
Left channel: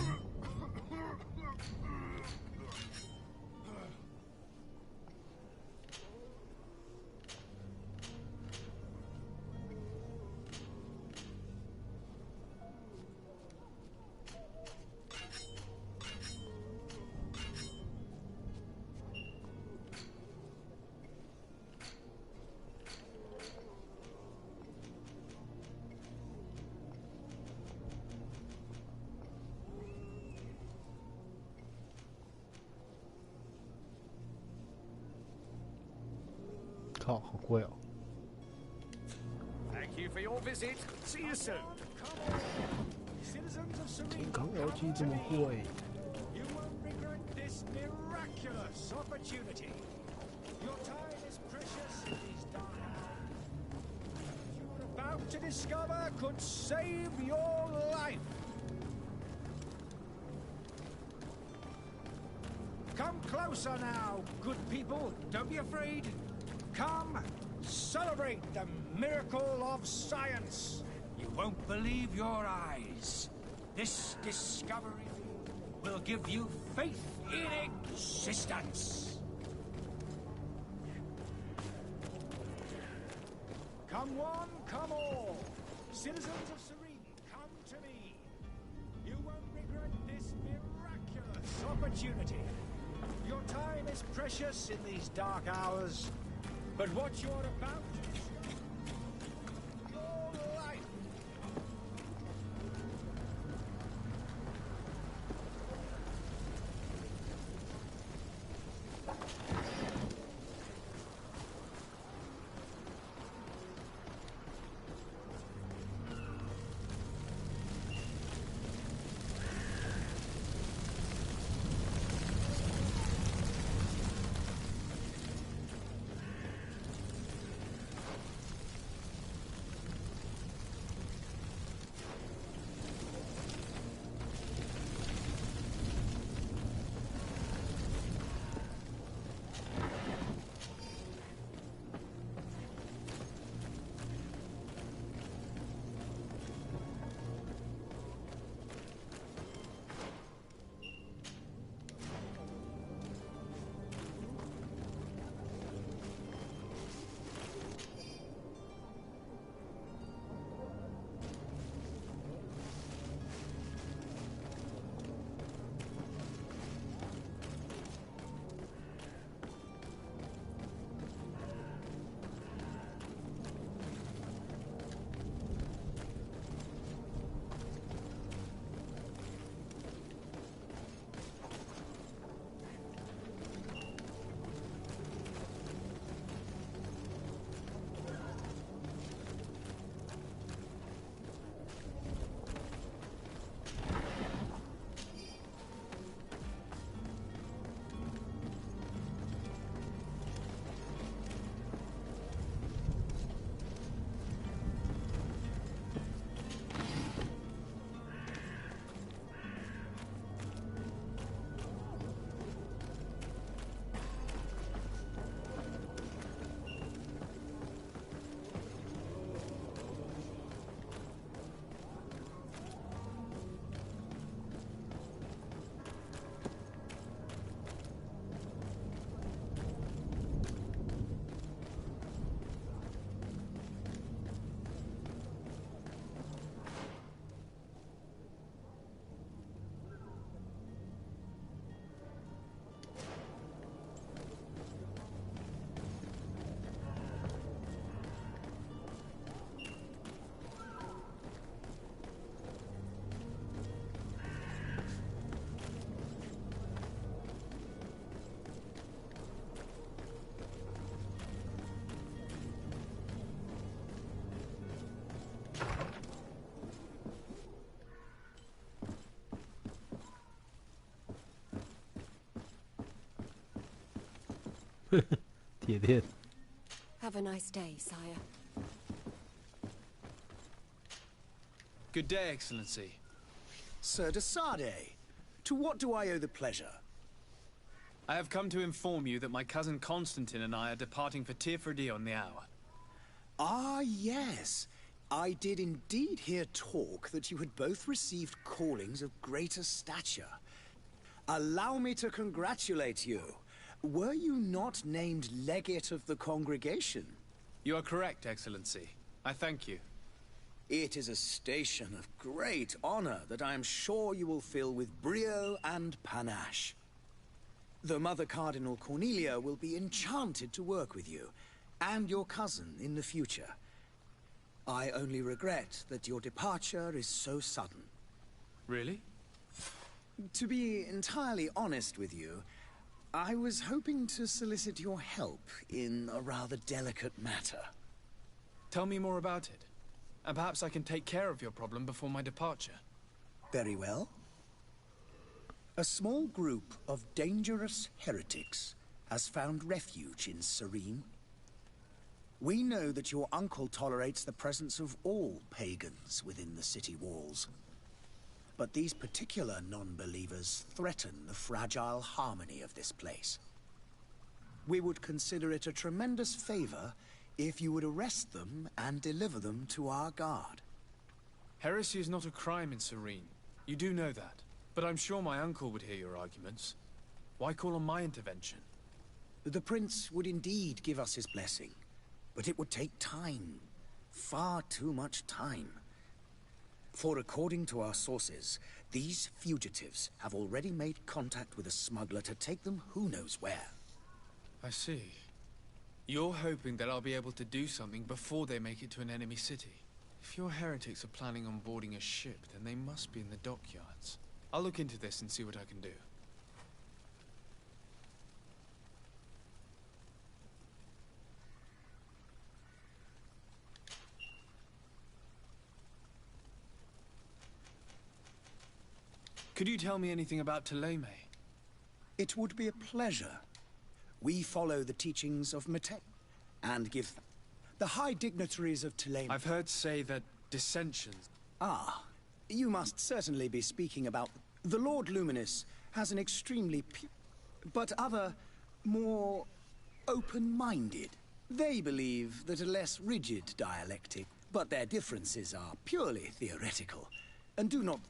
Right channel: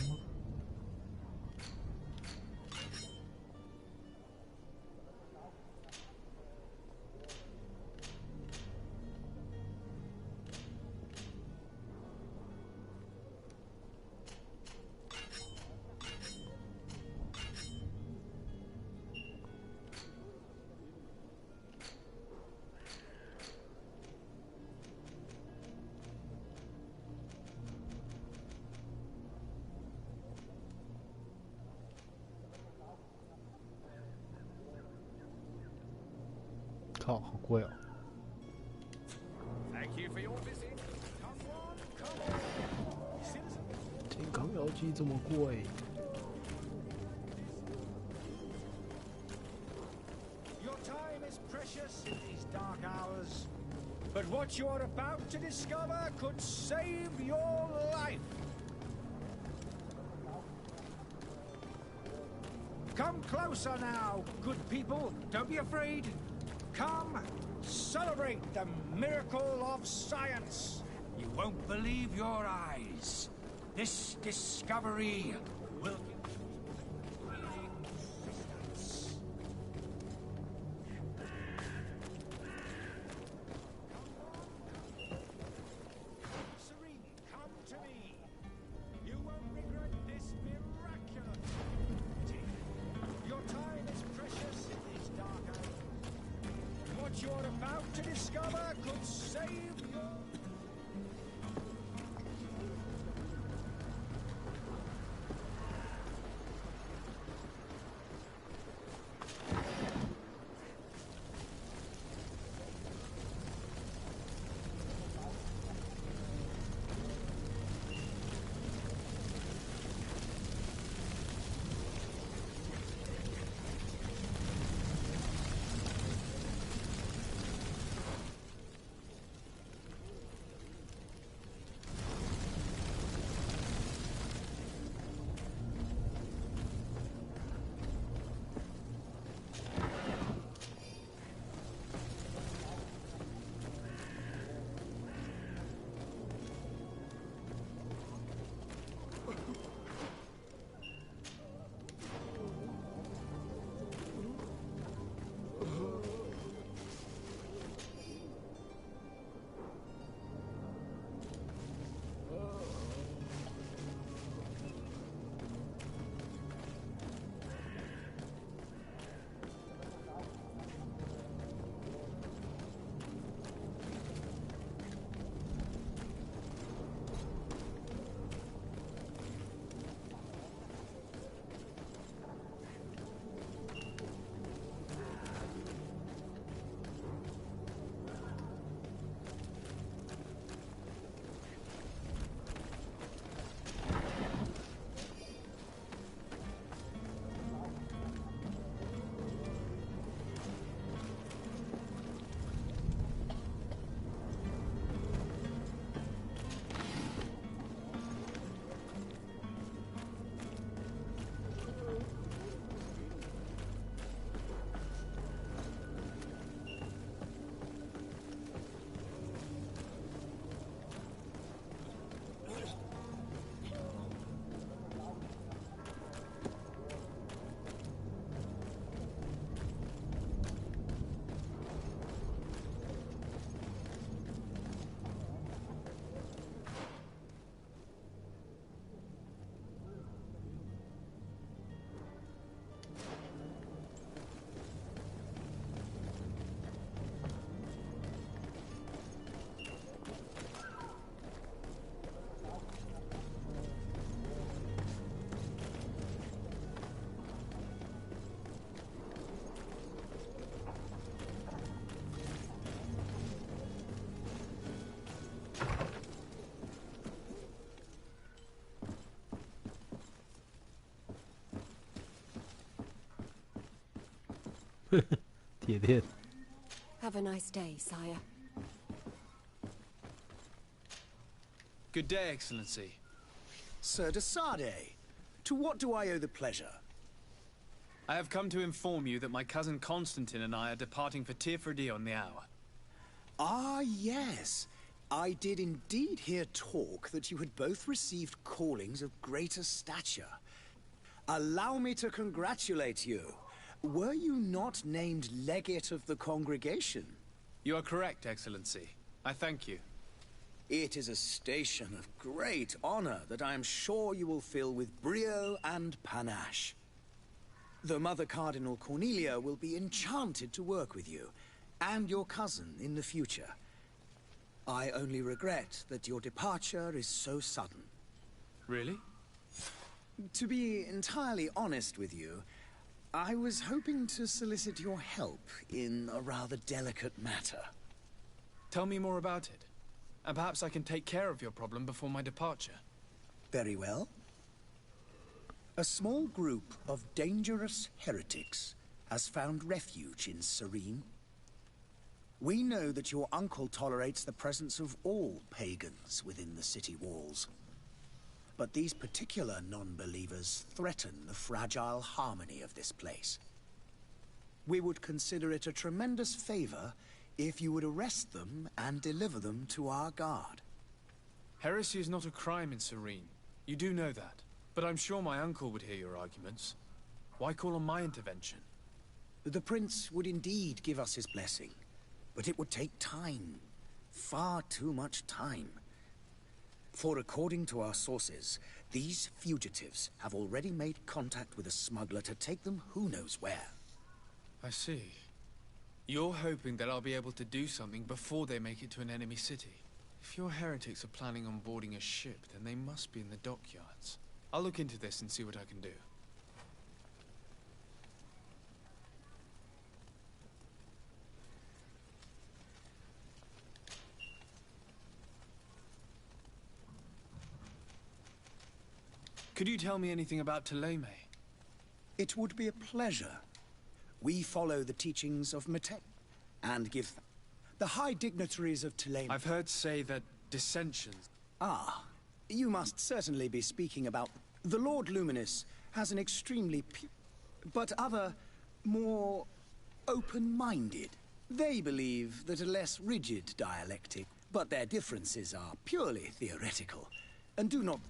靠，好贵哦！ Thank you for your visit. See you soon. 金刚妖姬这么贵？ Your time is precious in these dark hours, but what you are about to discover could save your life. Come closer now, good people. Don't be afraid. Come, celebrate the miracle of science. You won't believe your eyes. This discovery will give you faith in existence. anxious in these dark hours. But what you're about to discover could save your life.铁链。 Have a nice day, sire. Good day, Excellency. Sir Desade, to what do I owe the pleasure? I have come to inform you that my cousin Constantine and I are departing for Tirfredi on the hour. Ah, yes. I did indeed hear talk that you had both received callings of greater stature. Allow me to congratulate you. Were you not named legate of the congregation? You are correct, Excellency. I thank you. It is a station of great honor that I am sure you will fill with brio and panache. The Mother Cardinal Cornelia will be enchanted to work with you, and your cousin in the future. I only regret that your departure is so sudden. Really? To be entirely honest with you, I was hoping to solicit your help in a rather delicate matter. Tell me more about it, and perhaps I can take care of your problem before my departure. Very well. A small group of dangerous heretics has found refuge in Serene. We know that your uncle tolerates the presence of all pagans within the city walls. But these particular non-believers threaten the fragile harmony of this place. We would consider it a tremendous favor if you would arrest them and deliver them to our guard. Heresy is not a crime in Serene. You do know that. But I'm sure my uncle would hear your arguments. Why call on my intervention? The Prince would indeed give us his blessing, but it would take time. Far too much time. For according to our sources, these fugitives have already made contact with a smuggler to take them who knows where. I see. You're hoping that I'll be able to do something before they make it to an enemy city. If your heretics are planning on boarding a ship, then they must be in the dockyards. I'll look into this and see what I can do. Could you tell me anything about Thélème? It would be a pleasure. We follow the teachings of Mate and give the high dignitaries of Thélème. I've heard say that dissensions... Ah, you must certainly be speaking about... The Lord Luminous has an extremely but other, more open-minded. They believe that a less rigid dialectic, but their differences are purely theoretical, and do not...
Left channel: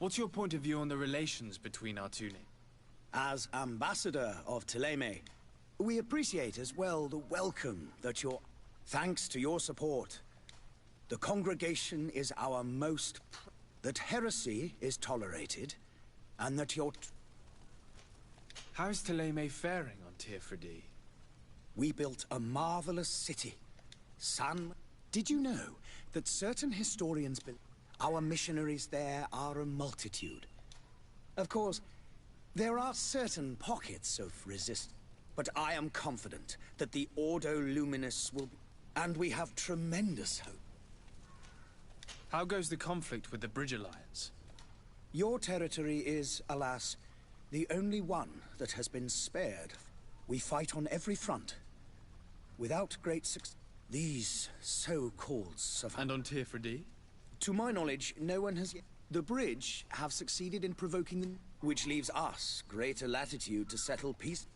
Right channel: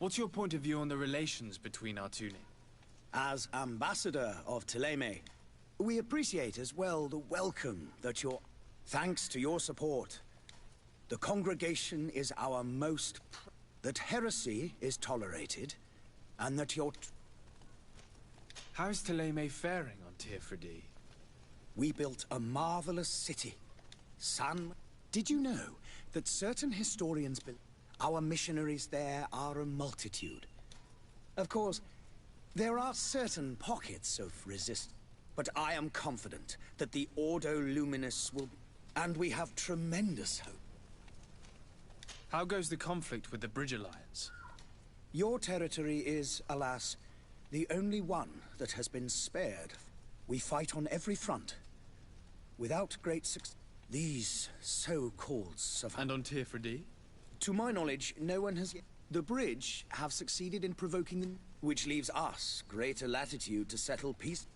What's your point of view on the relations between our two nations? As ambassador of Thélème, we appreciate as well the welcome that thanks to your support, the congregation is our most... that heresy is tolerated, and that How is Thélème faring on Teofredi? We built a marvelous city. Did you know that certain historians believe our missionaries there are a multitude? Of course, there are certain pockets of resistance, but I am confident that the Ordo Luminous will be, and we have tremendous hope. How goes the conflict with the Bridge Alliance? Your territory is, alas, the only one that has been spared. We fight on every front, without great success. These so-called And on Teofredi? To my knowledge, no one has yet. The Bridge have succeeded in provoking them, which leaves us greater latitude to settle peace.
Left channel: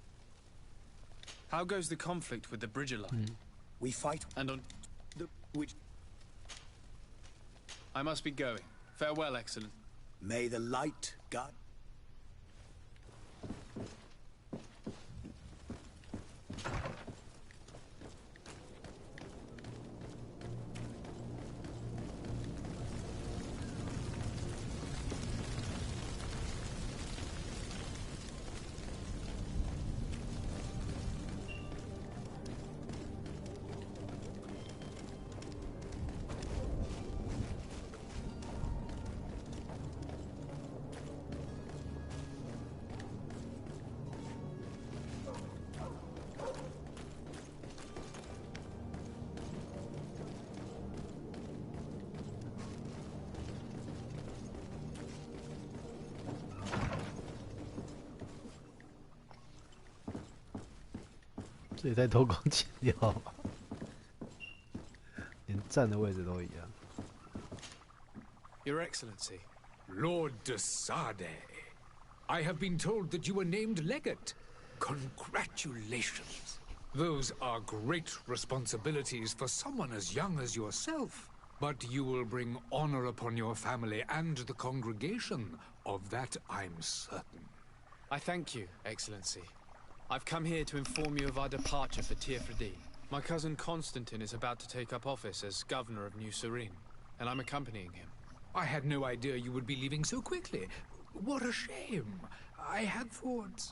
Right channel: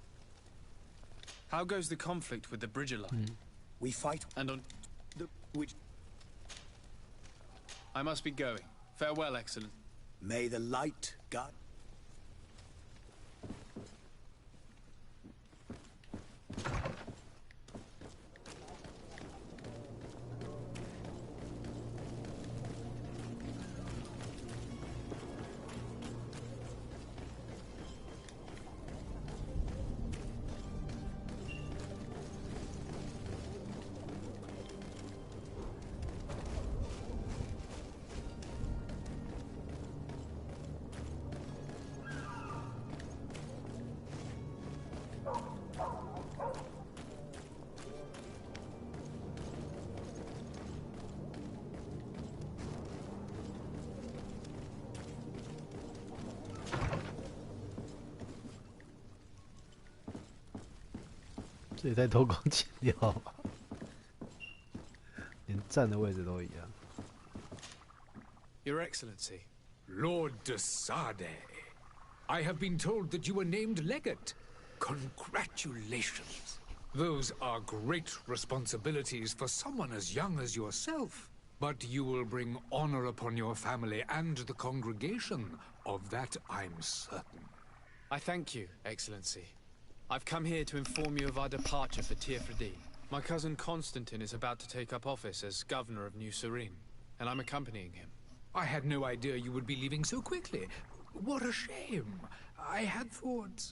How goes the conflict with the Bridge Alliance? We fight... And on... which... I must be going. Farewell, Excellent. May the light guide...这也太偷工减料了吧，连站的位置都一样。Your Excellency. Lord de Sade, I have been told that you were named legate. Congratulations. Those are great responsibilities for someone as young as yourself. But you will bring honor upon your family and the congregation. Of that I'm certain. I thank you, Excellency. I've come here to inform you of our departure for Teofredi. My cousin Constantine is about to take up office as governor of New Serene, and I'm accompanying him. I had no idea you would be leaving so quickly. What a shame. I had thought...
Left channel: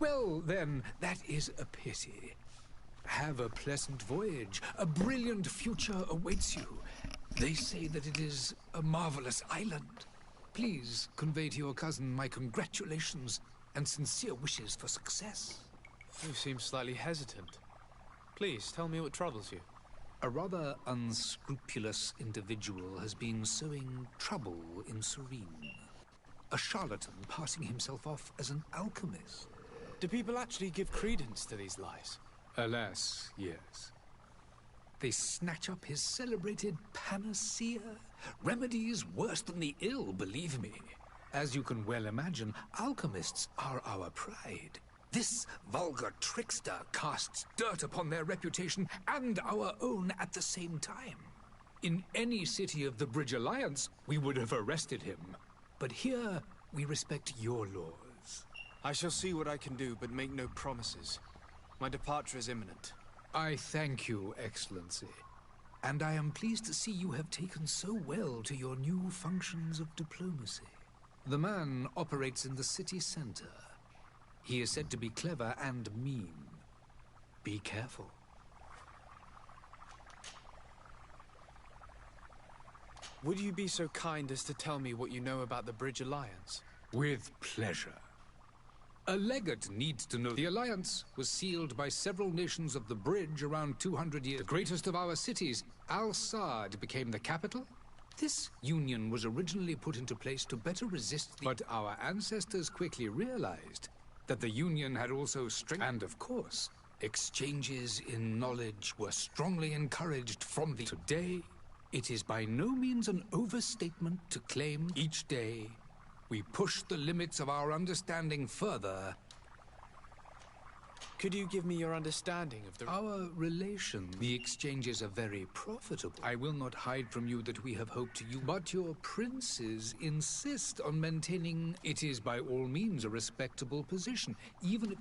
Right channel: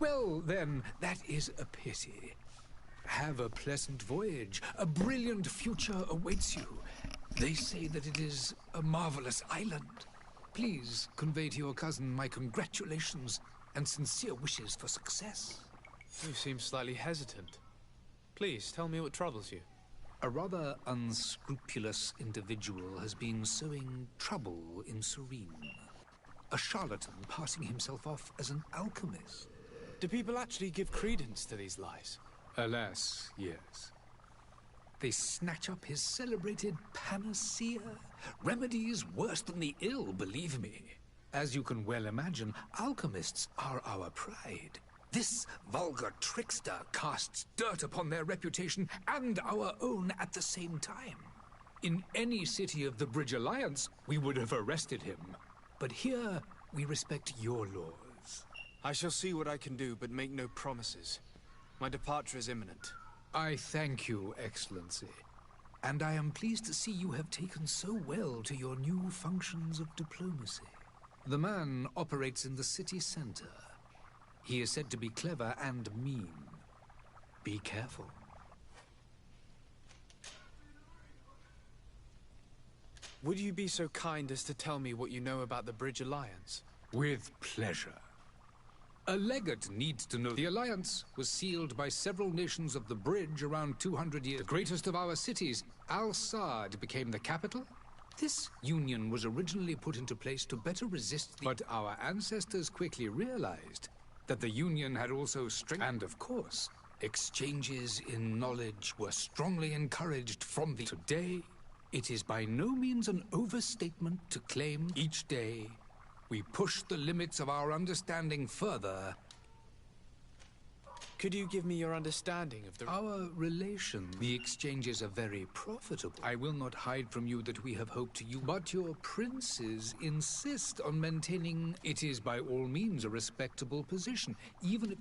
Well, then, that is a pity. Have a pleasant voyage. A brilliant future awaits you. They say that it is a marvelous island. Please convey to your cousin my congratulations and sincere wishes for success. You seem slightly hesitant. Please, tell me what troubles you. A rather unscrupulous individual has been sowing trouble in Serene. A charlatan passing himself off as an alchemist. Do people actually give credence to these lies? Alas, yes. They snatch up his celebrated panacea. Remedies worse than the ill, believe me. As you can well imagine, alchemists are our pride. This vulgar trickster casts dirt upon their reputation and our own at the same time. In any city of the Bridge Alliance, we would have arrested him. But here, we respect your laws. I shall see what I can do, but make no promises. My departure is imminent. I thank you, Excellency. And I am pleased to see you have taken so well to your new functions of diplomacy. The man operates in the city center. He is said to be clever and mean. Be careful. Would you be so kind as to tell me what you know about the Bridge Alliance? With pleasure. A legate needs to know. The Alliance was sealed by several nations of the Bridge around 200 years. The greatest of our cities, Al-Sad, became the capital. This union was originally put into place to better resist but our ancestors quickly realized that the union had also strengthened. And of course, exchanges in knowledge were strongly encouraged from the... Today, it is by no means an overstatement to claim each day we push the limits of our understanding further. Could you give me your understanding of the... Our relation, the exchanges are very profitable. I will not hide from you that we have hoped to you, but your princes insist on maintaining... It is by all means a respectable position, even if...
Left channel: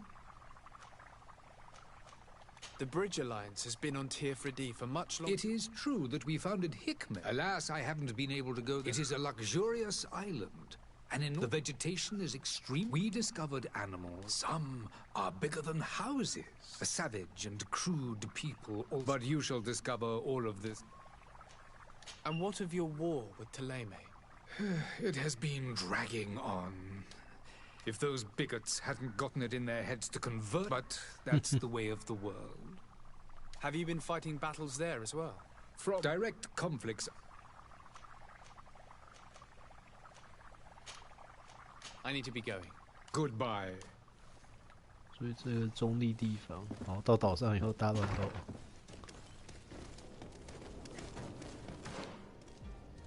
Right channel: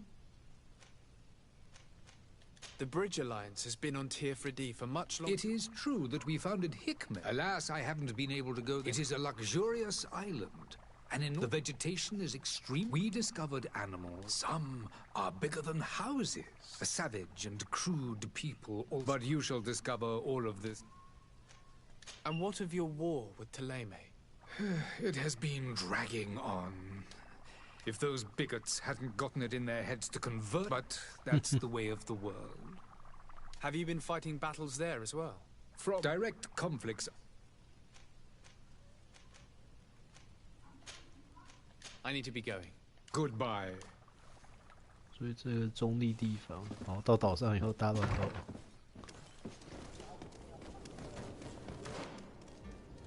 The Bridge Alliance has been on Tirfredi for much longer. It is true that we founded Hikmet. Alas, I haven't been able to go there. It is a luxurious island, and in the vegetation is extreme. We discovered animals. Some are bigger than houses. A savage and crude people also. But you shall discover all of this. And what of your war with Ptolemy? It has been dragging on. If those bigots hadn't gotten it in their heads to convert... But that's the way of the world. Have you been fighting battles there as well? From direct conflicts... I need to be going. Goodbye. 所以这个中立地方，然后到岛上以后大乱斗，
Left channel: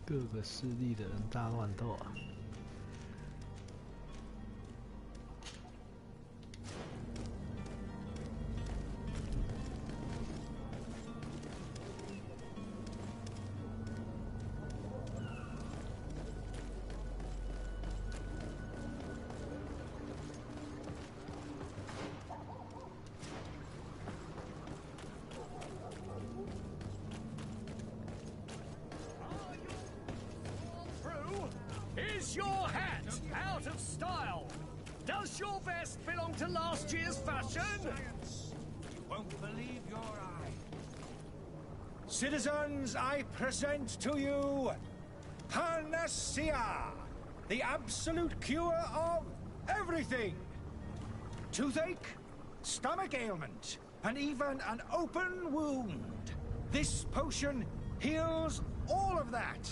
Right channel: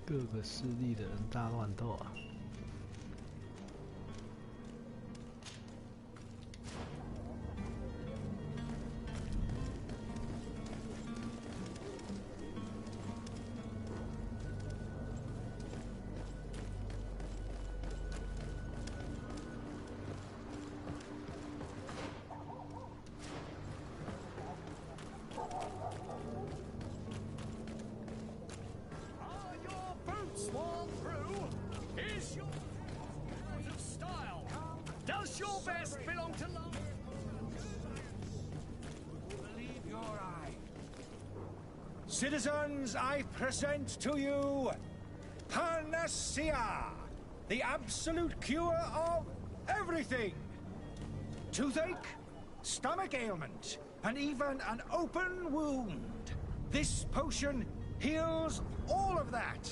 各个势力的人大乱斗啊。Is your hat out of style? Does your vest belong to last year's fashion? Won't believe your eye. Citizens, I present to you Panacea, the absolute cure of everything. Toothache, stomach ailment, and even an open wound. This potion heals all of that.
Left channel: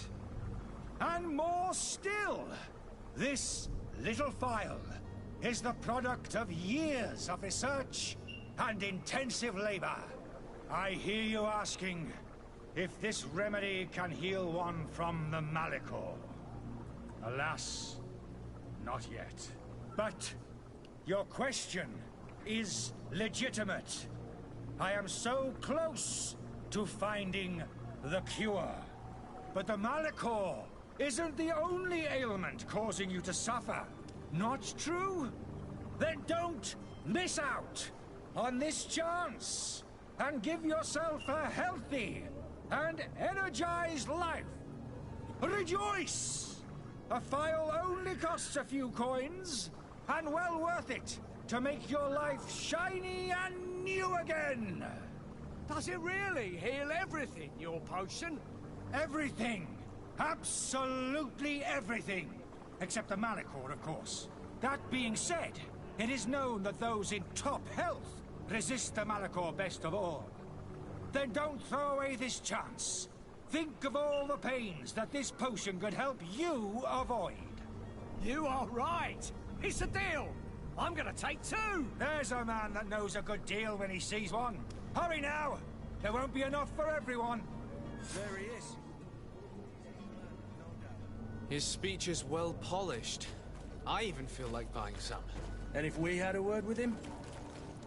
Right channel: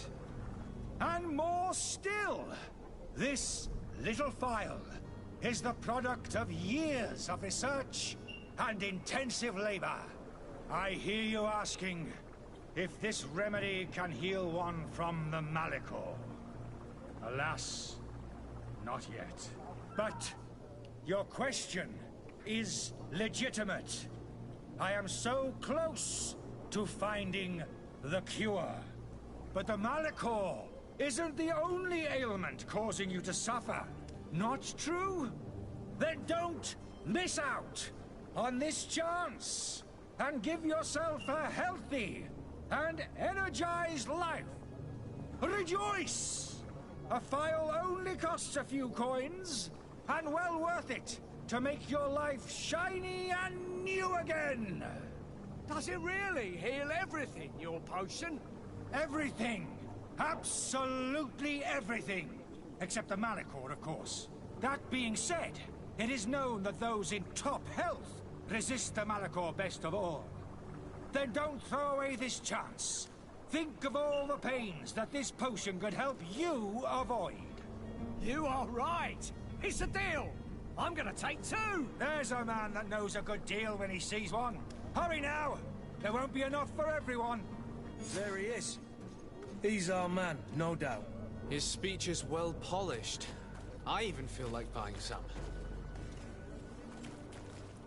And more still, this little phial is the product of years of research and intensive labor. I hear you asking if this remedy can heal one from the Malicor. Alas, not yet. But your question is legitimate. I am so close to finding the cure. But the Malicor isn't the only ailment causing you to suffer. Not true? Then don't miss out on this chance and give yourself a healthy and energized life. Rejoice! A phial only costs a few coins, and well worth it to make your life shiny and new again. Does it really heal everything, your potion? Everything. Absolutely everything. Except the Malicor, of course. That being said, it is known that those in top health resist the Malicor best of all. Then don't throw away this chance. Think of all the pains that this potion could help you avoid. You are right. It's a deal. I'm gonna take two. There's a man that knows a good deal when he sees one. Hurry now. There won't be enough for everyone. There he is. He's our man, no doubt. His speech is well polished. I even feel like buying some. And if we had a word with him,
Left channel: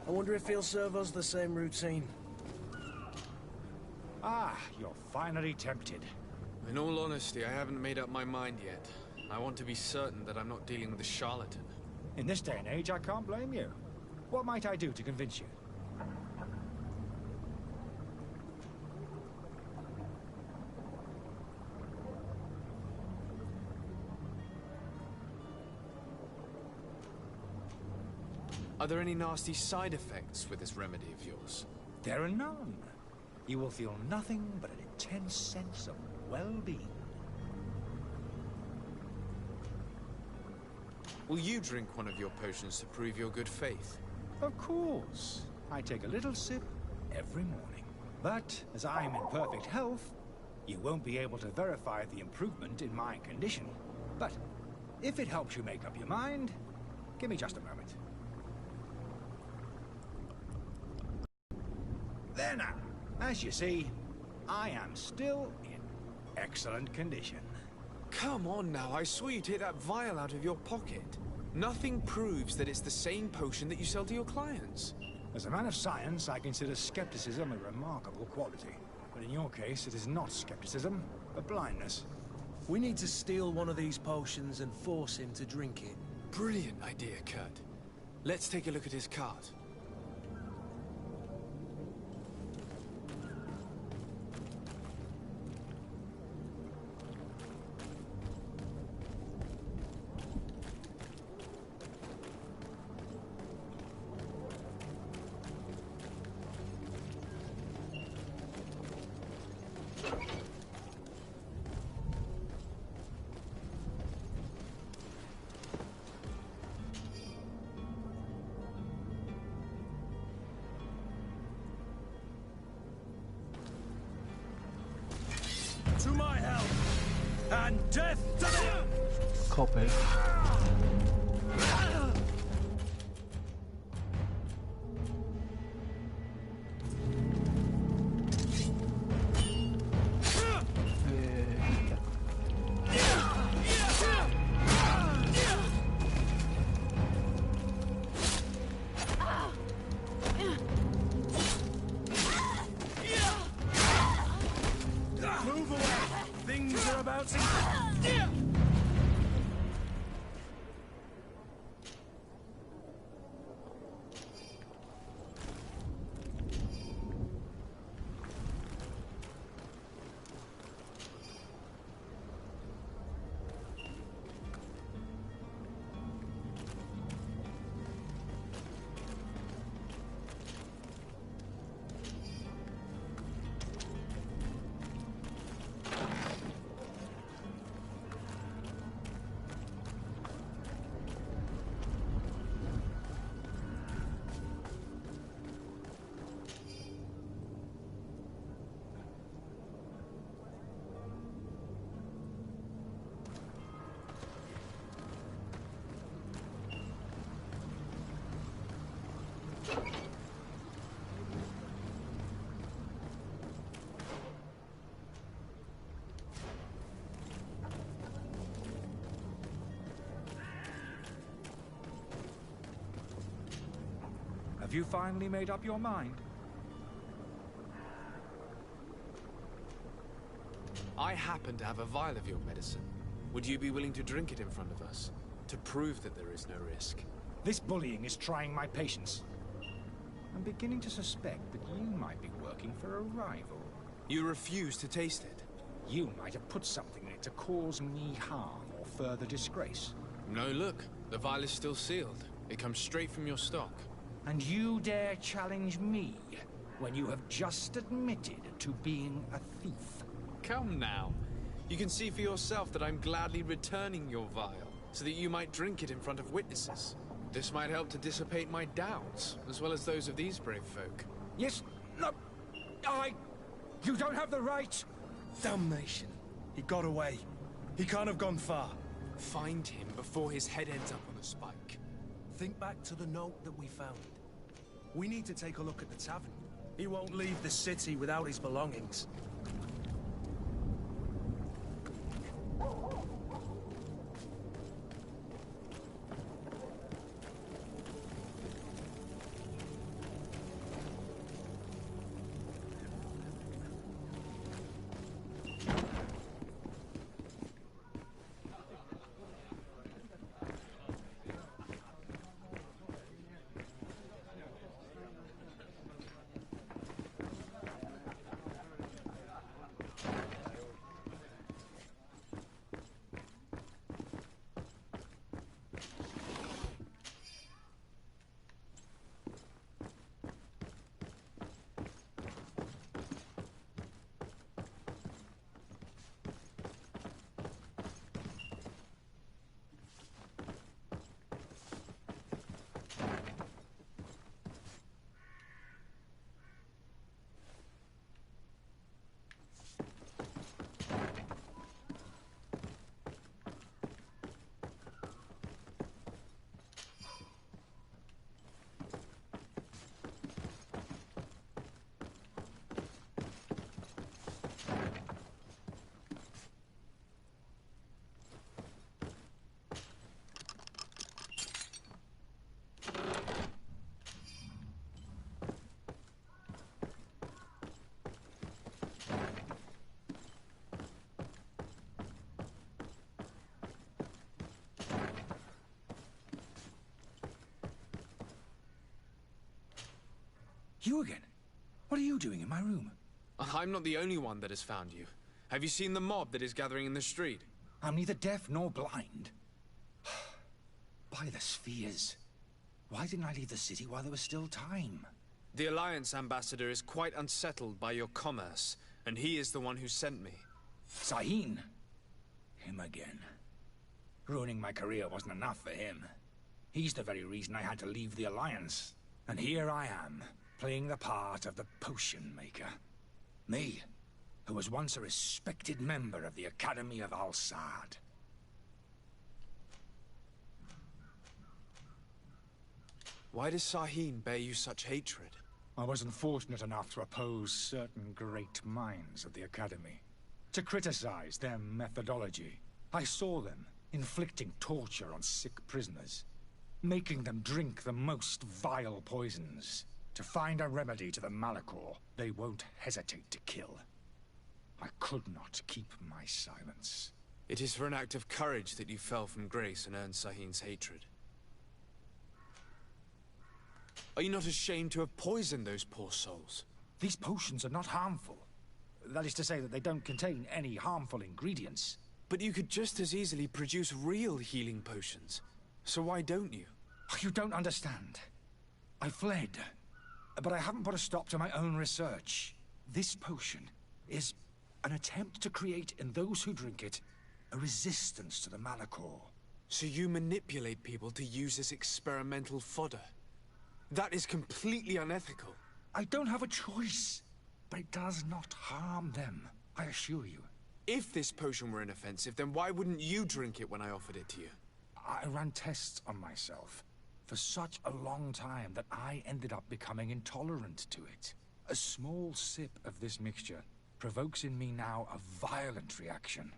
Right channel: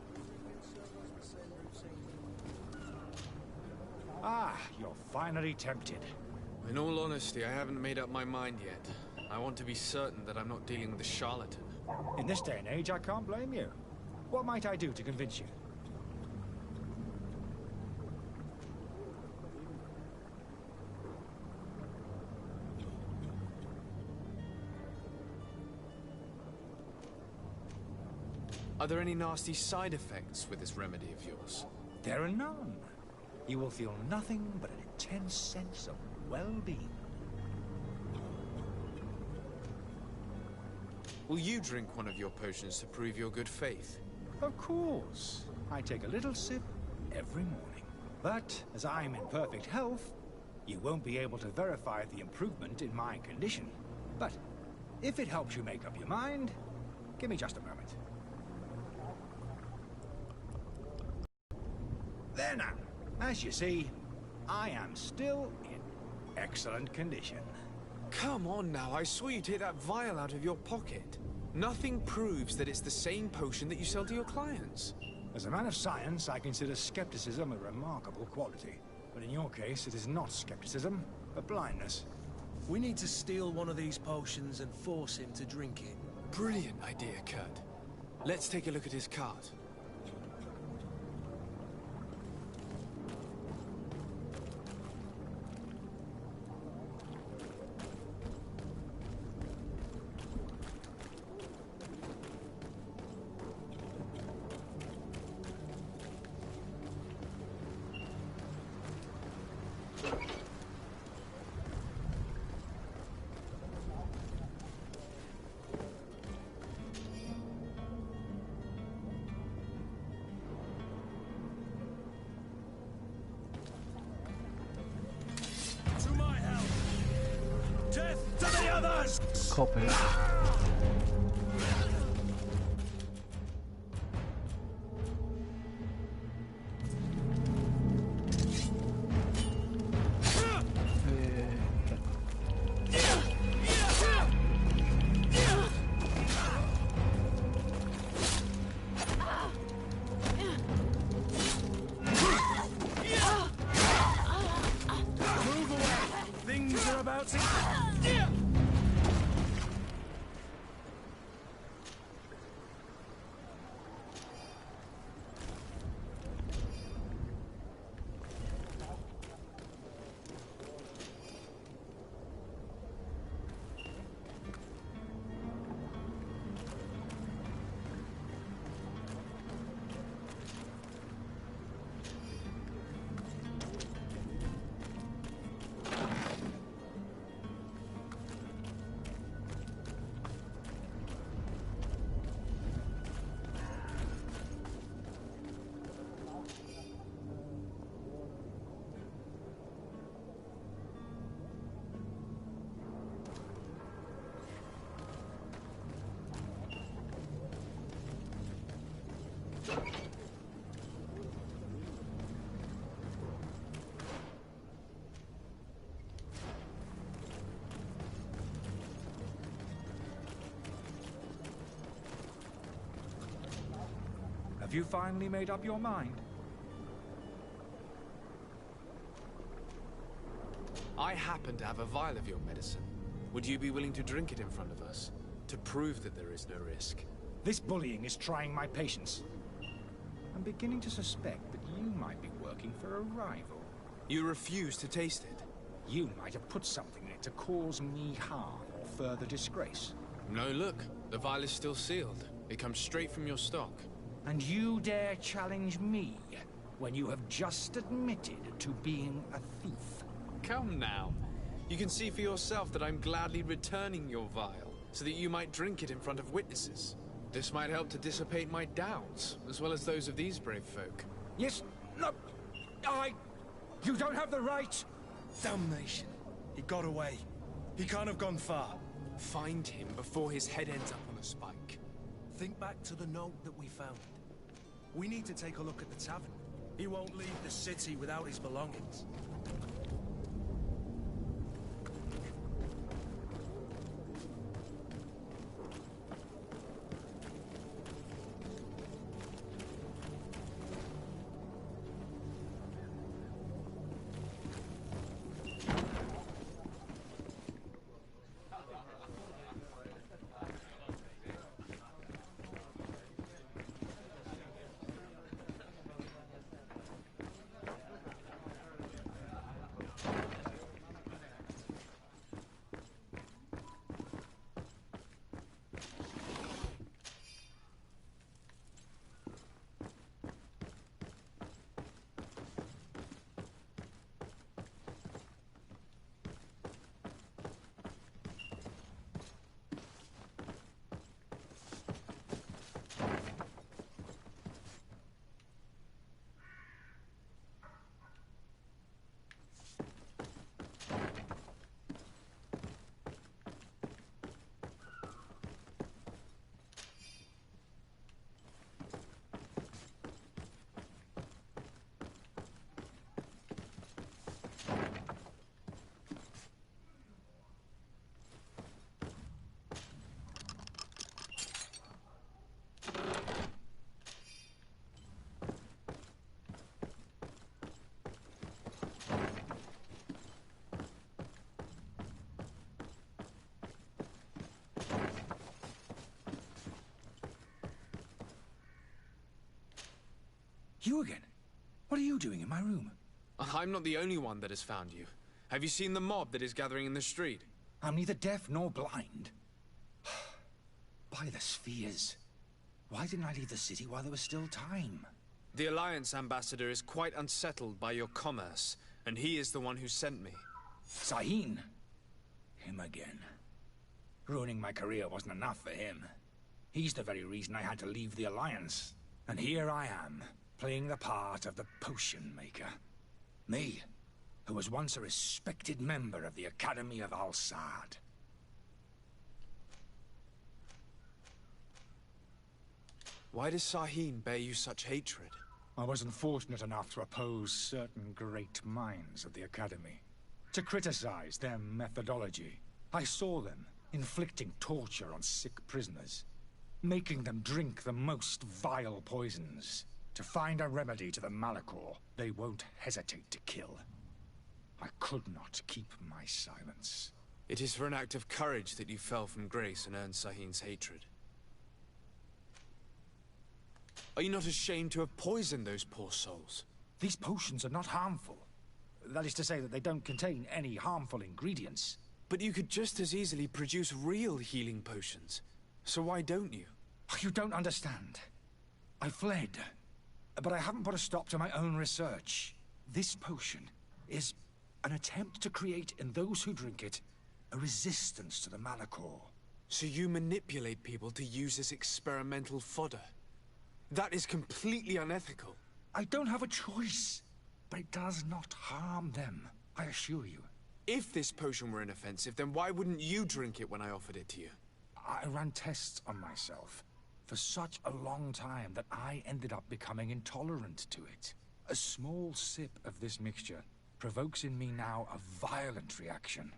I wonder if he'll serve us the same routine. Ah, you're finally tempted. In all honesty, I haven't made up my mind yet. I want to be certain that I'm not dealing with a charlatan. In this day and age, I can't blame you. What might I do to convince you? Are there any nasty side effects with this remedy of yours? There are none. You will feel nothing but an intense sense of well-being. Will you drink one of your potions to prove your good faith? Of course. I take a little sip every morning. But as I'm in perfect health, you won't be able to verify the improvement in my condition. But if it helps you make up your mind, give me just a moment. There now. As you see, I am still in excellent condition. Come on now, I saw you take that vial out of your pocket. Nothing proves that it's the same potion that you sell to your clients. As a man of science, I consider skepticism a remarkable quality. But in your case, it is not skepticism, but blindness. We need to steal one of these potions and force him to drink it. Brilliant idea, Kurt. Let's take a look at his cart. To my help, and death to the others! Copy. Move away! Things are about to... Have you finally made up your mind? I happen to have a vial of your medicine. Would you be willing to drink it in front of us? To prove that there is no risk? This bullying is trying my patience. I'm beginning to suspect that you might be working for a rival. You refuse to taste it? You might have put something in it to cause me harm or further disgrace. No, look. The vial is still sealed. It comes straight from your stock. And you dare challenge me when you have just admitted to being a thief? Come now. You can see for yourself that I'm gladly returning your vial, so that you might drink it in front of witnesses. This might help to dissipate my doubts, as well as those of these brave folk. Yes, no, you don't have the right! Damnation. He got away. He can't have gone far. Find him before his head ends up on a spike. Think back to the note that we found. We need to take a look at the tavern. He won't leave the city without his belongings. You again? What are you doing in my room? I'm not the only one that has found you. Have you seen the mob that is gathering in the street? I'm neither deaf nor blind. By the spheres. Why didn't I leave the city while there was still time? The Alliance ambassador is quite unsettled by your commerce, and he is the one who sent me. Sahin? Him again. Ruining my career wasn't enough for him. He's the very reason I had to leave the Alliance. And here I am, playing the part of the potion maker. Me, who was once a respected member of the Academy of Al-Sad. Why does Sahin bear you such hatred? I wasn't fortunate enough to oppose certain great minds of the Academy. To criticize their methodology. I saw them inflicting torture on sick prisoners. Making them drink the most vile poisons. To find a remedy to the Malachor they won't hesitate to kill. I could not keep my silence. It is for an act of courage that you fell from grace and earned Sahin's hatred. Are you not ashamed to have poisoned those poor souls? These potions are not harmful. That is to say that they don't contain any harmful ingredients. But you could just as easily produce real healing potions. So why don't you? You don't understand. I fled. But I haven't put a stop to my own research. This potion is an attempt to create in those who drink it a resistance to the Malachor. So you manipulate people to use as experimental fodder? That is completely unethical. I don't have a choice, but it does not harm them, I assure you. If this potion were inoffensive, then why wouldn't you drink it when I offered it to you? I ran tests on myself for such a long time that I ended up becoming intolerant to it. A small sip of this mixture provokes in me now a violent reaction.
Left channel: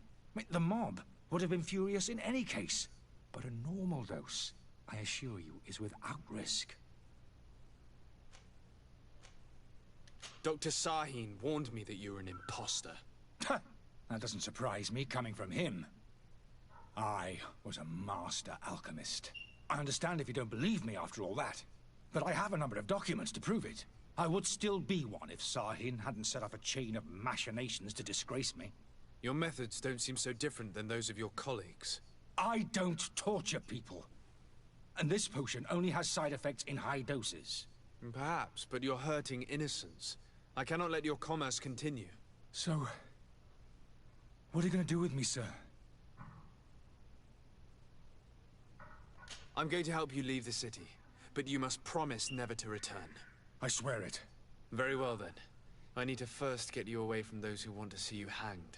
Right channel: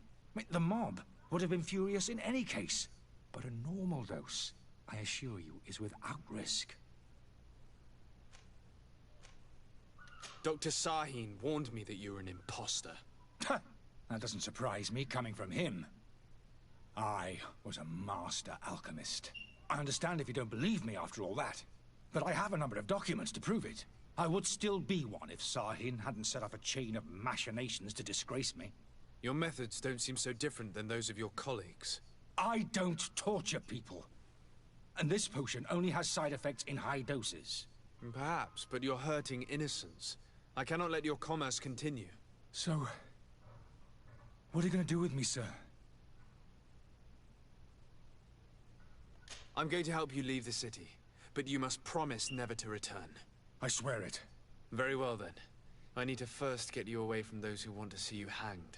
The mob would have been furious in any case, but a normal dose, I assure you, is without risk. Dr. Sahin warned me that you were an imposter. That doesn't surprise me, coming from him. I was a master alchemist. I understand if you don't believe me after all that, but I have a number of documents to prove it. I would still be one if Sahin hadn't set up a chain of machinations to disgrace me. Your methods don't seem so different than those of your colleagues. I don't torture people. And this potion only has side effects in high doses. Perhaps, but you're hurting innocents. I cannot let your commerce continue. So, what are you going to do with me, sir? I'm going to help you leave the city, but you must promise never to return. I swear it. Very well then. I need to first get you away from those who want to see you hanged.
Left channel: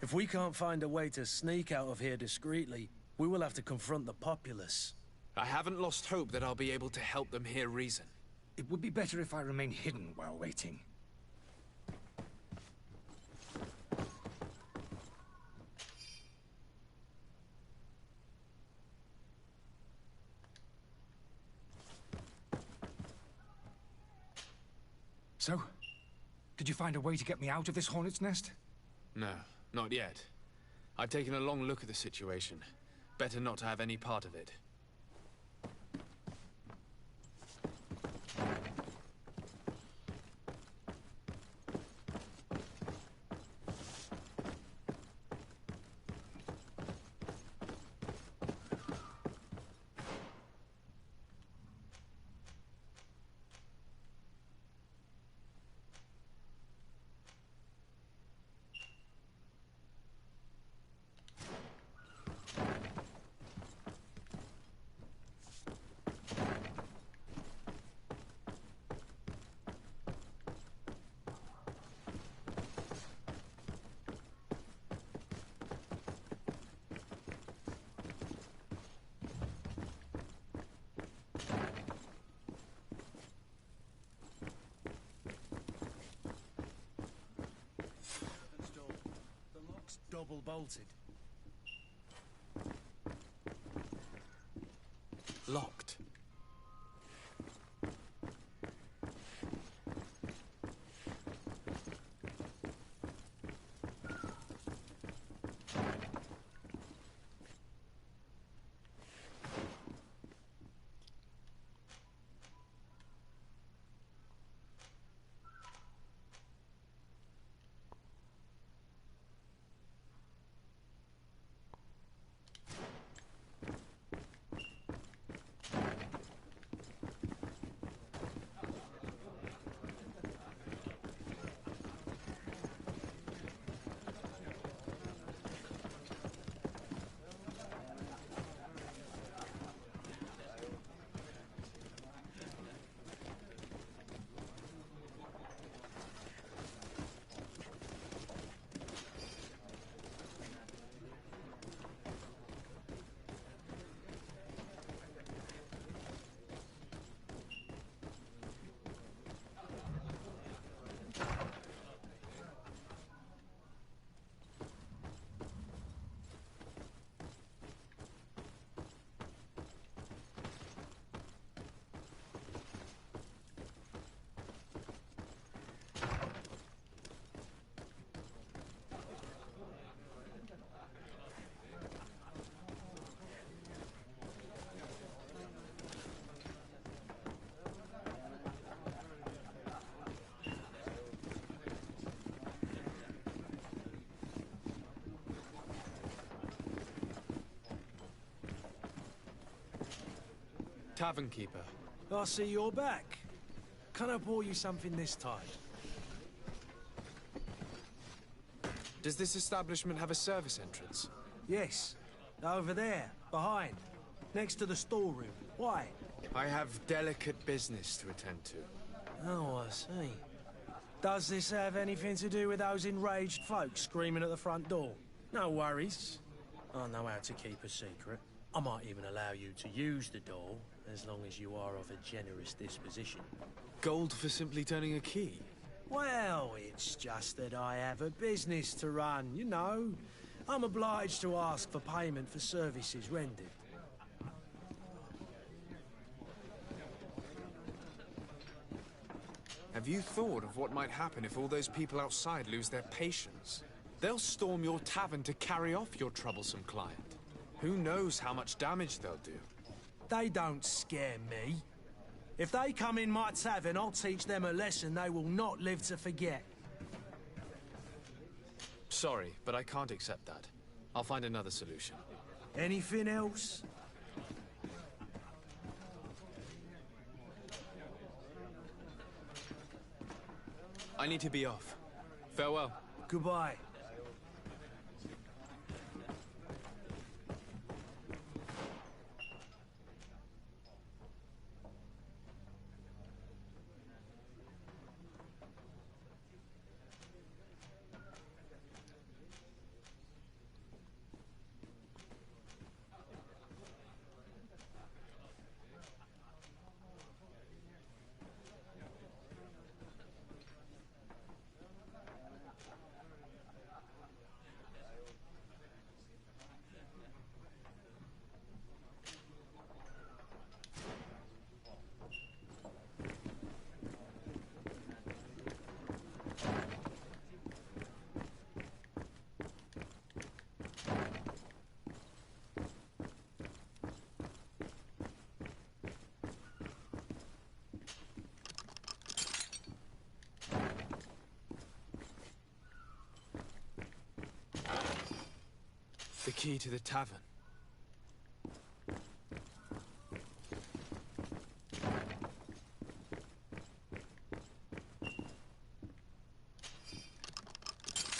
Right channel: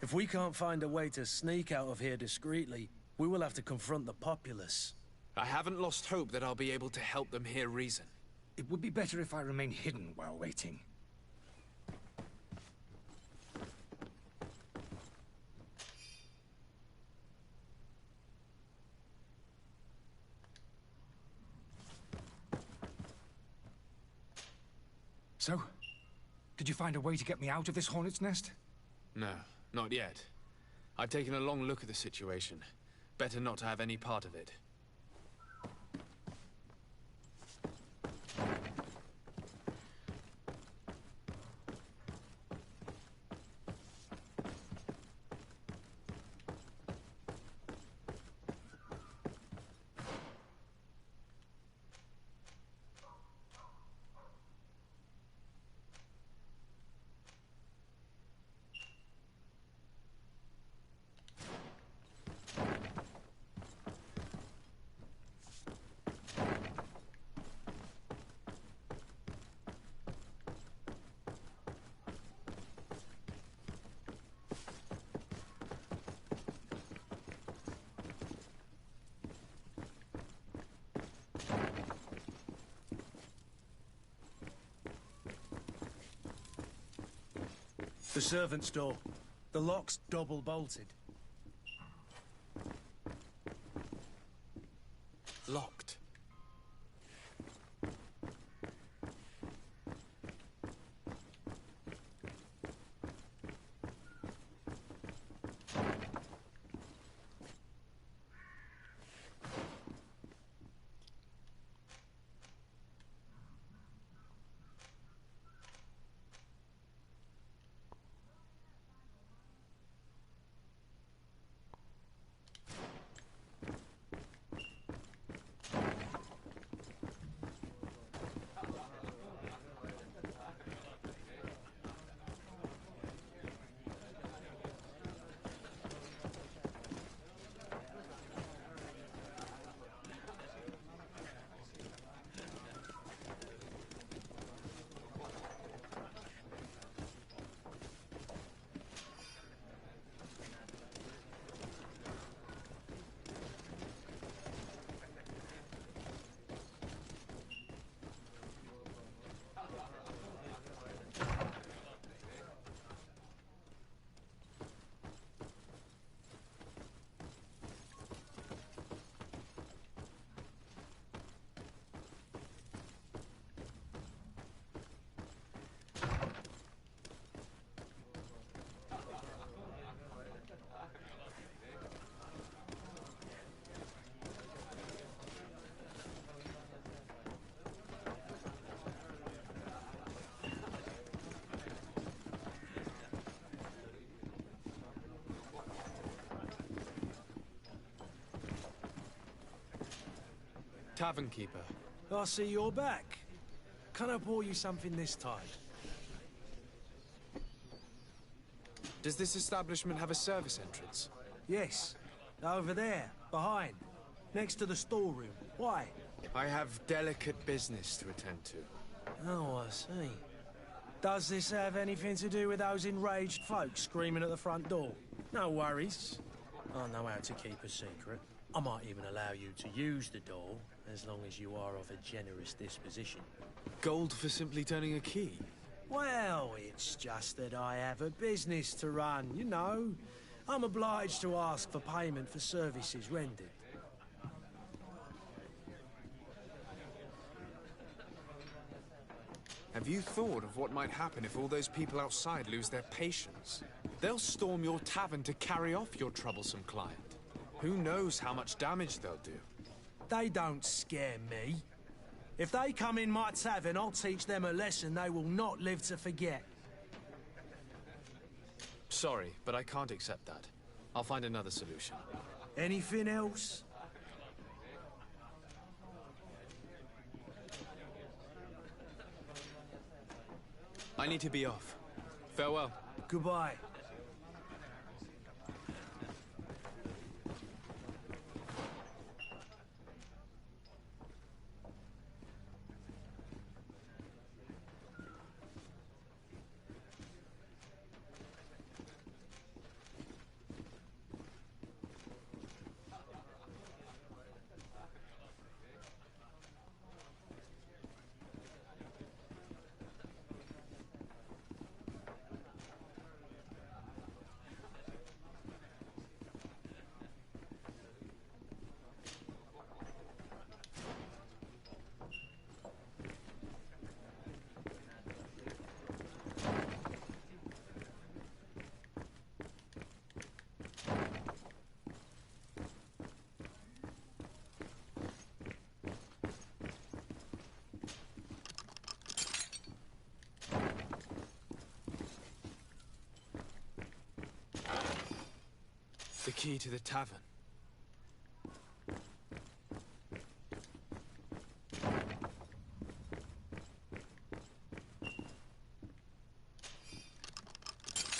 If we can't find a way to sneak out of here discreetly, we will have to confront the populace. I haven't lost hope that I'll be able to help them hear reason. It would be better if I remain hidden while waiting. So, did you find a way to get me out of this hornet's nest? No, not yet. I've taken a long look at the situation. Better not to have any part of it. The servant's door. The lock's double bolted. Locked. tavern keeper. I see you're back. Can I pour you something this time? Does this establishment have a service entrance? Yes. Over there, behind. Next to the storeroom. Why? I have delicate business to attend to. Oh, I see. Does this have anything to do with those enraged folks screaming at the front door? No worries. I know how to keep a secret. I might even allow you to use the door, as long as you are of a generous disposition. Gold for simply turning a key? Well, it's just that I have a business to run, you know. I'm obliged to ask for payment for services rendered. Have you thought of what might happen if all those people outside lose their patience? They'll storm your tavern to carry off your troublesome client. Who knows how much damage they'll do? They don't scare me. If they come in my tavern, I'll teach them a lesson they will not live to forget. Sorry, but I can't accept that. I'll find another solution. Anything else? I need to be off. Farewell. Goodbye. The key to the tavern.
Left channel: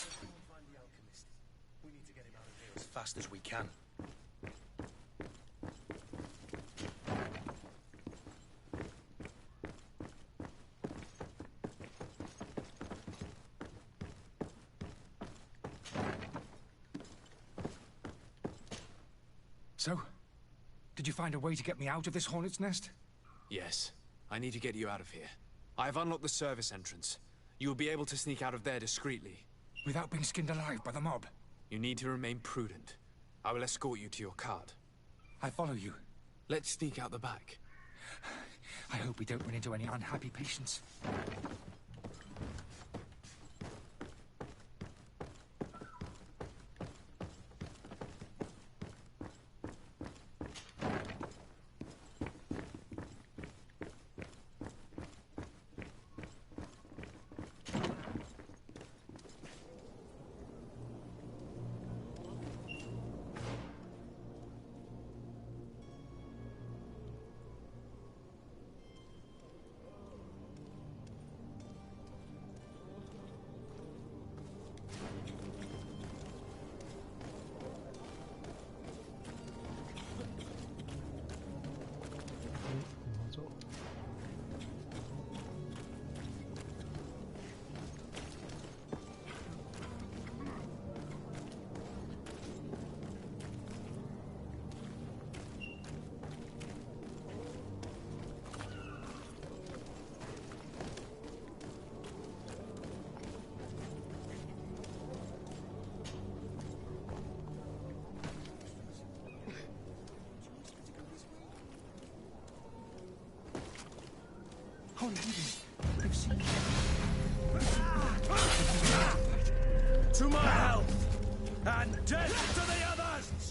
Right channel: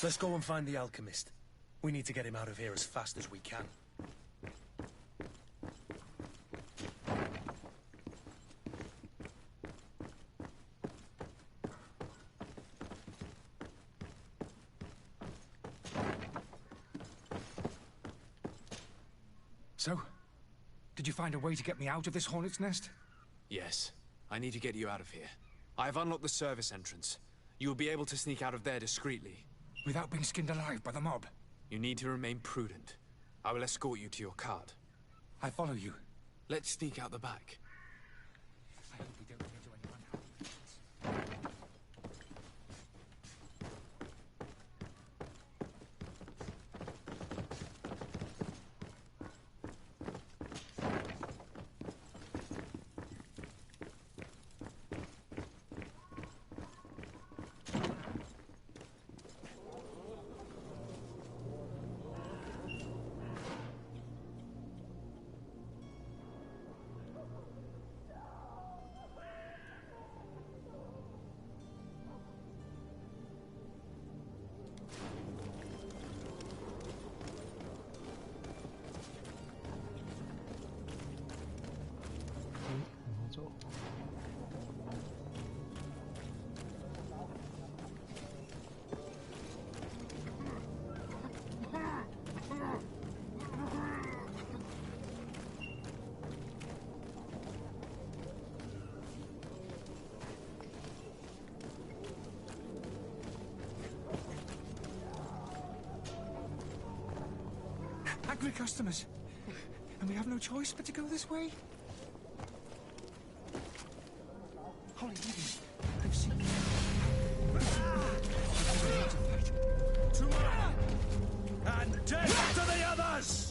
Let's go and find the alchemist. We need to get him out of here as fast as we can. So, did you find a way to get me out of this hornet's nest? Yes. I need to get you out of here. I have unlocked the service entrance. You will be able to sneak out of there discreetly. Without being skinned alive by the mob? You need to remain prudent. I will escort you to your cart. I follow you. Let's sneak out the back. I hope we don't run into any unhappy patients. Angry customers. And we have no choice but to go this way? Holy heavens, they've seen me. To my help! And death to the others!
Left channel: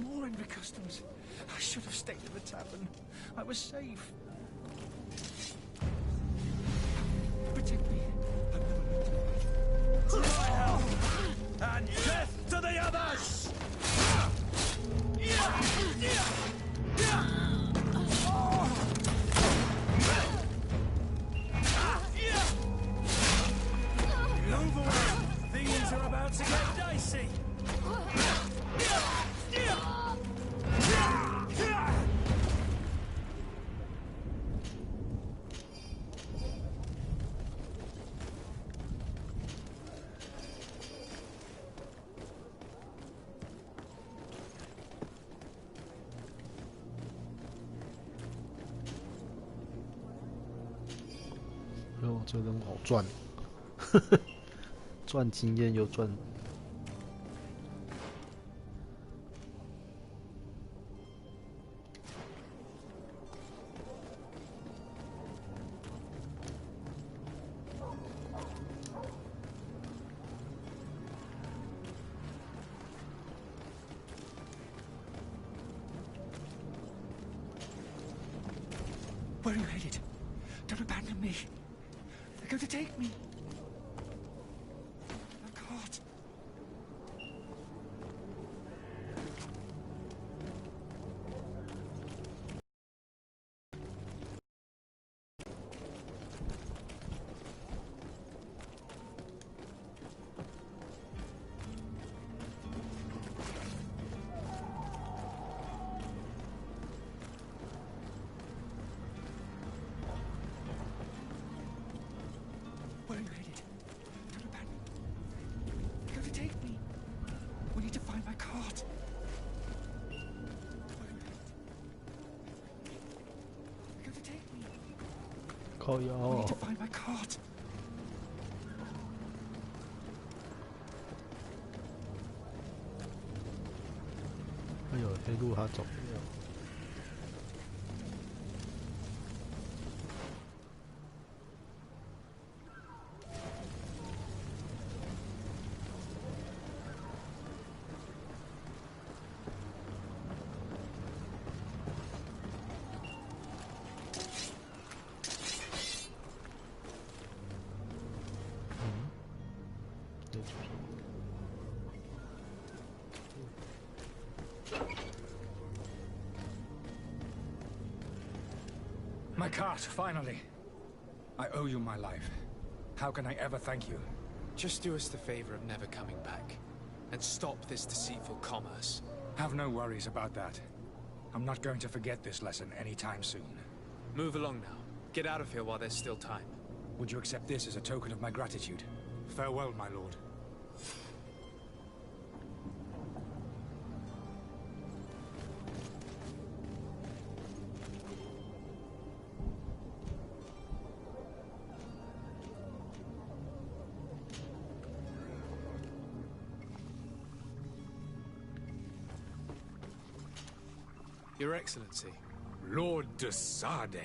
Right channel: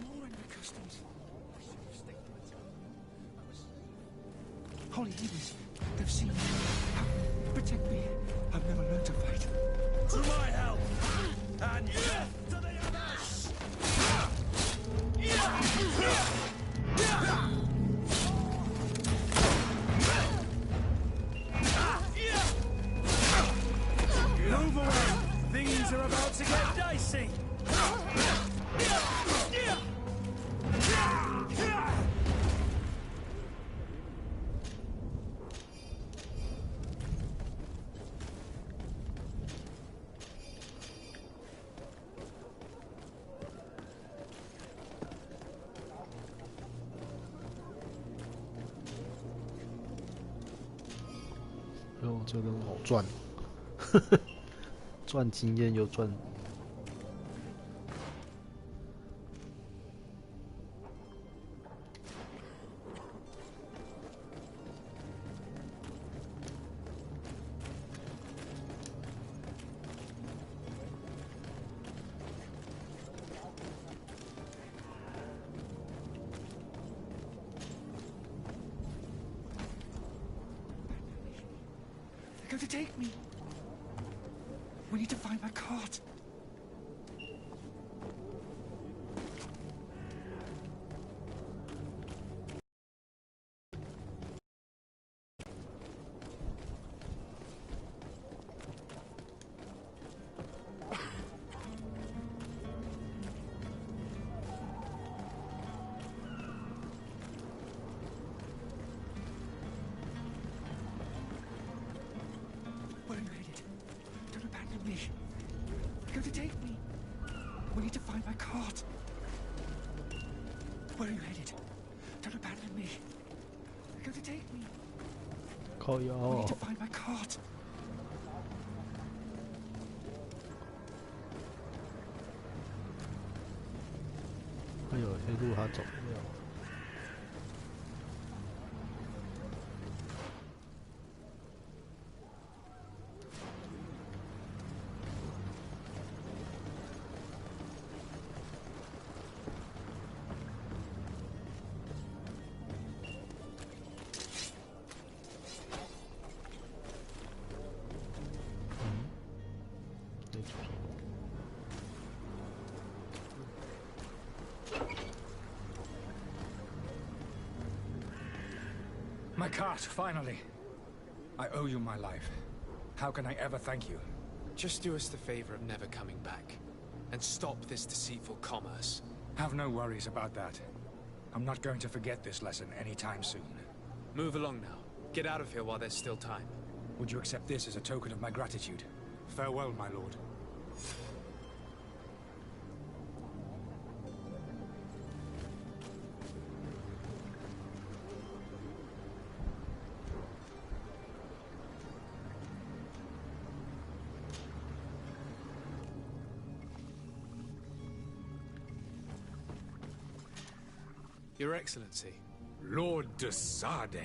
more Enver customs. I should have stayed at the tavern. I was safe. Holy Hades, they've seen me. Protect me. I've never learned to fight. To my help! And death to the others! Move away! Things are about to get dicey!哟，这个任务好赚，赚经验又赚。Where are you headed? Don't abandon me. They're going to take me. We need to find my cart. Where are you headed? Don't abandon me. They're going to take me. We need to find my cart. Where are you headed? Don't abandon me. They're going to take me. 靠 We 腰 need to find my cart. 哎呦，黑路他走不了。那就是 My cart, finally. I owe you my life. How can I ever thank you? Just do us the favor of never coming back. And stop this deceitful commerce. Have no worries about that. I'm not going to forget this lesson anytime soon. Move along now. Get out of here while there's still time. Would you accept this as a token of my gratitude? Farewell, my lord. Your Excellency. Lord TzuHsiuPeng.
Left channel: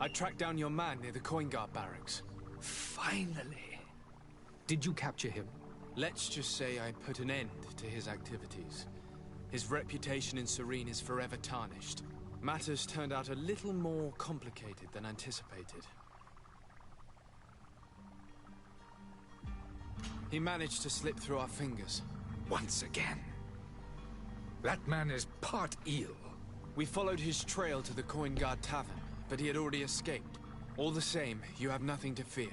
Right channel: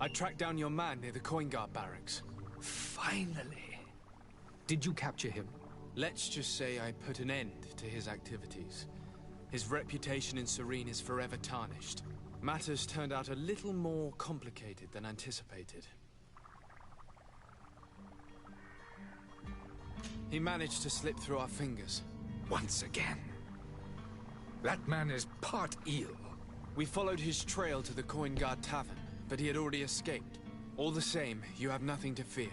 I tracked down your man near the coin guard barracks. Finally. Did you capture him? Let's just say I put an end to his activities. His reputation in Serene is forever tarnished. Matters turned out a little more complicated than anticipated. He managed to slip through our fingers. Once again. That man is part eel. We followed his trail to the Coin Guard Tavern, but he had already escaped. All the same, you have nothing to fear.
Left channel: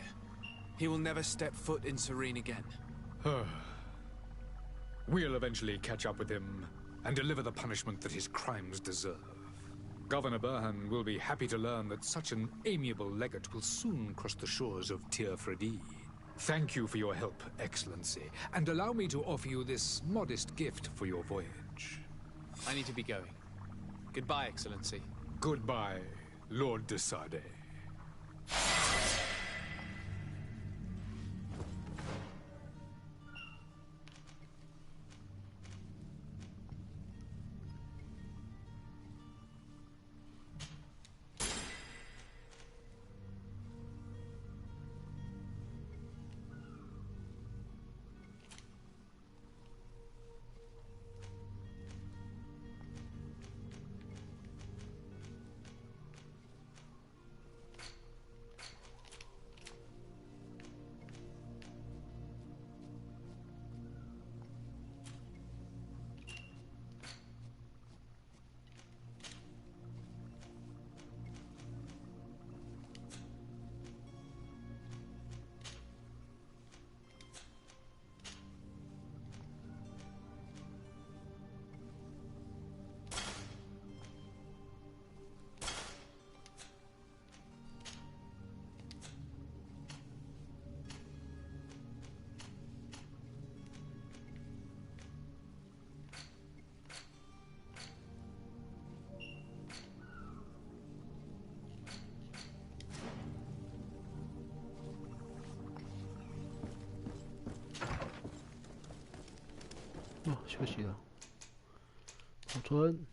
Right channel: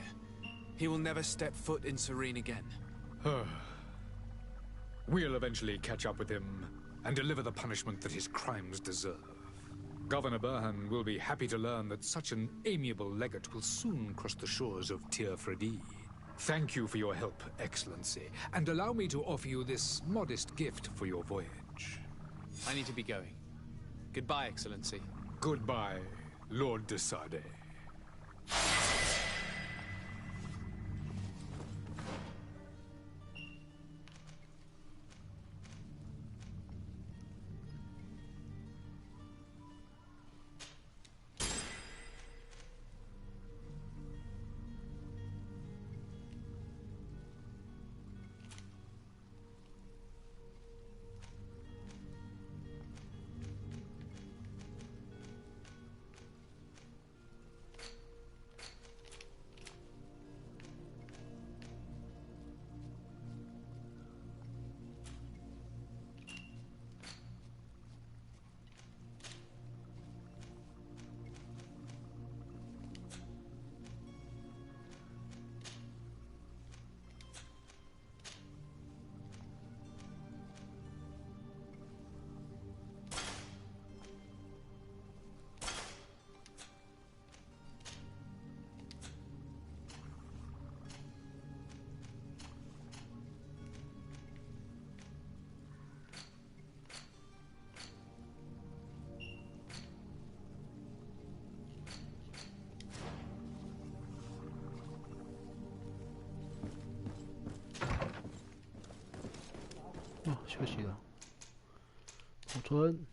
He will never step foot in Serene again. We'll eventually catch up with him and deliver the punishment that his crimes deserve. Governor Burhan will be happy to learn that such an amiable legate will soon cross the shores of Tir Fredi. Thank you for your help, Excellency, and allow me to offer you this modest gift for your voyage. I need to be going. Goodbye, Excellency. Goodbye, Lord TzuHsiuPeng. 哦，休息了。保存。